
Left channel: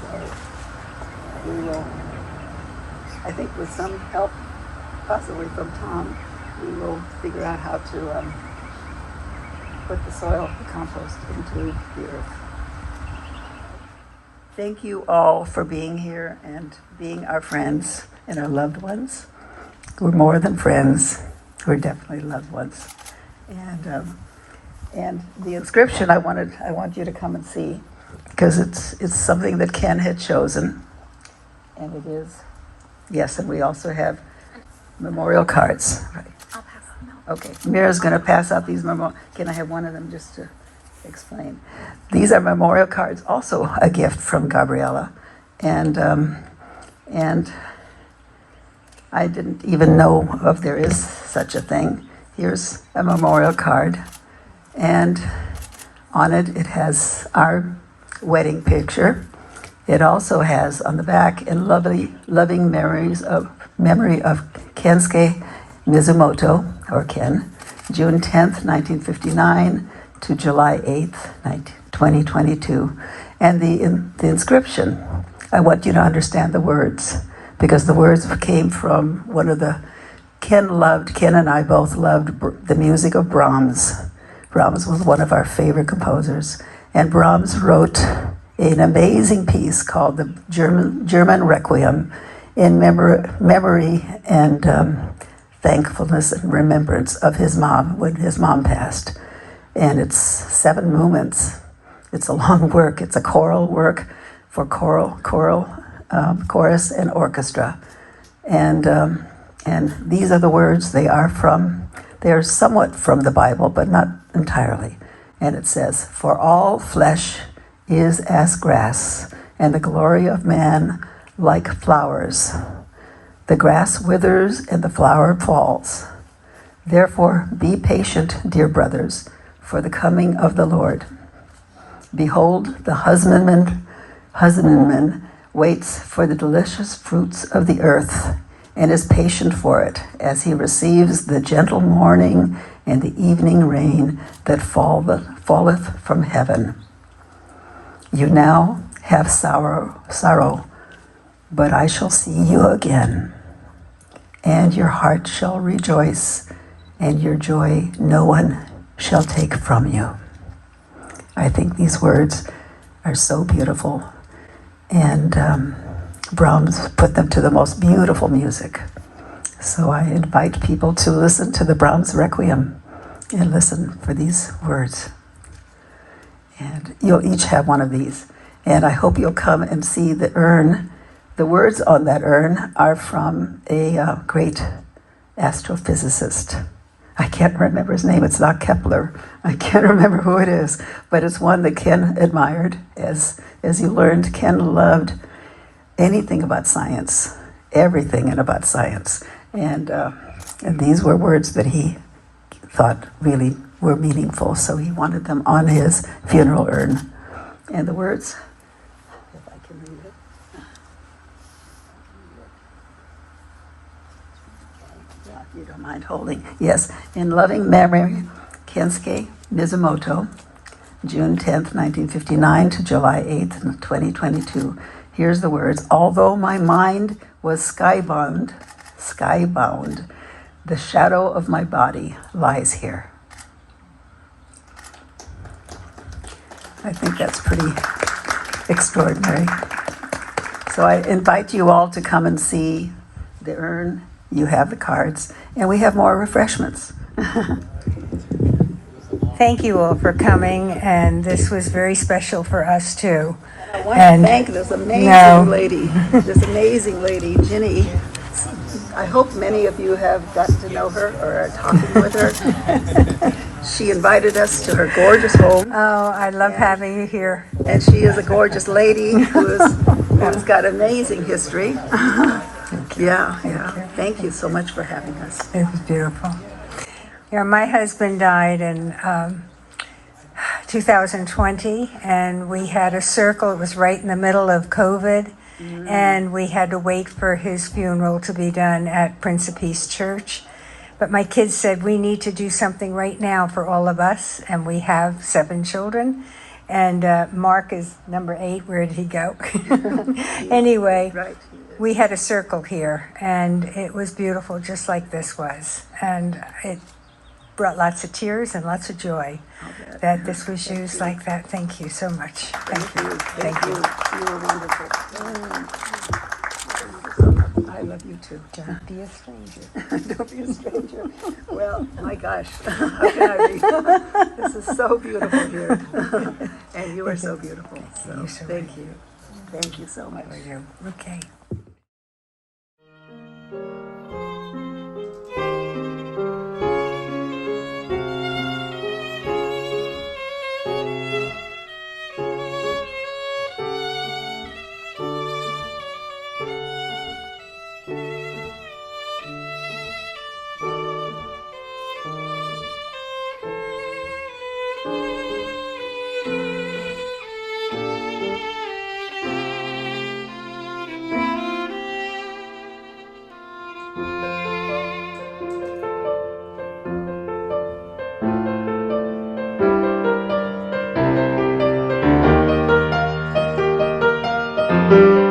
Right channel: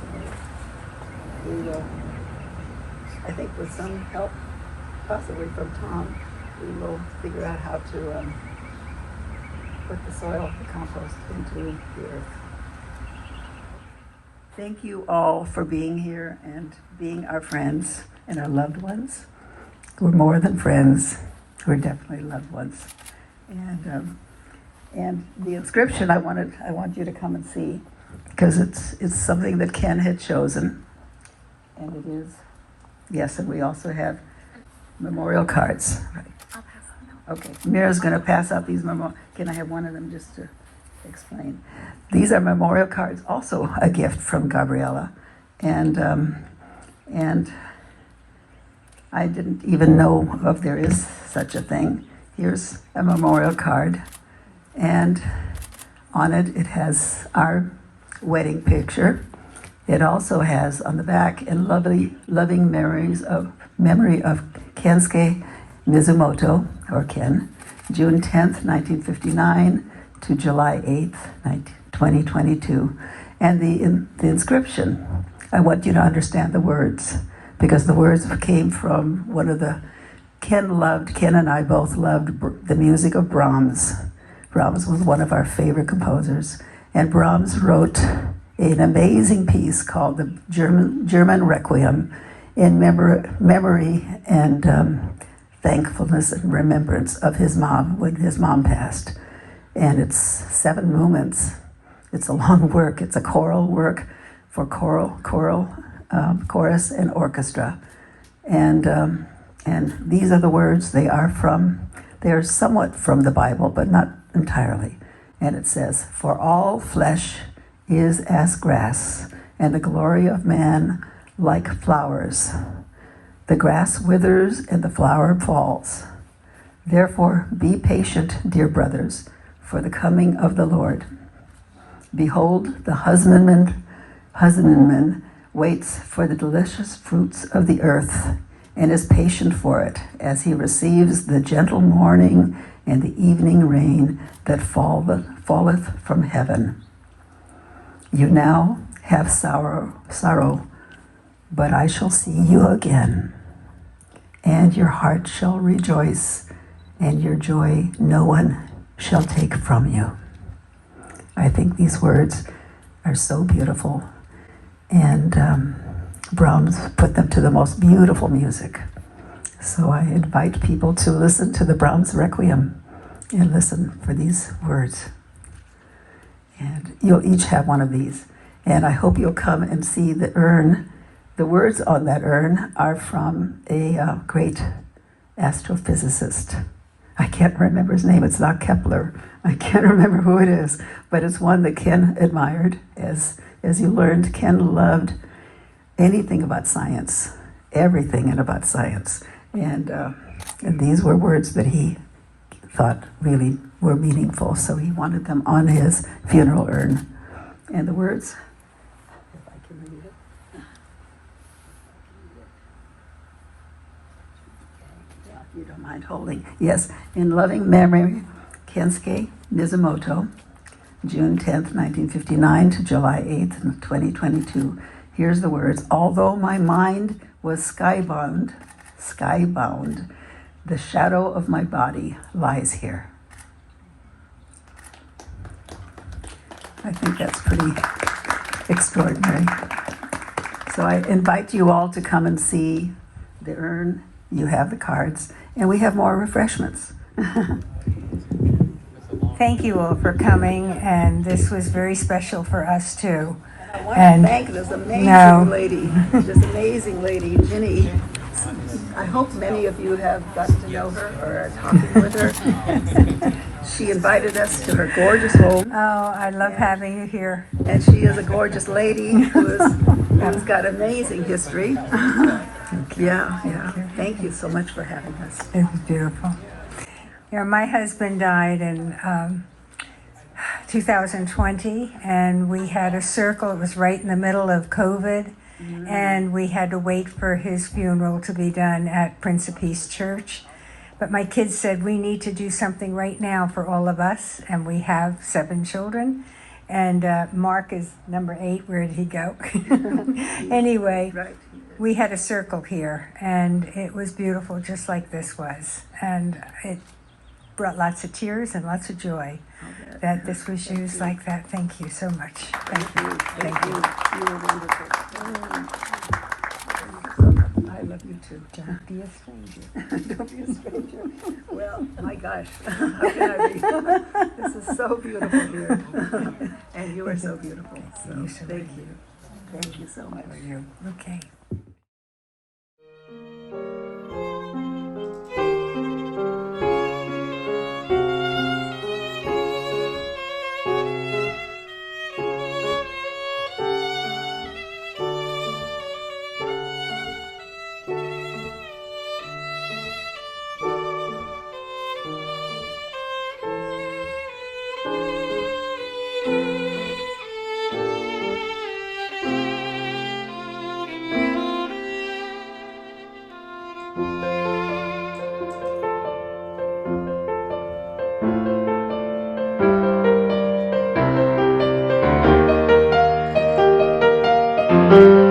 So we will, I think with some help, possibly from Tom, we will figure out how to put the soil, the compost, into the earth. Thank you all for being here and being our friends and our loved ones. We're more than friends. We're definitely loved ones. And the inscription I want you to come and see, because it's something that Ken had chosen, and it is, yes, and we also have memorial cards. Right. I'll pass them out. Okay, Mira's going to pass out these memorial. Can I have one of them just to explain? These are memorial cards, also a gift from Gabriella, and I didn't even know if there is such a thing. Here's a memorial card, and on it, it has our wedding picture. It also has on the back, in loving memory of Kensuke Mizumoto, or Ken, June 10th, 1959 to July 8th, 2022. And the inscription, I want you to understand the words, because the words came from one of the, Ken and I both loved the music of Brahms. Brahms was one of our favorite composers. And Brahms wrote an amazing piece called the German Requiem in memory and thankfulness and remembrance of his mom when his mom passed. And it's 7 movements. It's a long work. It's a choral work for chorus and orchestra. And these are the words. They are somewhat from the Bible, but not entirely. And it says, "For all flesh is as grass, and the glory of man like flowers. The grass withers and the flower falls. Therefore be patient, dear brothers, for the coming of the Lord. Behold, the husbandman waits for the delicious fruits of the earth, and is patient for it, as he receives the gentle morning and the evening rain that falleth from heaven. You now have sorrow, but I shall see you again, and your heart shall rejoice, and your joy no one shall take from you." I think these words are so beautiful, and Brahms put them to the most beautiful music. So I invite people to listen to the Brahms Requiem and listen for these words. And you'll each have one of these. And I hope you'll come and see the urn. The words on that urn are from a great astrophysicist. I can't remember his name. It's not Kepler. I can't remember who it is. But it's one that Ken admired. As you learned, Ken loved anything about science, everything about science. And these were words that he thought really were meaningful, so he wanted them on his funeral urn. And the words, if I can read it. Yeah, if you don't mind holding. Yes, in loving memory, Kensuke Mizumoto, June 10th, 1959 to July 8th, 2022. Here's the words. Although my mind was skybound, the shadow of my body lies here. I think that's pretty extraordinary. So I invite you all to come and see the urn. You have the cards, and we have more refreshments. Thank you all for coming, and this was very special for us too. I want to thank this amazing lady, Ginny, I hope many of you have gotten to know her or are talking with her. She invited us to her gorgeous home, Oh, I love having you here. and she is a gorgeous lady who's got amazing history. Yeah, yeah. Thank you so much for having us. It was beautiful. You know, my husband died in 2020, and we had a circle. It was right in the middle of COVID, and we had to wait for his funeral to be done at Prince of Peace Church. But my kids said, we need to do something right now for all of us, and we have 7 children. And Mark is number 8. Where did he go? Anyway, Right. we had a circle here, and it was beautiful, just like this was. And it brought lots of tears and lots of joy that this was used like that. Thank you so much. Thank you. Thank you. You were wonderful. I love you too. Don't be a stranger. Don't be a stranger. Well, my gosh, how can I be? This is so beautiful here. And you are so beautiful. So thank you. Thank you so much. Okay. Thank you.